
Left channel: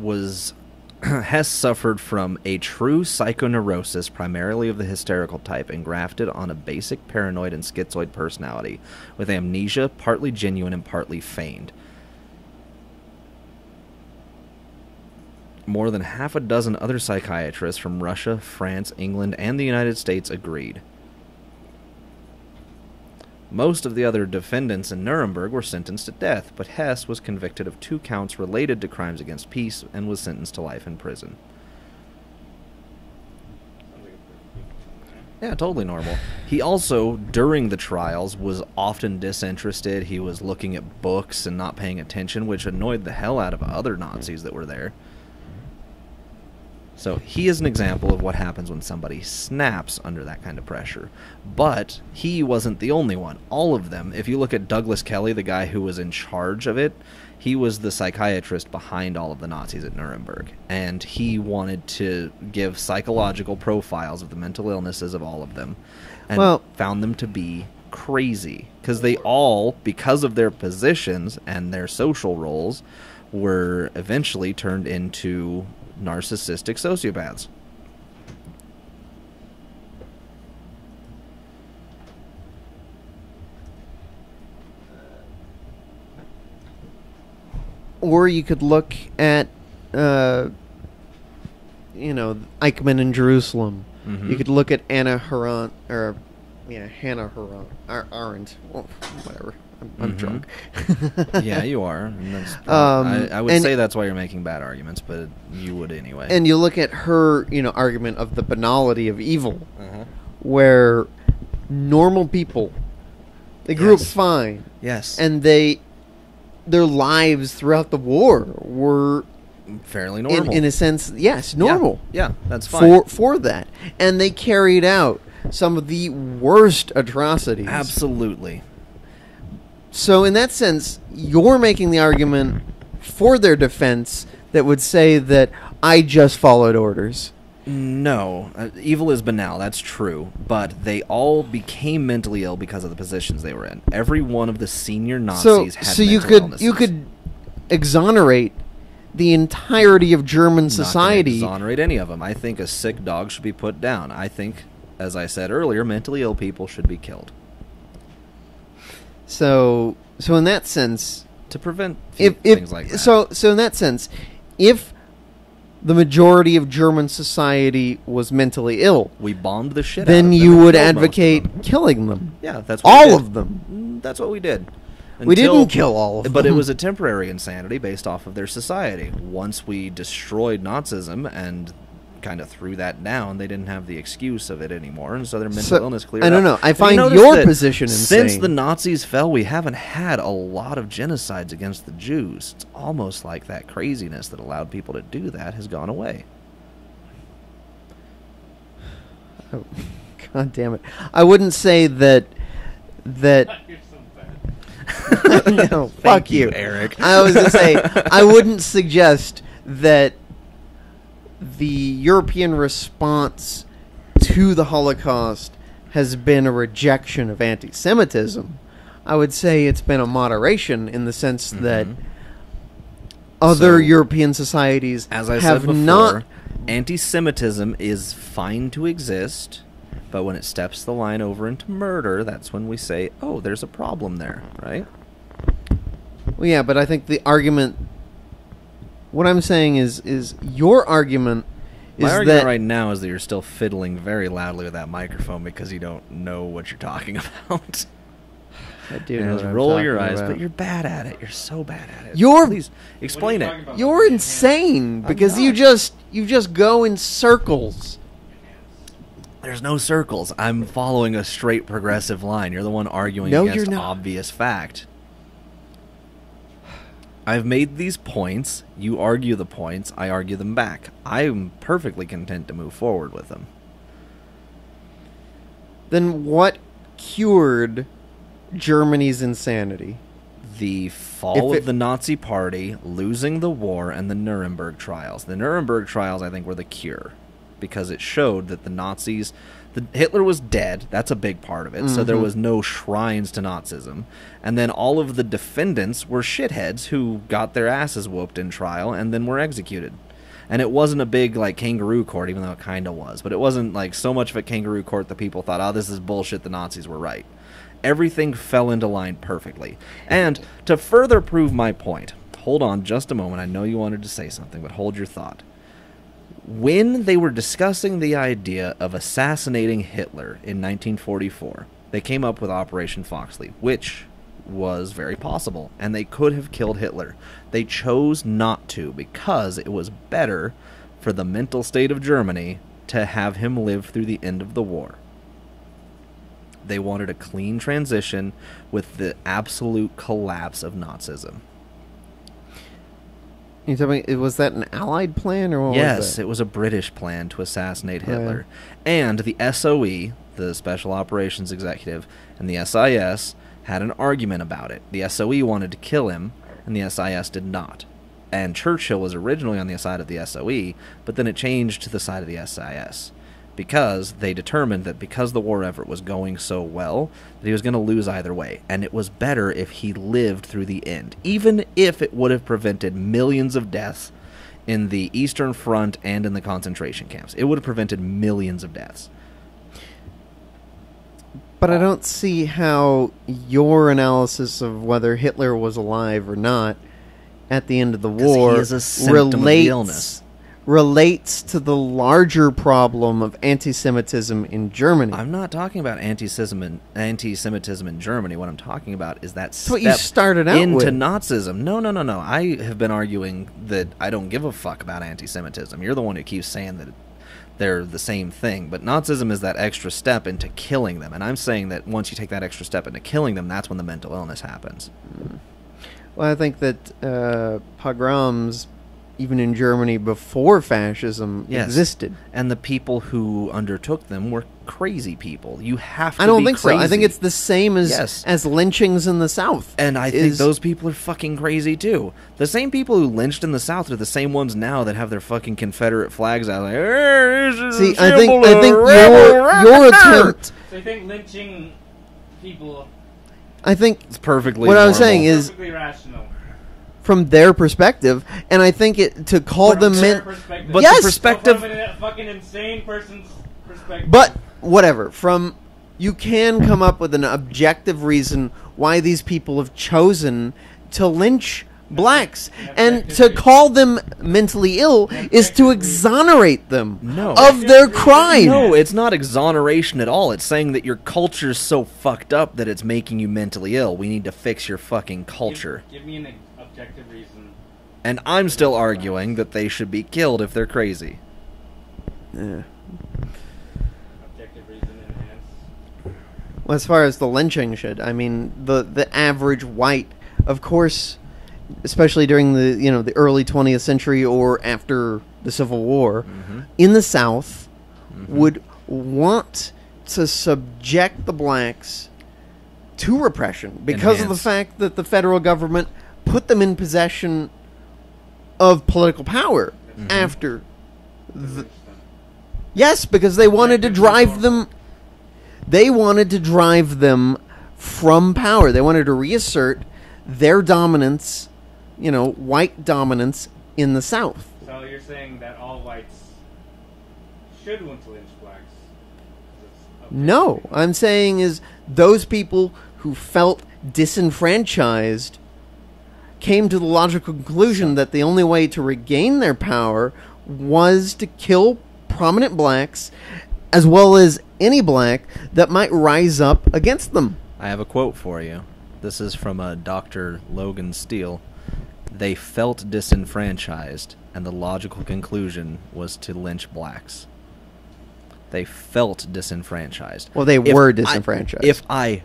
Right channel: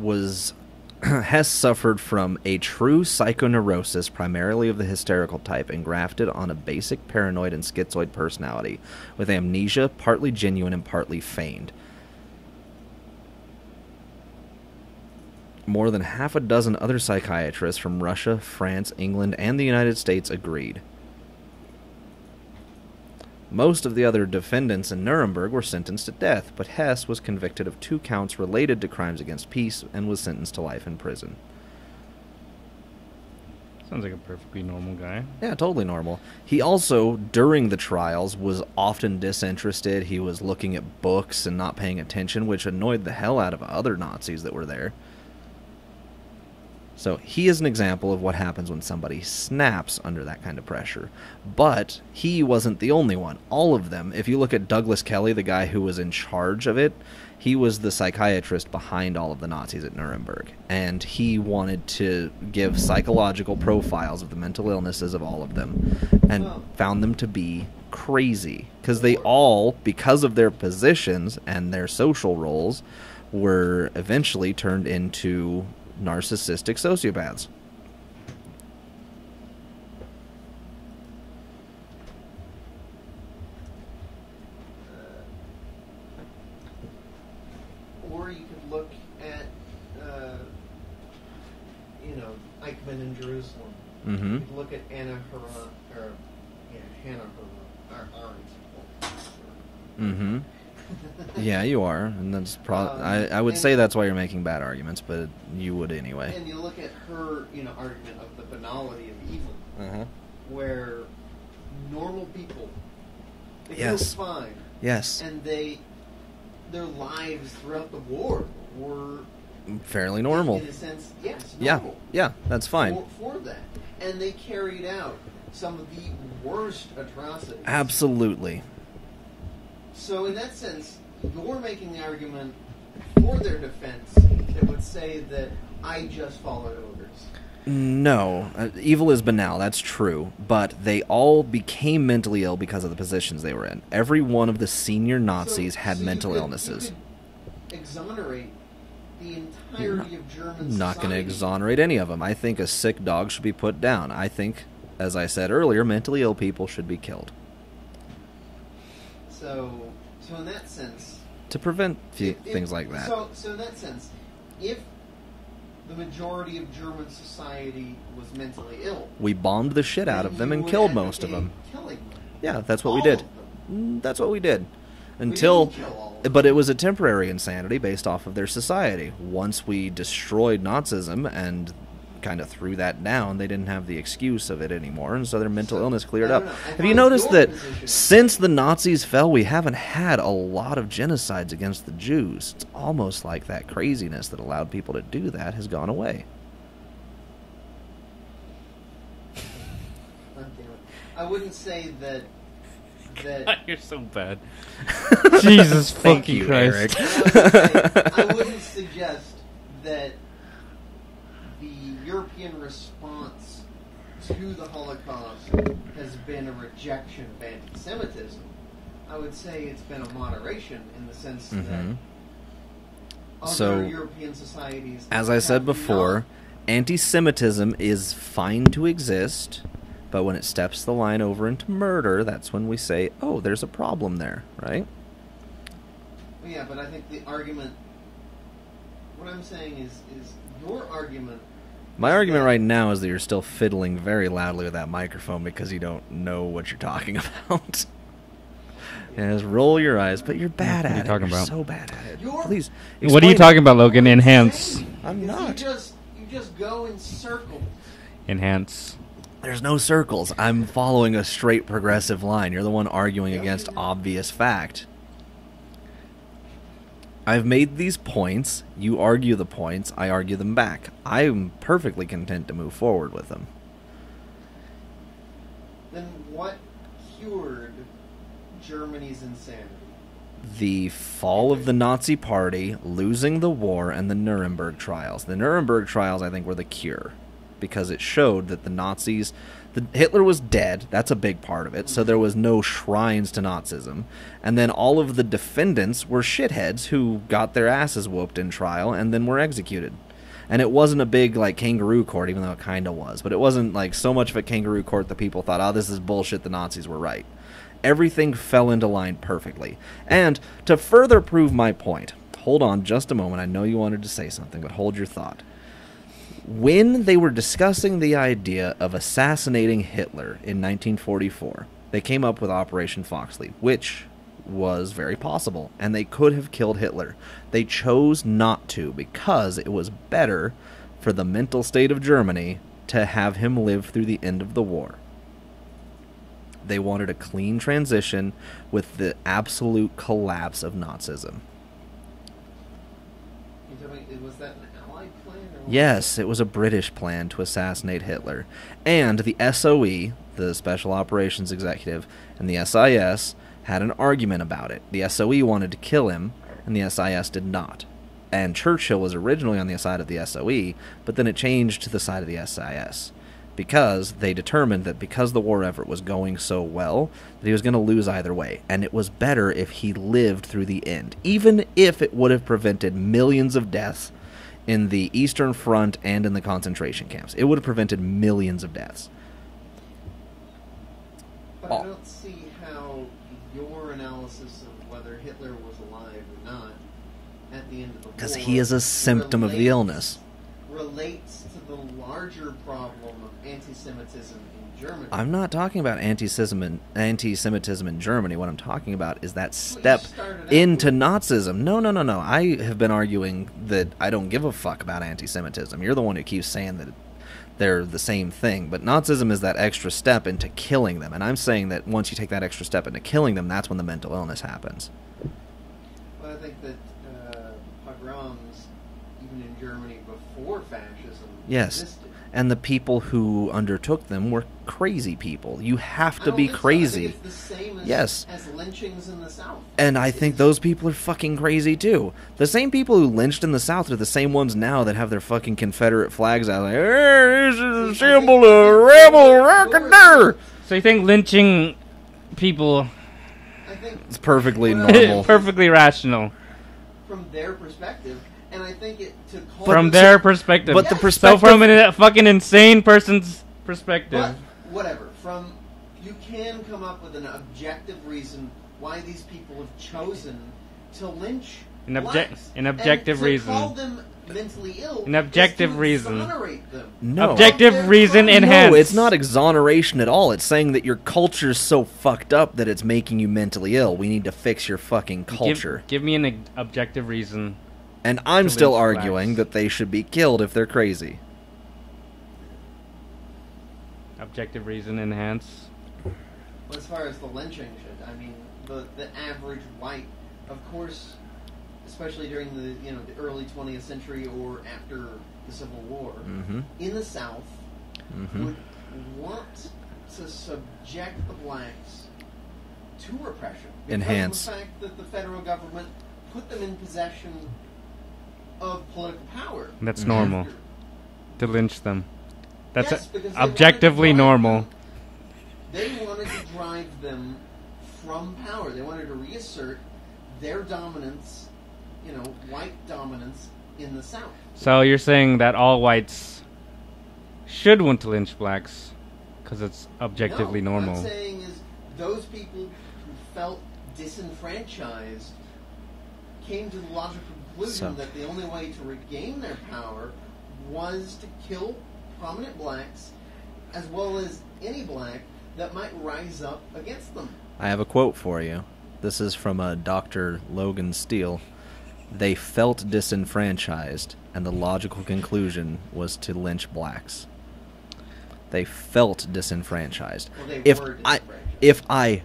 suffered from a true psychoneurosis, primarily of the hysterical type, engrafted on a basic paranoid and schizoid personality, with amnesia partly genuine and partly feigned. More than half a dozen other psychiatrists from Russia, France, England, and the United States agreed. Most of the other defendants in Nuremberg were sentenced to death, but Hess was convicted of 2 counts related to crimes against peace and was sentenced to life in prison. Sounds like a perfectly normal guy. Yeah, totally normal. He also, during the trials, was often disinterested. He was looking at books and not paying attention, which annoyed the hell out of other Nazis that were there. So he is an example of what happens when somebody snaps under that kind of pressure. But he wasn't the only one. All of them, if you look at Douglas Kelly, the guy who was in charge of it, he was the psychiatrist behind all of the Nazis at Nuremberg. And he wanted to give psychological profiles of the mental illnesses of all of them. And found them to be crazy. Because they all, because of their positions and their social roles, were eventually turned into narcissistic sociopaths. Or you could look at, Eichmann in Jerusalem. Mm-hmm. You could look at Anna Harant, or Hannah Arendt. Oh, whatever. I'm drunk. Yeah, you are, and that's. I would say that's why you're making bad arguments, but you would anyway. And you look at her, argument of the banality of evil, where normal people, they grew up fine. Yes. And their lives throughout the war were fairly normal. In a sense, yes, normal. Yeah, that's fine. For that. And they carried out some of the worst atrocities. Absolutely. So in that sense, you're making the argument for their defense that would say that I just followed orders. No. Evil is banal, that's true. But they all became mentally ill because of the positions they were in. Every one of the senior Nazis had mental illnesses. You could exonerate the entirety of German society. Not going to exonerate any of them. I think a sick dog should be put down. I think, as I said earlier, mentally ill people should be killed. So in that sense, to prevent things like that. So in that sense, if the majority of German society was mentally ill, we bombed the shit out of them. Then you would advocate killing them. Yeah, that's what we did. All of them. That's what we did. We didn't kill all of them. But it was a temporary insanity based off of their society. Once we destroyed Nazism and kind of threw that down, they didn't have the excuse of it anymore, and so their mental illness cleared up. I don't know. I find your position insane. Since the Nazis fell, we haven't had a lot of genocides against the Jews. It's almost like that craziness that allowed people to do that has gone away. Oh, God damn it. I wouldn't say that... You're so bad. Jesus, fuck you, Eric. I was going to say, I wouldn't suggest that the European response to the Holocaust has been a rejection of anti-Semitism. I would say it's been a moderation in the sense that other European societies as I said before, anti-Semitism is fine to exist, but when it steps the line over into murder, that's when we say, oh, there's a problem there, right? Well, yeah, but I think the argument... What I'm saying is your argument... My argument right now is that you're still fiddling very loudly with that microphone because you don't know what you're talking about. And roll your eyes, but you're bad at it. You're so bad at it. Please what are you talking about, Logan? You're Enhance. insane because you just go in circles. Enhance. There's no circles. I'm following a straight progressive line. You're the one arguing against obvious fact. I've made these points. You argue the points. I argue them back. I'm perfectly content to move forward with them. Then what cured Germany's insanity? The fall of the Nazi Party, losing the war, and the Nuremberg trials. The Nuremberg trials, I think, were the cure. Because it showed that the Nazis... Hitler was dead. That's a big part of it. So there was no shrines to Nazism. And then all of the defendants were shitheads who got their asses whooped in trial and then were executed. And it wasn't a big, kangaroo court, even though it kind of was. But it wasn't, so much of a kangaroo court that people thought, oh, this is bullshit, the Nazis were right. Everything fell into line perfectly. And to further prove my point, hold on just a moment. I know you wanted to say something, but hold your thought. When they were discussing the idea of assassinating Hitler in 1944, they came up with Operation Foxley, which was very possible, and they could have killed Hitler. They chose not to because it was better for the mental state of Germany to have him live through the end of the war. They wanted a clean transition with the absolute collapse of Nazism. You tell me, was that an Allied plan or what? Yes, it was a British plan to assassinate Hitler. And the SOE, the Special Operations Executive, and the SIS had an argument about it. The SOE wanted to kill him, and the SIS did not. And Churchill was originally on the side of the SOE, but then it changed to the side of the SIS. Because they determined that because the war effort was going so well, that he was going to lose either way. And it was better if he lived through the end. Even if it would have prevented millions of deaths in the Eastern Front and in the concentration camps. It would have prevented millions of deaths. But I don't see how your analysis of whether Hitler was alive or not at the end of the war he is a symptom of the illness. relates to the larger problem of anti-Semitism in Germany. I'm not talking about anti-Semitism in Germany. What I'm talking about is that That's what you step started out into with. Nazism. No. I have been arguing that I don't give a fuck about anti-Semitism. You're the one who keeps saying that they're the same thing. But Nazism is that extra step into killing them. And I'm saying that once you take that extra step into killing them, that's when the mental illness happens. Well, I think that pogroms, even in Germany before fascism, Yes. existed. And the people who undertook them were crazy people. You have to I don't be think crazy. so. I think it's the same as Yes. as lynchings in the South. And I think Is- those people are fucking crazy too. The same people who lynched in the South are the same ones now that have their fucking Confederate flags out. Like, this is See, a I think, symbol I of think rebel. your attempt, So you think lynching people I think It's perfectly What I was normal. saying is- perfectly rational from their perspective, and I think it to call from them their perspective? But the Yes. perspective- So from a fucking insane person's perspective. But whatever, you can come up with an objective reason why these people have chosen to lynch An blacks, an and objective to reason. call them mentally ill An is to objective reason. exonerate them No. of Objective their reason crime. enhanced. No, it's not exoneration at all. It's saying that your culture's so fucked up that it's making you mentally ill. We need to fix your fucking culture. Give me an objective reason. And I'm still Lynch arguing blacks. that they should be killed if they're crazy. Yeah. Objective reason enhanced. Well, as far as the lynching should, I mean, the average white, of course, especially during the early 20th century or after the Civil War, Mm-hmm. in the South, Mm-hmm. would want to subject the blacks to repression because of the Enhance. fact that the federal government put them in possession of political power That's normal. after. To lynch them. Yes, because they wanted to objectively drive normal. them. They wanted to drive them from power. They wanted to reassert their dominance, white dominance in the South. So you're saying that all whites should want to lynch blacks because it's objectively No, normal? I'm saying is those people who felt disenfranchised came to the logical conclusion So- that the only way to regain their power was to kill prominent blacks as well as any black that might rise up against them. I have a quote for you. This is from Dr. Logan Steele. They felt disenfranchised, and the logical conclusion was to lynch blacks. They felt disenfranchised. Well, they were disenfranchised. If I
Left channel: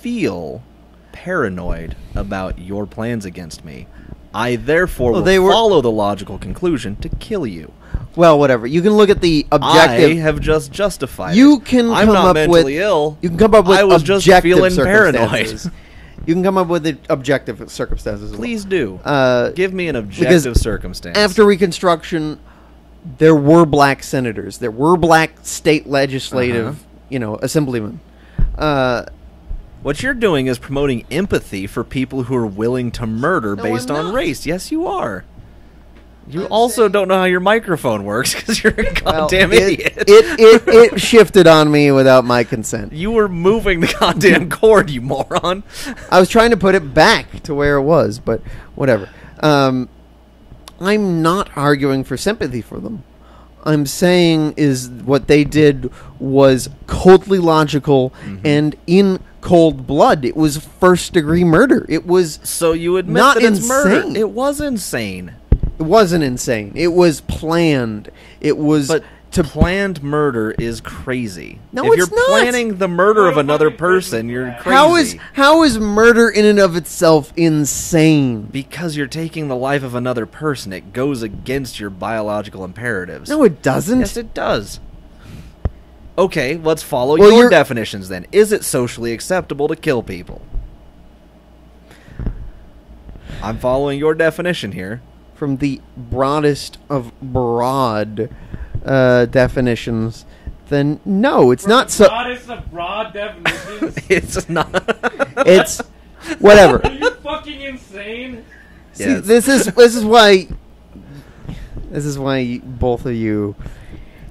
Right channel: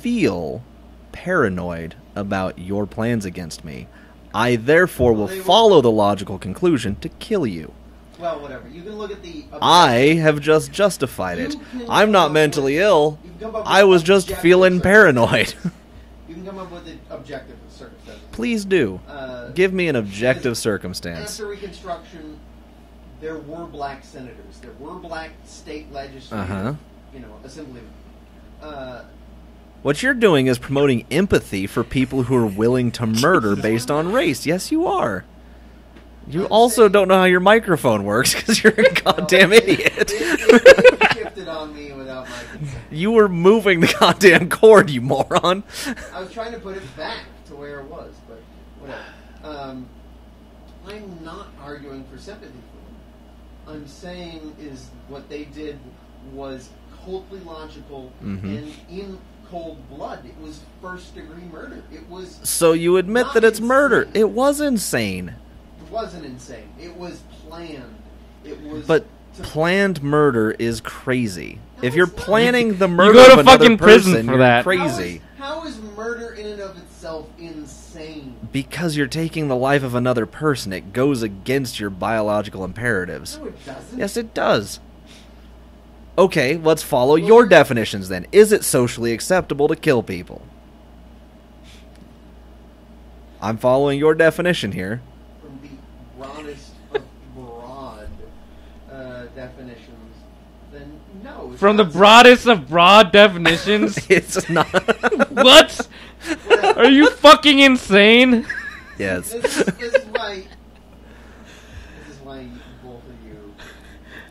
feel paranoid about your plans against me, I therefore Well, will they were- follow the logical conclusion to kill you. Well, whatever. You can look at the I objective. have just justified You it. can I'm come not up mentally with- ill. You can come up with I was just objective feeling paranoid. circumstances. You can come up with the objective circumstances. Please do. Uh, Give me an objective because circumstance. After Reconstruction, there were black senators. There were black state legislative, assemblymen. What you're doing is promoting empathy for people who are willing to murder No, based I'm on not. race. Yes, you are. You also don't know how your microphone works because you're a goddamn Well, idiot. It shifted on me without my consent. You were moving the goddamn cord, you moron. I was trying to put it back to where it was, but whatever. I'm not arguing for sympathy for them. I'm saying is what they did was coldly logical and in cold blood. It was first-degree murder. It was. So you admit Not that it's murder. insane. It was insane. It wasn't insane. It was planned. It was. But planned murder is crazy. No, if it's you're not. planning the go murder to of another fucking prison person, for you're that. crazy. How is murder in and of itself insane? Because you're taking the life of another person, it goes against your biological imperatives. No, it doesn't. Yes, it does. Okay, let's follow Well, your you're- definitions then. Is it socially acceptable to kill people? I'm following your definition here. From the broadest of broad definitions, then no, it's From not. the broadest of broad definitions. It's not. What? Whatever. Are you fucking insane? See, Yes. this is why both of you,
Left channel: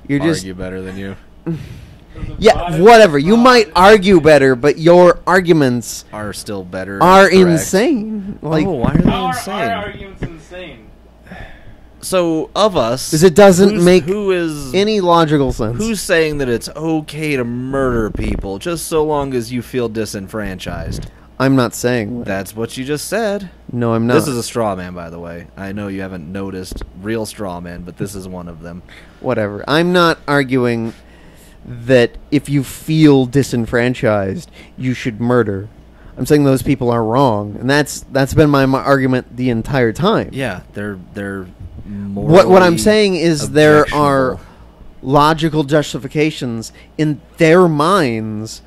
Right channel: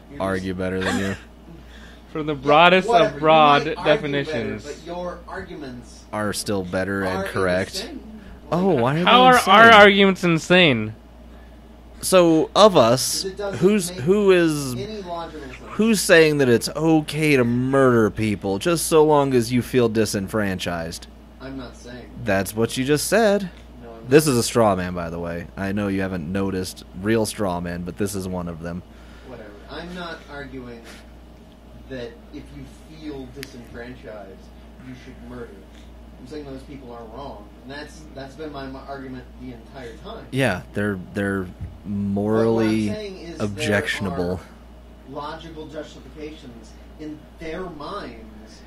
you're just Argue better than you. From the yeah, broadest whatever. of You broad might argue better, definitions. but your arguments Are still better. are and correct. insane. Like, Oh, why are they How are insane? our arguments insane? So of us, Because it doesn't make who is any logical sense. who's saying that it's okay to murder people just so long as you feel disenfranchised? I'm not saying that. That's what you just said. No, I'm not. This is a straw man, by the way. I know you haven't noticed real straw men, but this is one of them. Whatever. I'm not arguing that if you feel disenfranchised, you should murder. I'm saying those people are wrong, and that's been my argument the entire time. Yeah, they're morally What I'm saying is there are objectionable. logical justifications in their minds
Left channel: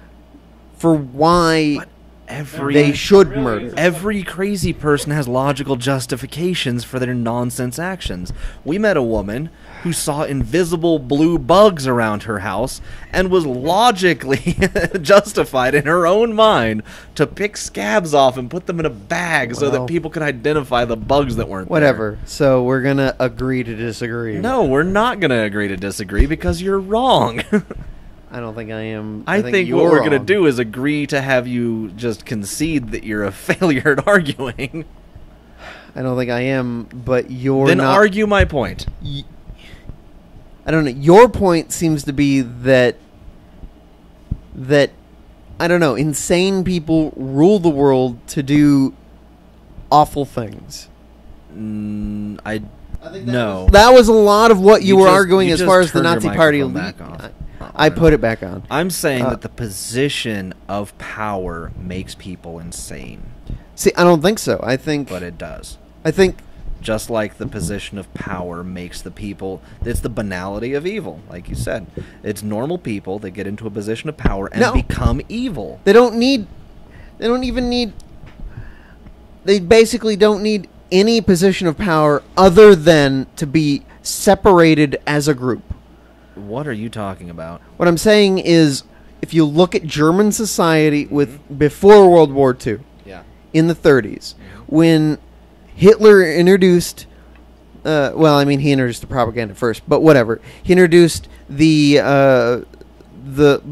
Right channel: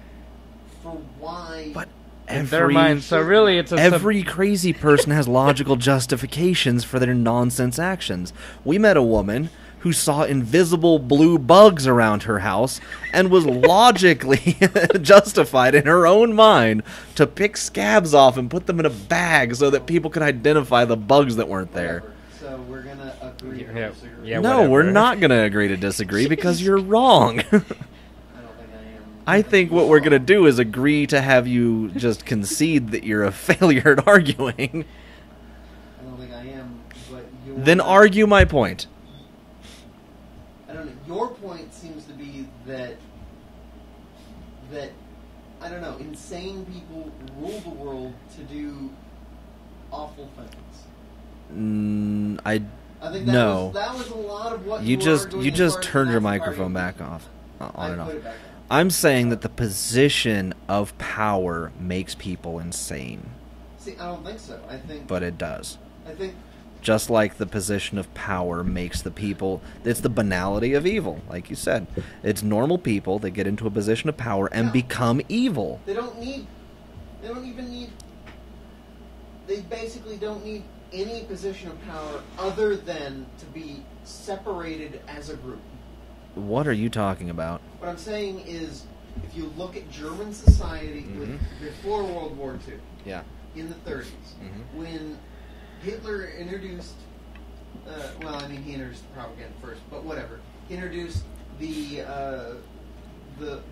for why But Every they should really, murder. it's a Every crazy person has logical justifications for their nonsense actions. We met a woman who saw invisible blue bugs around her house and was logically justified in her own mind to pick scabs off and put them in a bag so that Well, people could identify the bugs that weren't whatever. So we're gonna agree to disagree. Yeah, there. No, whatever. we're not going to agree to disagree because you're wrong. I don't think I am. I think what you're we're going to wrong. do is agree to have you just concede that you're a failure at arguing. I don't think I am, but you're Then not. argue my point. I don't know. Your point seems to be that I don't know, insane people rule the world to do awful things. I think no. that was a lot of what you were just- arguing you as just far as the turned your Nazi Party. microphone back off. I On and put off. it back on. I'm saying Uh, that the position of power makes people insane, See, I don't think so. I think but it does. Just like the position of power makes the people, it's the banality of evil, like you said. It's normal people that get into a position of power and No. become evil. they don't even need. They basically don't need any position of power other than to be separated as a group. What are you talking about? What I'm saying is, if you look at German society with before World War II, Yeah. in the 30s, when Hitler introduced, he introduced the propaganda first, but whatever. He introduced the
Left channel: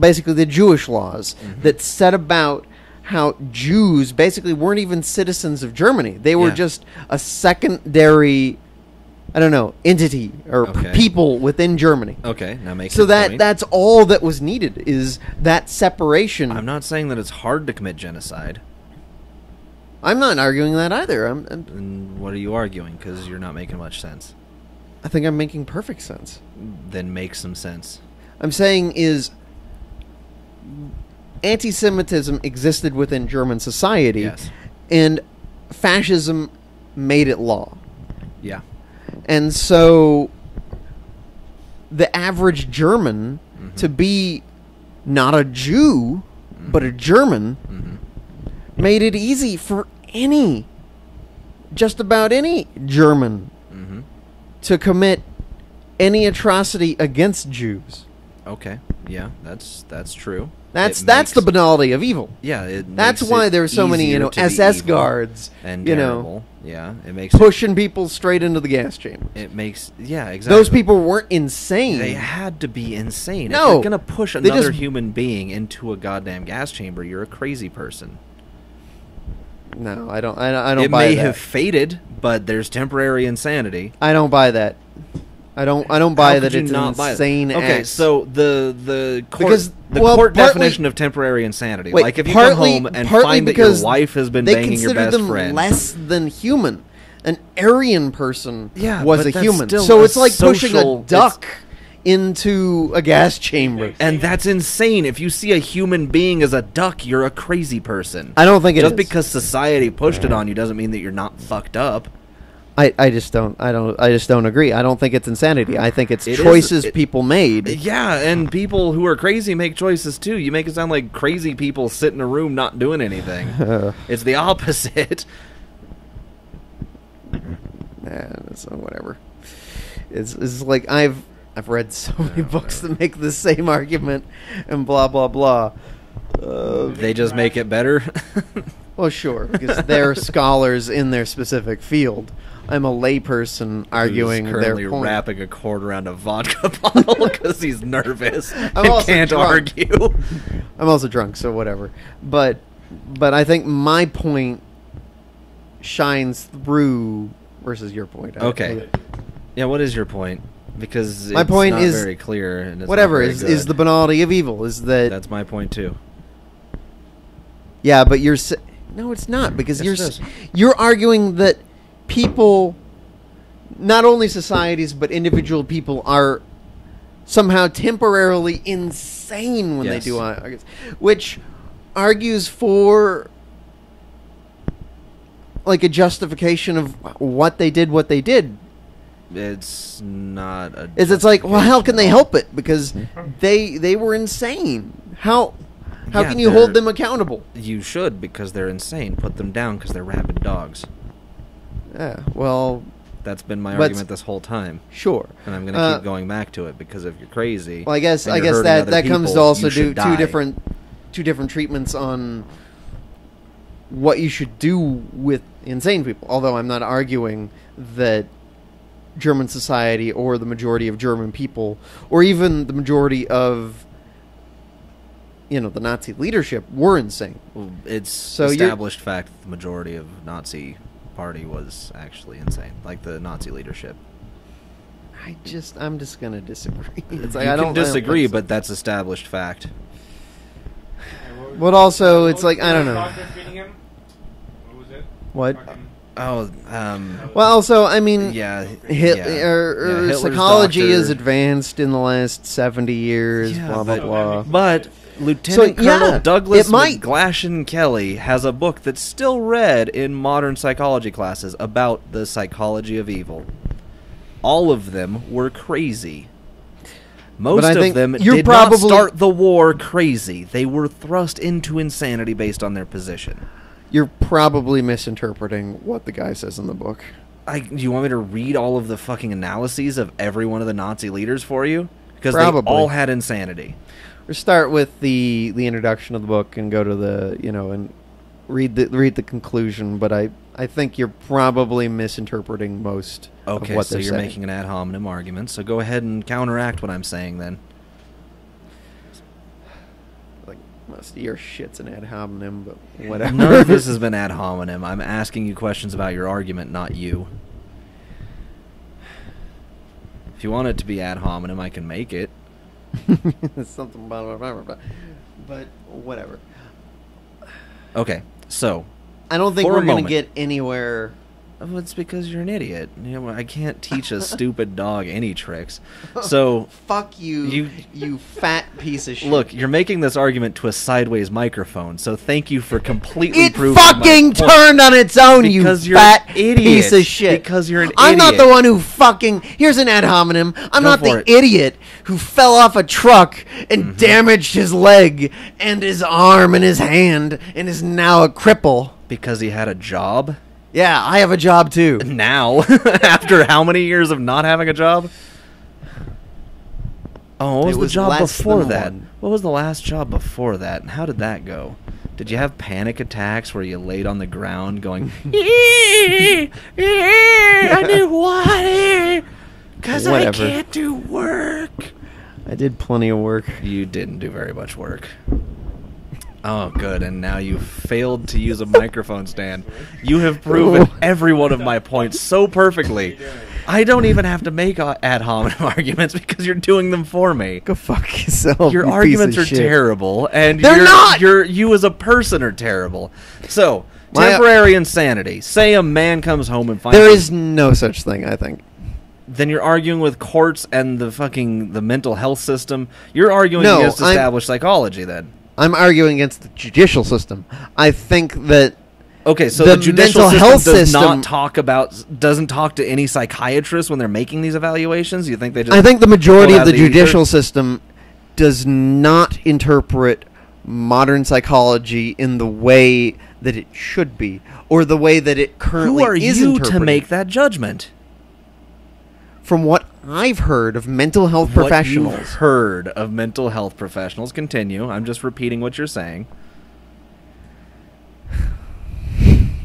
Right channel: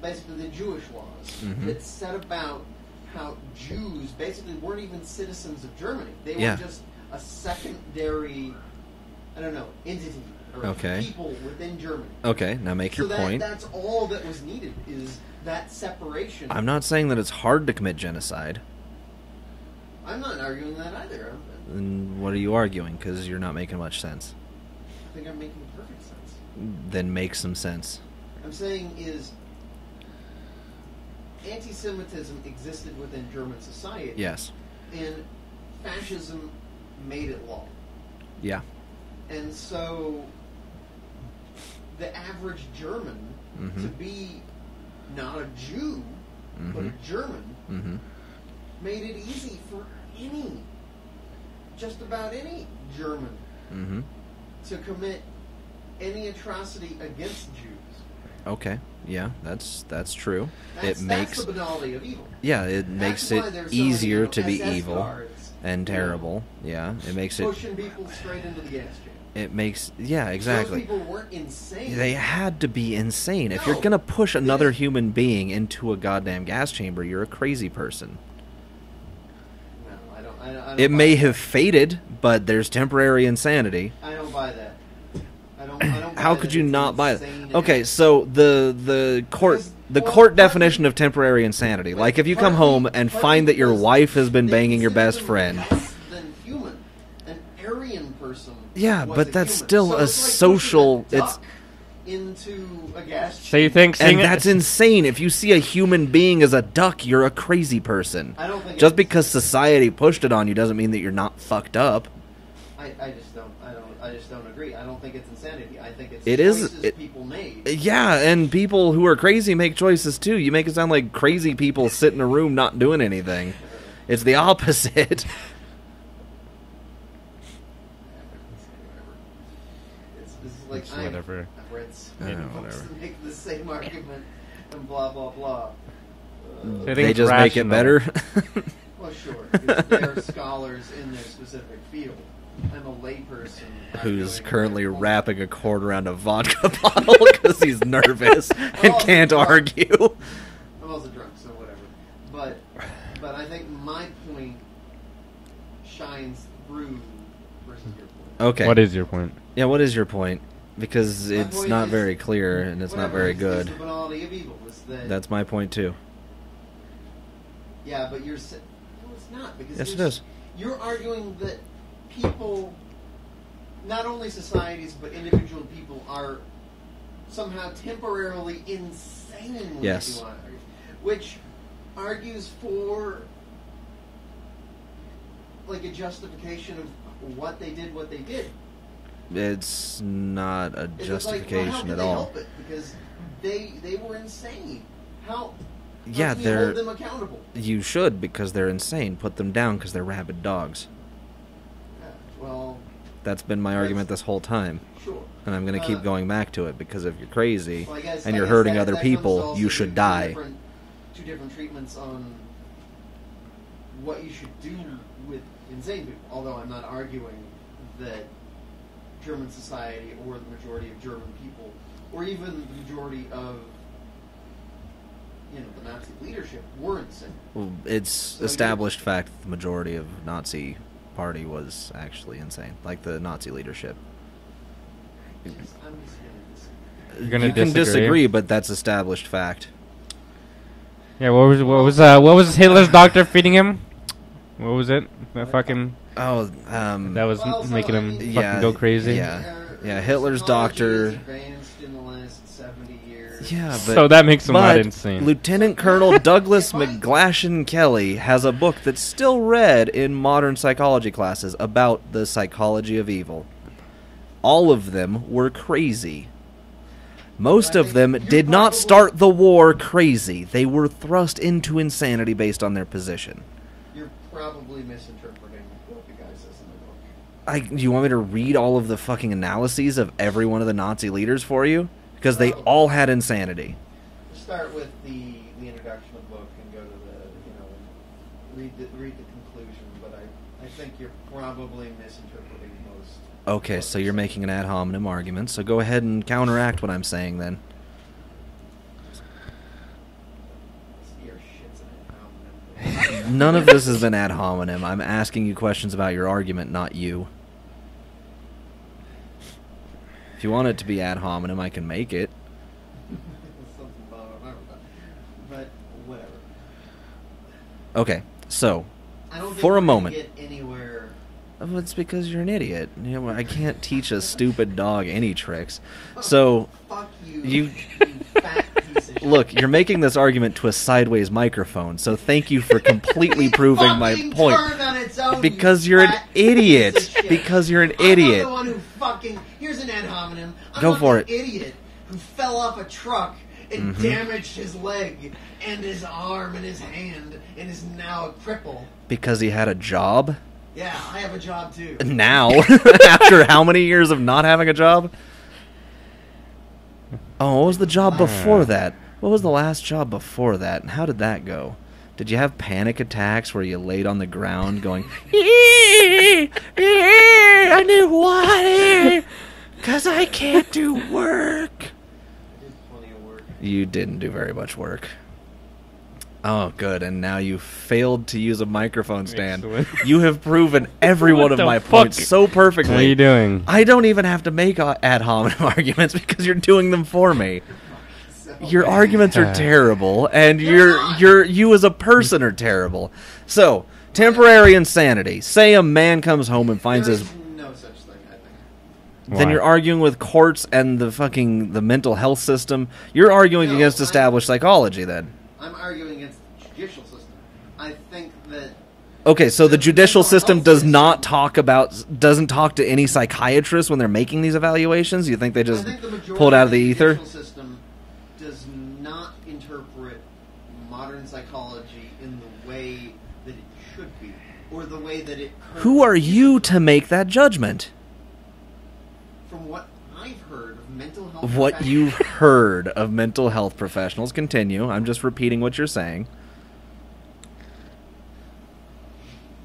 basically the Jewish laws that set about how Jews basically weren't even citizens of Germany. They were Yeah. just a secondary, I don't know, entity or Okay. people within Germany. Okay, now make So your point. that's all that was needed, is that separation. I'm not saying that it's hard to commit genocide. I'm not arguing that either. Then what are you arguing? Because you're not making much sense. I think I'm making perfect sense. Then make some sense. I'm saying is anti-Semitism existed within German society. Yes. And fascism made it law. Yeah. And so the average German to be not a Jew but a German made it easy for just about any German to commit any atrocity against Jews. Okay. Yeah, that's true. That's It that's the makes- banality of evil. Yeah, it That's makes why it there's so many easier to be SS evil guards and you know, terrible. Yeah, it makes it. pushing people straight into the gas chamber. It makes exactly. Those people weren't insane. They had to be insane. If No, you're gonna push they another just- human being into a goddamn gas chamber, you're a crazy person. No, I don't. I don't. It buy may that. have faded, but there's temporary insanity. I don't buy that. I don't buy How that. could you it's not an buy insane it? Okay, act. so the court Because- the well, court partly- definition of temporary insanity, Wait, like if you come partly- home and partly find that your because wife has been they banging your consider best them friend. less than human. An Aryan person Yeah, was but a that's human. still So a it's like social- pushing a duck into a gas So you chamber. think- And that's insane. If you see a human being as a duck, you're a crazy person. I don't think it Just is. because society pushed it on you doesn't mean that you're not fucked up. I just don't agree. I don't think it's insanity. I think it's It is- choices it- people made. Yeah, and people who are crazy make choices too. You make it sound like crazy people sit in a room not doing anything. It's the opposite. So whatever. It's like I've read so many books that make the same argument and blah blah blah. They just make it better. Well, sure, because they're scholars in their specific field. I'm a layperson arguing Who's currently their point. wrapping a cord around a vodka bottle because he's nervous and also can't drunk. argue. I'm also drunk, so whatever. But I think my point shines through versus your point. Okay. What is your point? Yeah, what is your point? Because My it's point not is very clear, and it's whatever not very is, good. is the banality of evil. Is that That's my point too. Yeah, but no, it's not, because Yes, it is. you're arguing that people, not only societies but individual people, are somehow temporarily insane when Yes. they do it, which argues for like a justification of what they did. It's not a. It's like, well, how can justification they at all. help it? Because they were insane. How Yeah, can you hold them accountable? You should, because they're insane. Put them down because they're rabid dogs. Yeah, well, That's been my Let's- argument this whole time, sure. and I'm going to keep going back to it, because if you're crazy, Well, I guess and you're hurting that other that people, comes to also you do should die. two different treatments on what you should do with insane people. Although I'm not arguing that German society or the majority of German people, or even the majority of the Nazi leadership, were insane. Well, it's So established fact that the majority of Nazi party was actually insane, like the Nazi leadership. I'm just gonna disagree. You're You gonna I can don't- disagree, but that's established fact. Yeah, what was But what also, was it's like, I Hitler's don't know. doctor feeding him? What was it? The What? Fucking Oh, that was Well, also, making I him mean, fucking yeah, go crazy. Hitler's psychology doctor- has advanced in the last 70 years. Yeah, blah, but- blah, So that blah. makes him not But insane. Lieutenant So, yeah, Colonel Douglas it might. McGlashan Kelly has a book that's still read in modern psychology classes about the psychology of evil. All of them were crazy. Most I of think them you're did not probably- start the war crazy. They were thrust into insanity based on their position. You're probably misinterpreting what the guy says in the book. You want me to read all of the fucking analyses of every one of the Nazi leaders for you? Because they Probably. all had insanity. Or start with the introduction of the book and go to the and read the conclusion. But I think you're probably misinterpreting most. of Okay, what so they're you're saying. making an ad hominem argument, so go ahead and counteract what I'm saying then. Like, most of your shit's an ad hominem, but whatever. None of this has been ad hominem. I'm asking you questions about your argument, not you. If you want it to be ad hominem, I can make it. It's something about whatever, but whatever. Okay, so I don't think For we're a gonna moment. get anywhere. well, it's because you're an idiot. I can't teach a stupid dog any tricks. So Fuck you, You- you fat piece of shit. look, you're making this argument to a sideways microphone. So thank you for completely It proving my fucking point. turned on its own, Because you you're fat an idiot. piece of shit. Because you're an I'm not idiot. the one who fucking... Here's an ad hominem. I'm Go not for the it. idiot who fell off a truck and Mm-hmm. damaged his leg and his arm and his hand and is now a cripple. Because he had a job. Yeah, I have a job too. Now, after how many years of not having a job? Oh, what was It the was job last before one. that? What was the last job before that? And how did that go? Did you have panic attacks where you laid on the ground going, I need water because I Whatever. can't do work? I did plenty of work. You didn't do very much work. Oh, good. And now you failed to use a microphone stand. You have proven every one of the my fuck? points so perfectly. What are you doing? I don't even have to make ad hominem arguments because you're doing them for me. Go fuck yourself. Your you arguments piece are of shit. terrible, and They're not! you as a person are terrible. So, My- temporary insanity. Say a man comes home and finds There his- is no such thing, I think. then Why? you're arguing with courts and the mental health system. You're arguing No, against I'm- established psychology then. I'm arguing against the judicial system. I think that Okay, so The the judicial mental system health does not system- doesn't talk to any psychiatrists when they're making these evaluations. You think they just? I think the pulled majority out of the ether? judicial system does not interpret modern psychology in the way that it should be, or the way that it currently Who are is you to interpreted. make that judgment? From what I've heard of mental health What professionals, you've heard of mental health professionals. Continue. I'm just repeating what you're saying.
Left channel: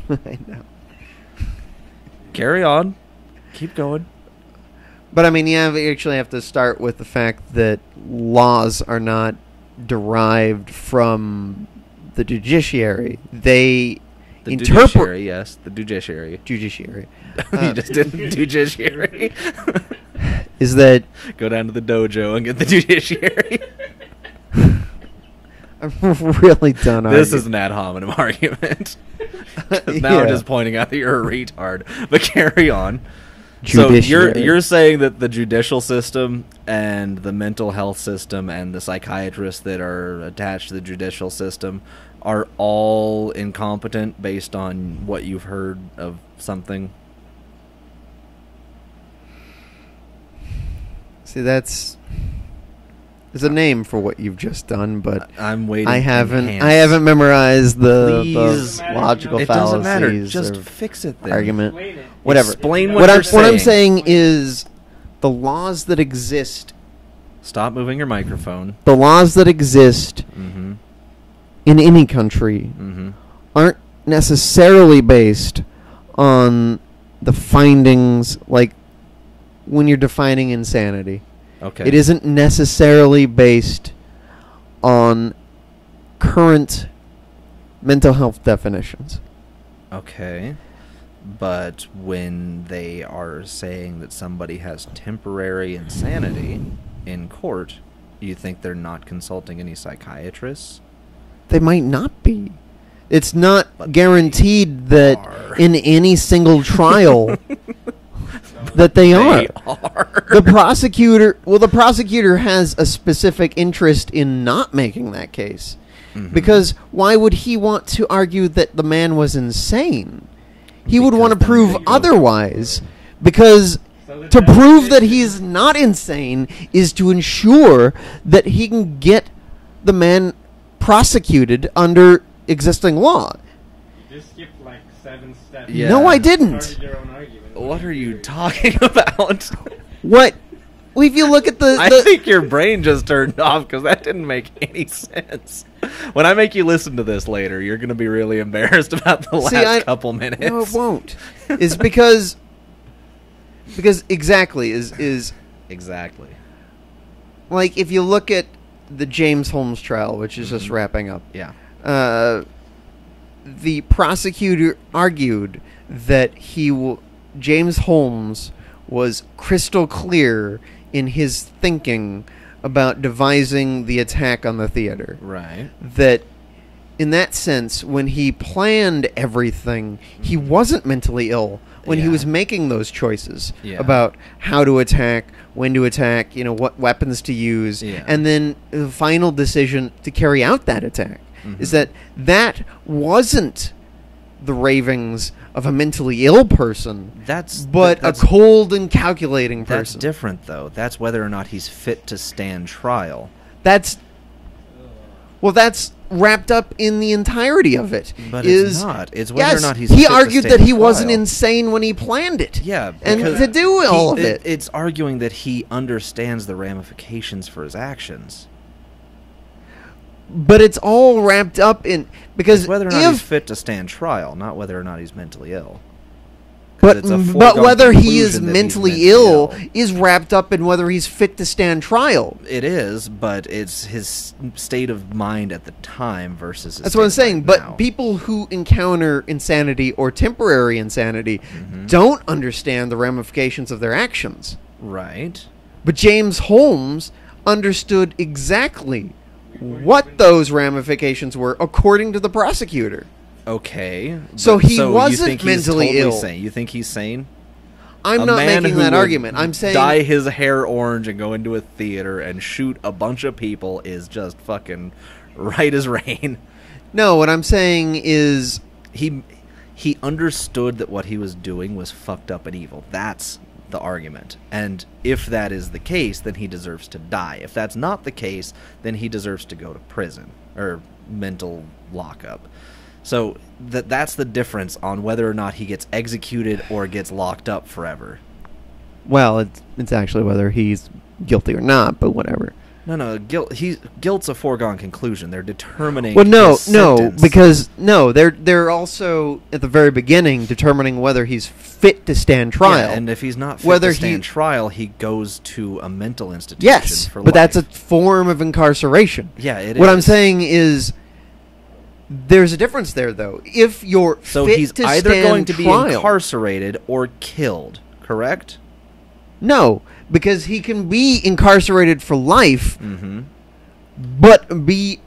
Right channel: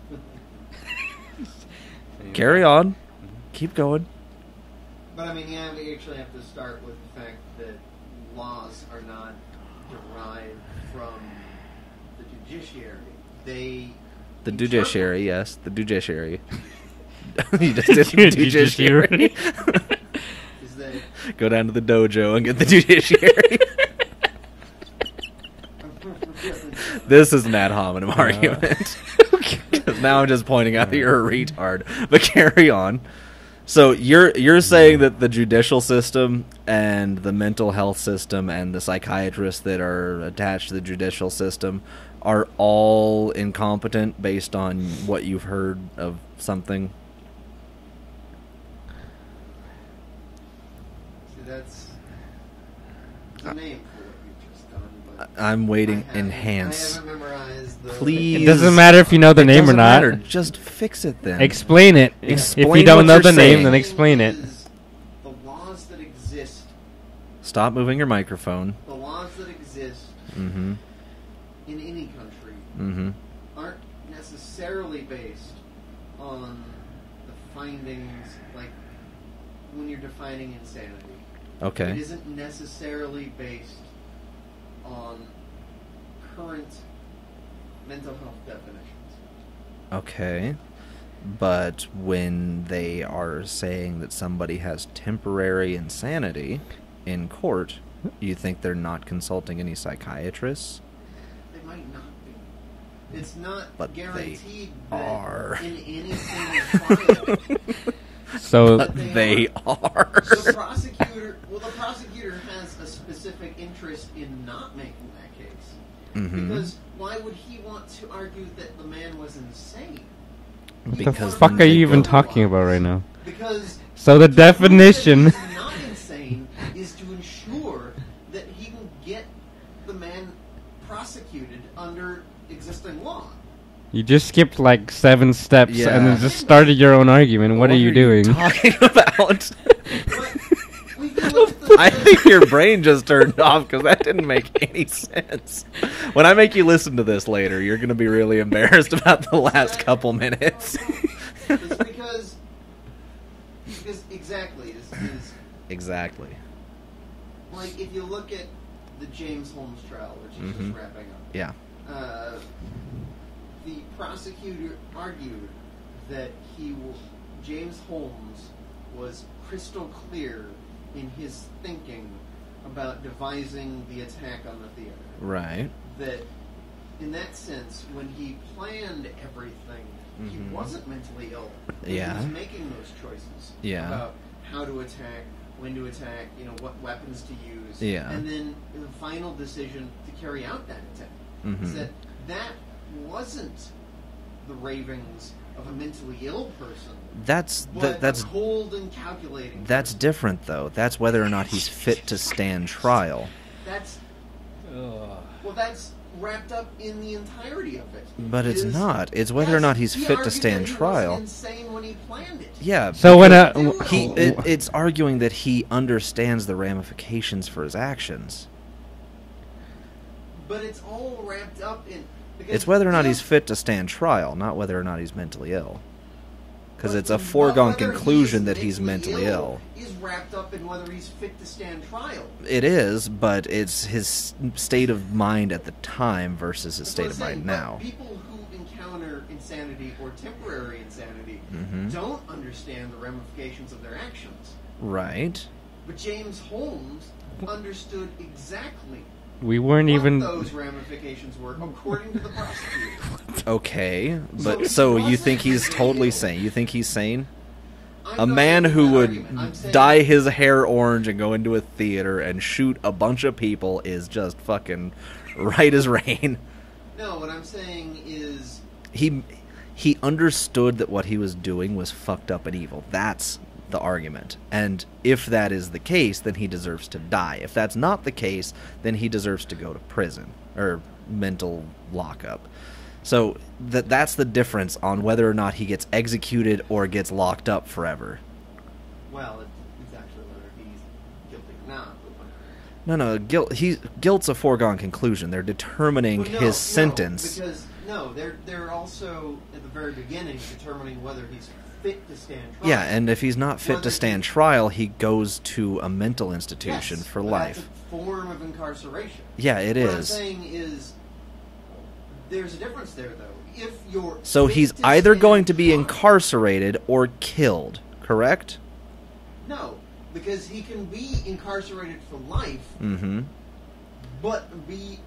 I know. Carry on. Keep going. But I mean, you actually have to start with the fact that laws are not derived from the judiciary. They The interpret judiciary, yes, the judiciary. judiciary You just did the judiciary. is that Go down to the dojo and get the judiciary. I'm really done. This is an ad hominem argument. 'Cause now I'm Yeah. just pointing out that you're a retard. But carry on. So you're saying that the judicial system and the mental health system and the psychiatrists that are attached to the judicial system are all incompetent based on what you've heard of something? See, there's a name for what you've just done, but I'm waiting. I haven't Enhance. memorized the. Please. the Doesn't matter if you know the It name or doesn't not. matter. possibilities Just or- fix it then. Argument. Explain it. Whatever. If you Explain don't what know I'm the What I'm name, saying explain it. is the laws that exist. Stop moving your microphone. The laws that exist Mm-hmm. in any country Mm-hmm. aren't necessarily based on the findings, like when you're defining insanity. Okay. It isn't necessarily based on current mental health definitions. Okay. But when they are saying that somebody has temporary insanity in court, you think they're not consulting any psychiatrists? They might not be. It's not But guaranteed they that are. in any single trial So that they They are. are. The prosecutor has a specific interest in not making that case. Mhm. Because why would he want to argue that the man was insane? He would Because want to Fuck are you prove even talking about otherwise. right now? Because So the to prove that definition. he's not insane is to ensure that he can get the man prosecuted under existing law. You just skipped like 7 steps. Yeah. and No, I just didn't. Started your own argument. What are you doing? talking about? What? Well, if you look at the... I think your brain just turned off because that didn't make any sense. When I make you listen to this later, you're going to be really embarrassed about the See, last couple minutes. No, it won't. It's because exactly is Exactly. like if you look at the James Holmes trial, which is just Mhm. wrapping up. Yeah. The prosecutor argued that James Holmes was crystal clear in his thinking about devising the attack on the theater. Right. That in that sense, when he planned everything, he Mhm. wasn't mentally ill when he Yeah. was making those choices Yeah. about how to attack, when to attack, what weapons to use, Yeah. and then the final decision to carry out that attack. Is Mhm. that wasn't the ravings of a mentally ill person, but that's a cold and calculating person. that's different though. That's whether or not he's fit to stand trial. That's wrapped up in the entirety of it. But it's not. It's whether or Yes, not he's he fit to argued stand that he trial. wasn't insane when he planned it. Yeah. So when to do all of it. It's arguing that he understands the ramifications for his actions. But it's all wrapped up in because It's whether or not if- he's fit to stand trial, not whether or not he's mentally ill. 'Cause But, it's a but foregone whether he is conclusion that he's mentally ill is wrapped up in whether he's fit to stand trial. It is, but it's his state of mind at the time versus his That's state what I'm of saying. mind But now. people who encounter insanity or temporary insanity Mhm. don't understand the ramifications of their actions. Right. But James Holmes understood exactly We weren't what even. those ramifications were, according to the prosecutor. Okay. So but, he you wasn't think he's mentally totally ill. sane? You think he's sane? I'm A not man making who that would argument. I'm saying dye his hair orange and go into a theater and shoot a bunch of people is just fucking right as rain. no. What I'm saying is He understood that what he was doing was fucked up and evil. That's the argument. And if that is the case, then he deserves to die. If that's not the case, then he deserves to go to prison or mental lockup. So that's the difference on whether or not he gets executed or gets locked up forever. well, it's actually whether he's guilty or not, but whatever. No, guilt's a foregone conclusion. They're determining Well, no, his sentence. because they're also at the very beginning determining whether he's fit to stand trial. Yeah, and if he's not fit Whether to stand he- trial, he goes to a mental institution yes, for but life. that's a form of incarceration. Yeah, it is. What I'm saying is There's a difference there, though. If you're So fit he's to either stand going to be trial- incarcerated or killed, correct? No, because he can be incarcerated for life, Mm-hmm. but be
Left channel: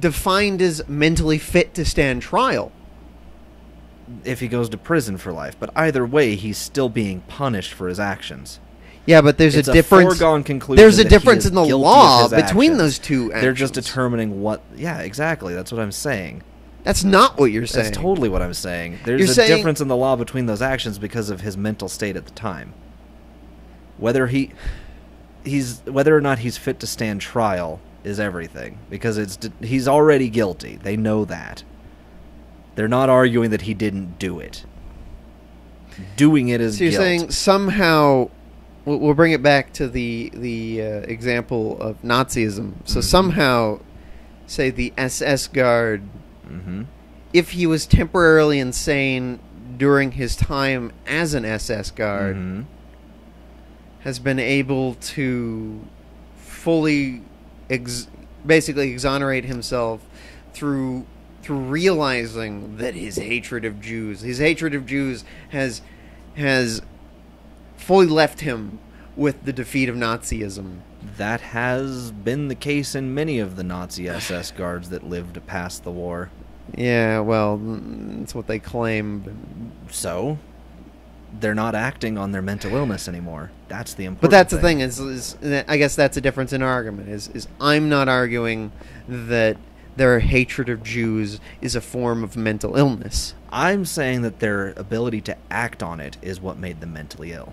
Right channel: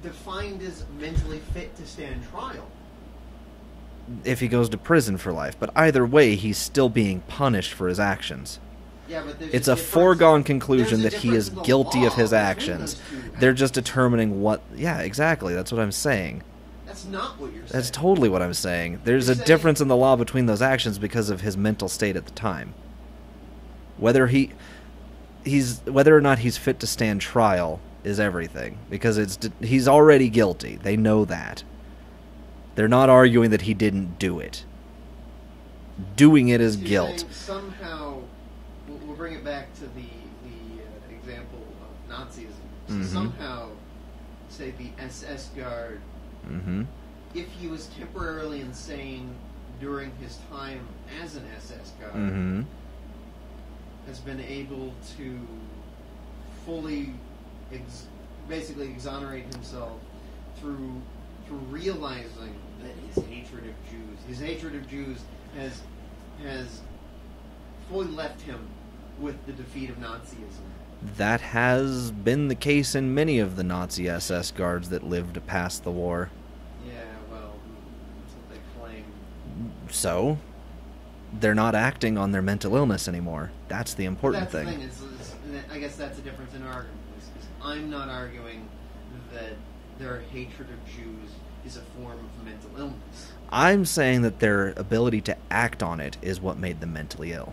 defined as mentally fit to stand trial. If he goes to prison for life. But either way, he's still being punished for his actions. Yeah, but there's It's a a difference. foregone conclusion There's a that difference he is in the guilty law of his between actions. those two They're just actions. determining what... Yeah, exactly. That's what I'm saying. That's not what you're saying. That's totally what I'm saying. There's You're a saying- difference in the law between those actions because of his mental state at the time. Whether whether or not he's fit to stand trial is everything, because he's already guilty. They know that. They're not arguing that he didn't do it. Doing it is So you're guilt. saying somehow, we'll bring it back to the example of Nazism. So Mhm. somehow, say the SS guard, Mm-hmm. if he was temporarily insane during his time as an SS guard, Mm-hmm. has been able to fully basically exonerate himself through realizing that his hatred of Jews has fully left him with the defeat of Nazism. That has been the case in many of the Nazi SS guards that lived past the war. Yeah, well, that's what they claim. So, they're not acting on their mental illness anymore. That's the But important that's thing. the thing is I guess that's a difference in our argument. Is I'm not arguing that their hatred of Jews is a form of mental illness. I'm saying that their ability to act on it is what made them mentally ill.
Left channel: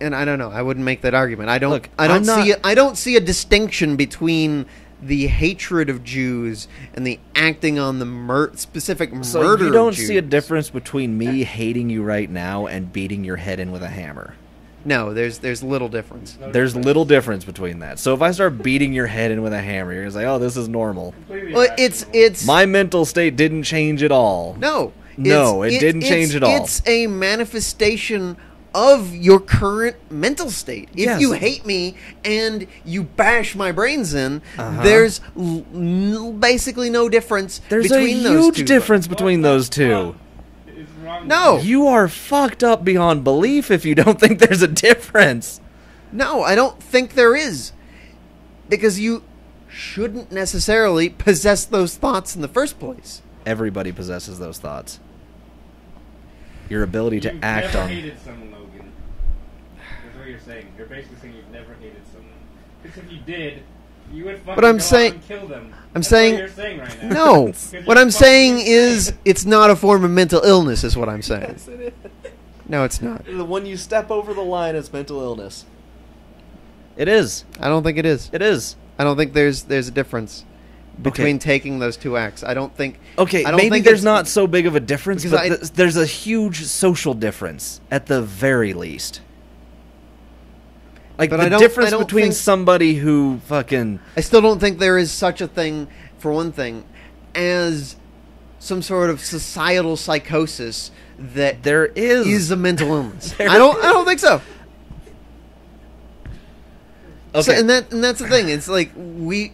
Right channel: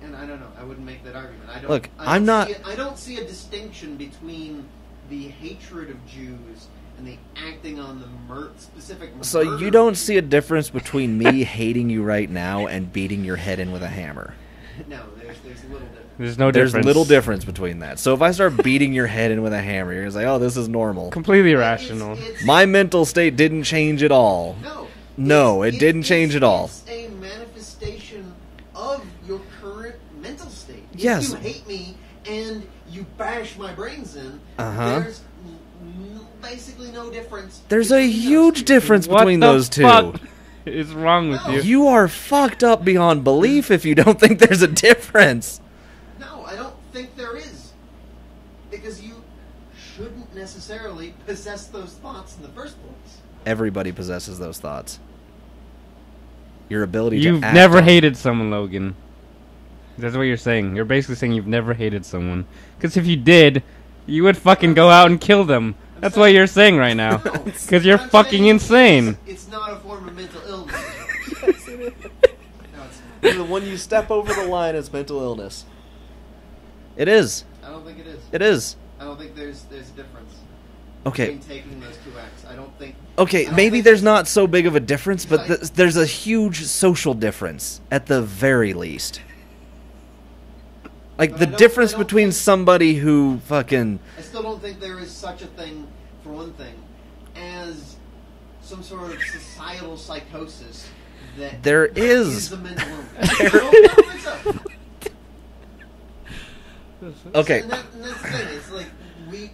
And I don't know. I wouldn't make that argument. I don't. Look, I don't I'm not- see. I don't see a distinction between the hatred of Jews and the acting on the specific murder. So you of don't Jews. see a difference between me hating you right now and beating your head in with a hammer. No, there's little difference. There's no There's difference. little difference between that. So if I start beating your head in with a hammer, you're gonna say, "Oh, this is normal." Completely But irrational. it's My mental state didn't change at all. no. No, it didn't change at all. It's a manifestation of your current mental state. If Yes. you hate me and you bash my brains in, Uh-huh. there's basically no difference. There's a between those huge two difference What between the those two. fuck is wrong No. with you? You are fucked up beyond belief if you don't think there's a difference. No, I don't think there is. Because you shouldn't necessarily possess those thoughts in the first place. Everybody possesses those thoughts. Your ability You've to act never on- hated someone, Logan. That's what you're saying. You're basically saying you've never hated someone. Because if you did, you would fucking I'm go out saying- and kill them. I'm That's what saying- you're saying right now. No, Because you're what I'm fucking saying insane. is it's not a form of mental illness is what I'm saying. No, it's not. When you step over the line, it's mental illness. It is. I don't think it is. It is. I don't think there's a difference Okay. between taking those two acts. I don't think. Okay, I don't maybe think there's it's- not so big of a difference, Because but there's a huge social difference at the very least. Like But I the don't- difference I don't between think- somebody who fucking I still don't think there is such a thing, for one thing, as some sort of societal psychosis that there is is a mental illness. There I don't think so. okay. So, and that's the thing. It's like we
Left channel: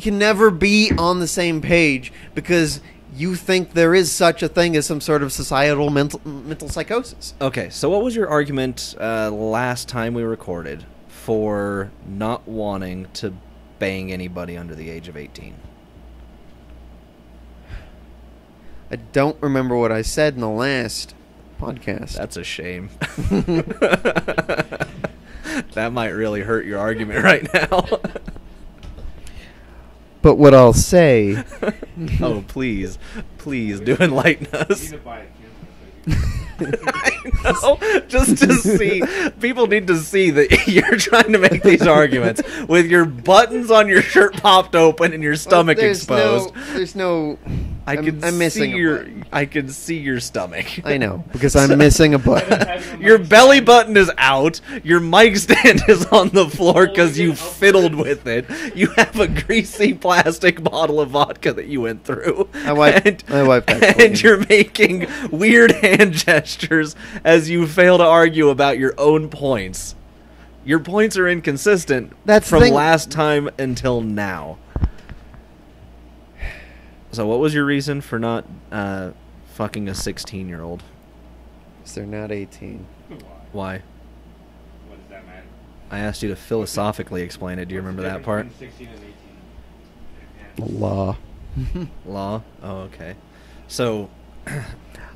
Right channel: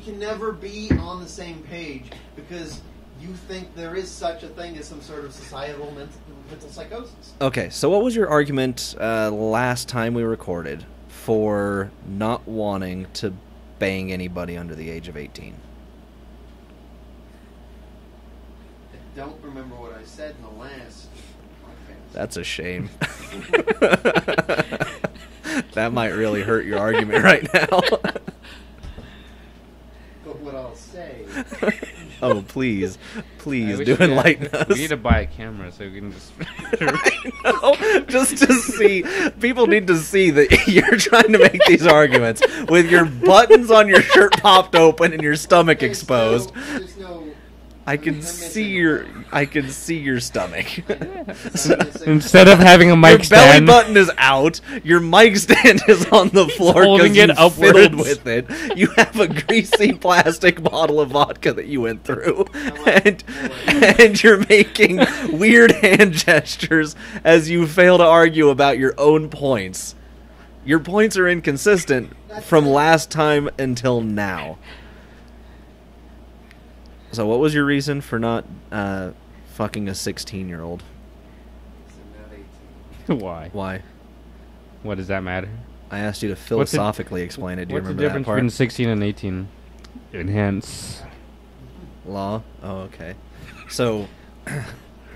can never be on the same page because you think there is such a thing as some sort of societal mental psychosis. Okay, so what was your argument last time we recorded for not wanting to bang anybody under the age of 18? I don't remember what I said in the last podcast. That's a shame. That might really hurt your argument right now. But what I'll say, Oh, please. Please We do should- enlighten We us. need to buy a camera so we can. I know, just to see. People need to see that you're trying to make these arguments with your buttons on your shirt popped open and your stomach exposed. There's no. I can I'm see missing your. I can see your stomach. I know because I'm missing a Instead button. of having a mic Your belly stand, button is out. Your mic stand is on the floor Holding because you it upwards. fiddled with it. You have a greasy plastic bottle of vodka that you went through. I wiped it. And you're making weird hand gestures as you fail to argue about your own points. Your points are inconsistent That's from the thing. last time until now. So what was your reason for not fucking a 16-year-old? Because they're not 18. Why? Why? What does that matter? I asked you to philosophically explain it. Do you remember that part? Between 16 and 18. Enhance. Law. Law? Oh, okay. So,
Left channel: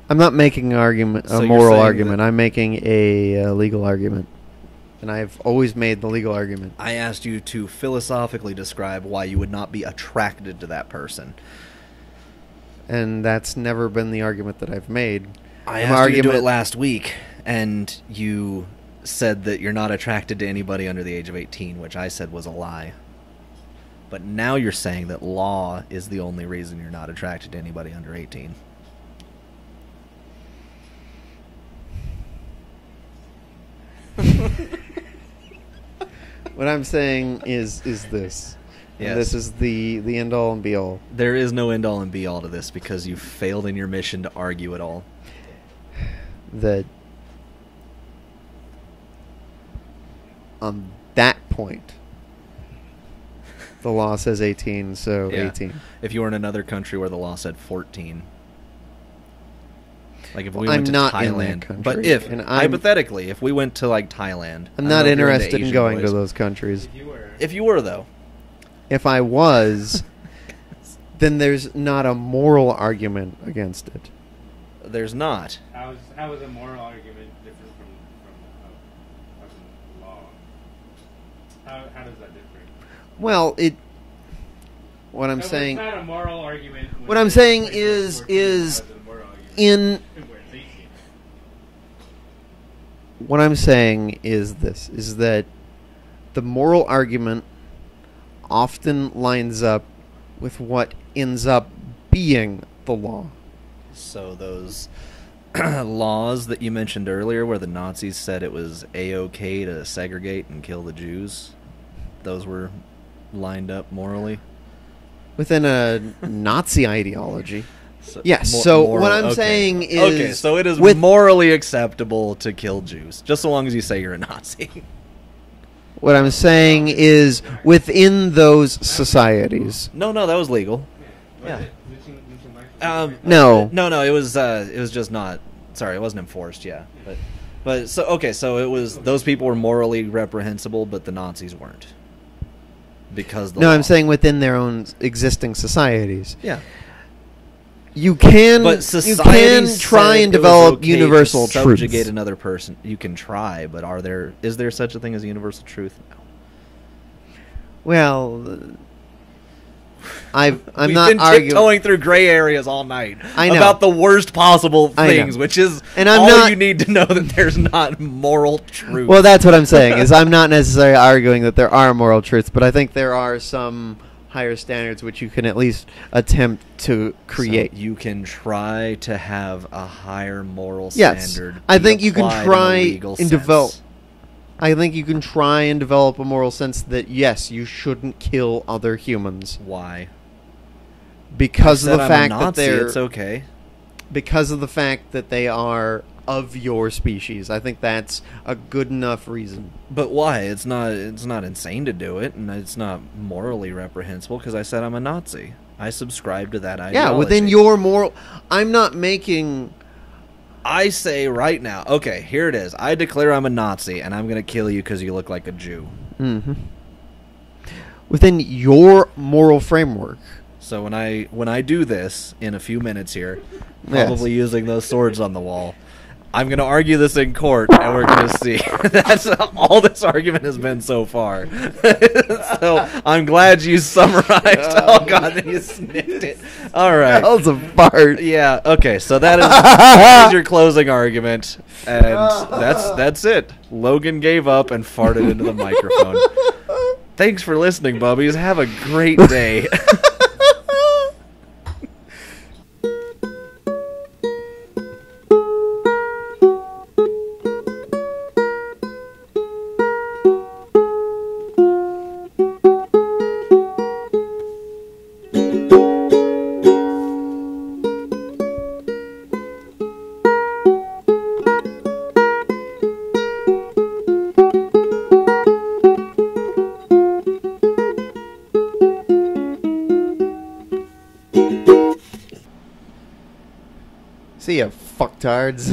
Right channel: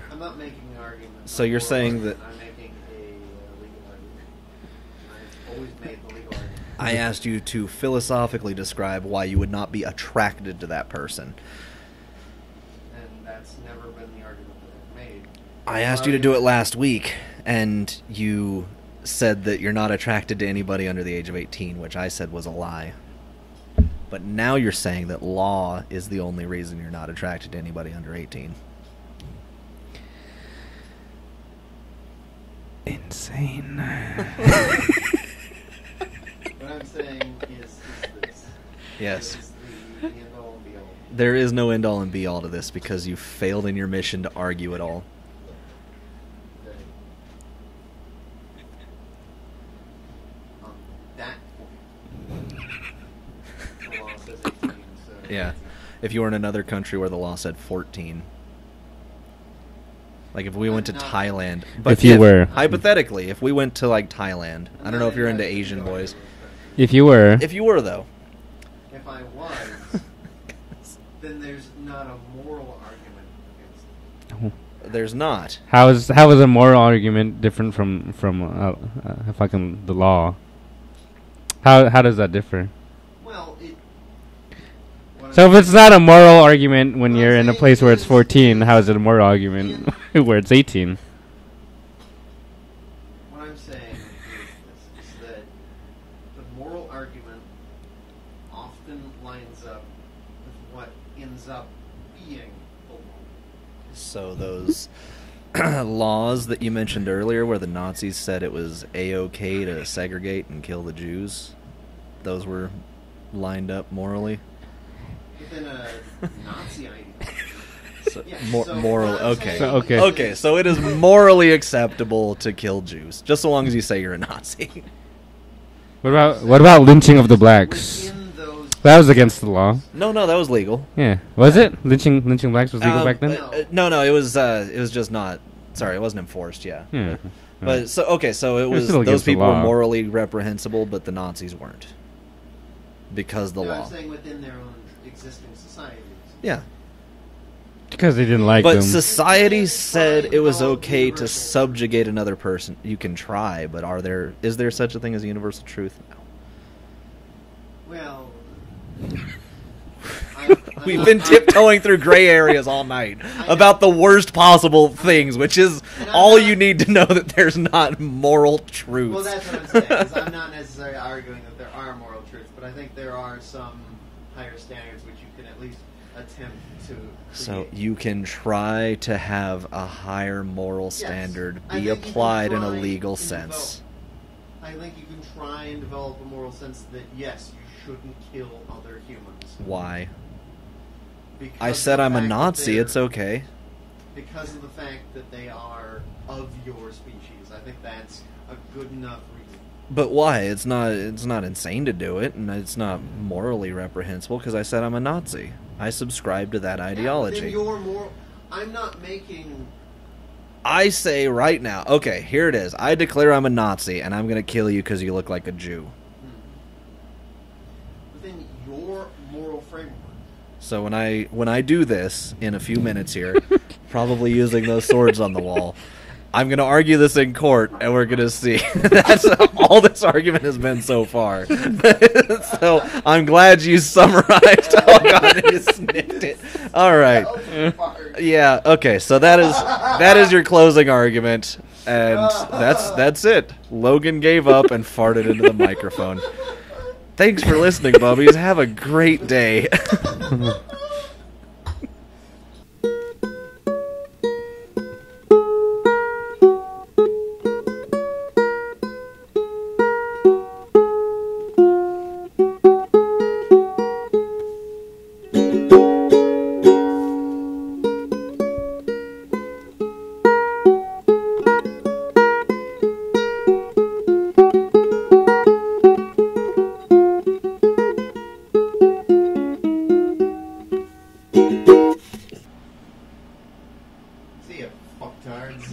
I'm not making an argument, So a you're moral saying argument. that- I'm making a legal argument. And I've always made the legal argument. I asked you to philosophically describe why you would not be attracted to that person. And that's never been the argument that I've made. I My asked you to do it argument- last week, and you said that you're not attracted to anybody under the age of 18, which I said was a lie. But now you're saying that law is the only reason you're not attracted to anybody under 18. Insane. What I'm saying is this. Yes. This is the end all and be all. There is no end all and be all to this because you failed in your mission to argue it all. That on that point, the law says 18, so Yeah. 18. If you were in another country where the law said 14. Like if we I'm went to not in that Thailand. country. But If you were. I'm- hypothetically, if we went to like Thailand. I'm I don't not know if you're into interested in Asian going boys. to those countries. If you were. If you were though. If I was, then there's not a moral argument against it. There's not. How is a moral argument different from fucking the law? How does that differ? Well, it. What I'm So if it's saying- not a moral argument when What I'm you're in a saying place where it's is- 14, how is is it a moral argument where it's 18? What I'm saying is this: is that the moral argument often lines up with what ends up being the law. So those laws that you mentioned earlier where the Nazis said it was A-OK to segregate and kill the Jews, those were lined up morally? Within a Nazi ideology. So, Yes, so moral- what I'm okay. saying Okay. is... Okay, so it is with- morally acceptable to kill Jews, just so long as you say you're a Nazi. What What I'm about- saying what about lynching of is the blacks? within those That was societies... against the law. No, that was legal. Yeah. Was Yeah. it? Lynching blacks was legal back then? no. No, it was just not. Sorry, it wasn't enforced. Yeah, Yeah. but so okay, so it was still those against the people were law. morally reprehensible, but the Nazis weren't because the No, law. I'm saying within their own existing societies. yeah. Because You they didn't can- like But them. society can try said and it was develop okay universal to subjugate truths. another person. You can try, but is there such a thing as a universal truth? No. Well, I'm We've not been arguing. tiptoeing through gray areas all night I know. about the worst possible I know. things, which is And I'm all not- you need to know that there's not moral truth. Well, that's what I'm saying. Is I'm not necessarily arguing that there are moral truths, but I think there are some higher standards which you can at least attempt to create. So you can try to have a higher moral Yes. standard. I be think you can applied try in a legal and sense. develop. I think you can try and develop a moral sense that yes, you shouldn't kill other humans Why? because I said of the I'm fact a Nazi. that they're, It's okay. because of the fact that they are of your species. I think that's a good enough reason. But why? It's not insane to do it, and it's not morally reprehensible because I said I'm a Nazi. I subscribe to that ideology. Yeah, within your moral. I'm not making. I say right now, okay, here it is. I declare I'm a Nazi, and I'm going to kill you because you look like a Jew. Mm-hmm. Within your moral framework. So when I do this in a few minutes here, probably using those swords on the wall, I'm going to argue this in court, and we're going to see. That's all this argument has been so far. So I'm glad you summarized. Oh God, you sniffed it. All right. That was a fart. Yeah. Okay. So that is your closing argument, and that's it. Logan gave up and farted into the microphone. Thanks for listening, Bubbies. Have a great day. See ya, fucktards.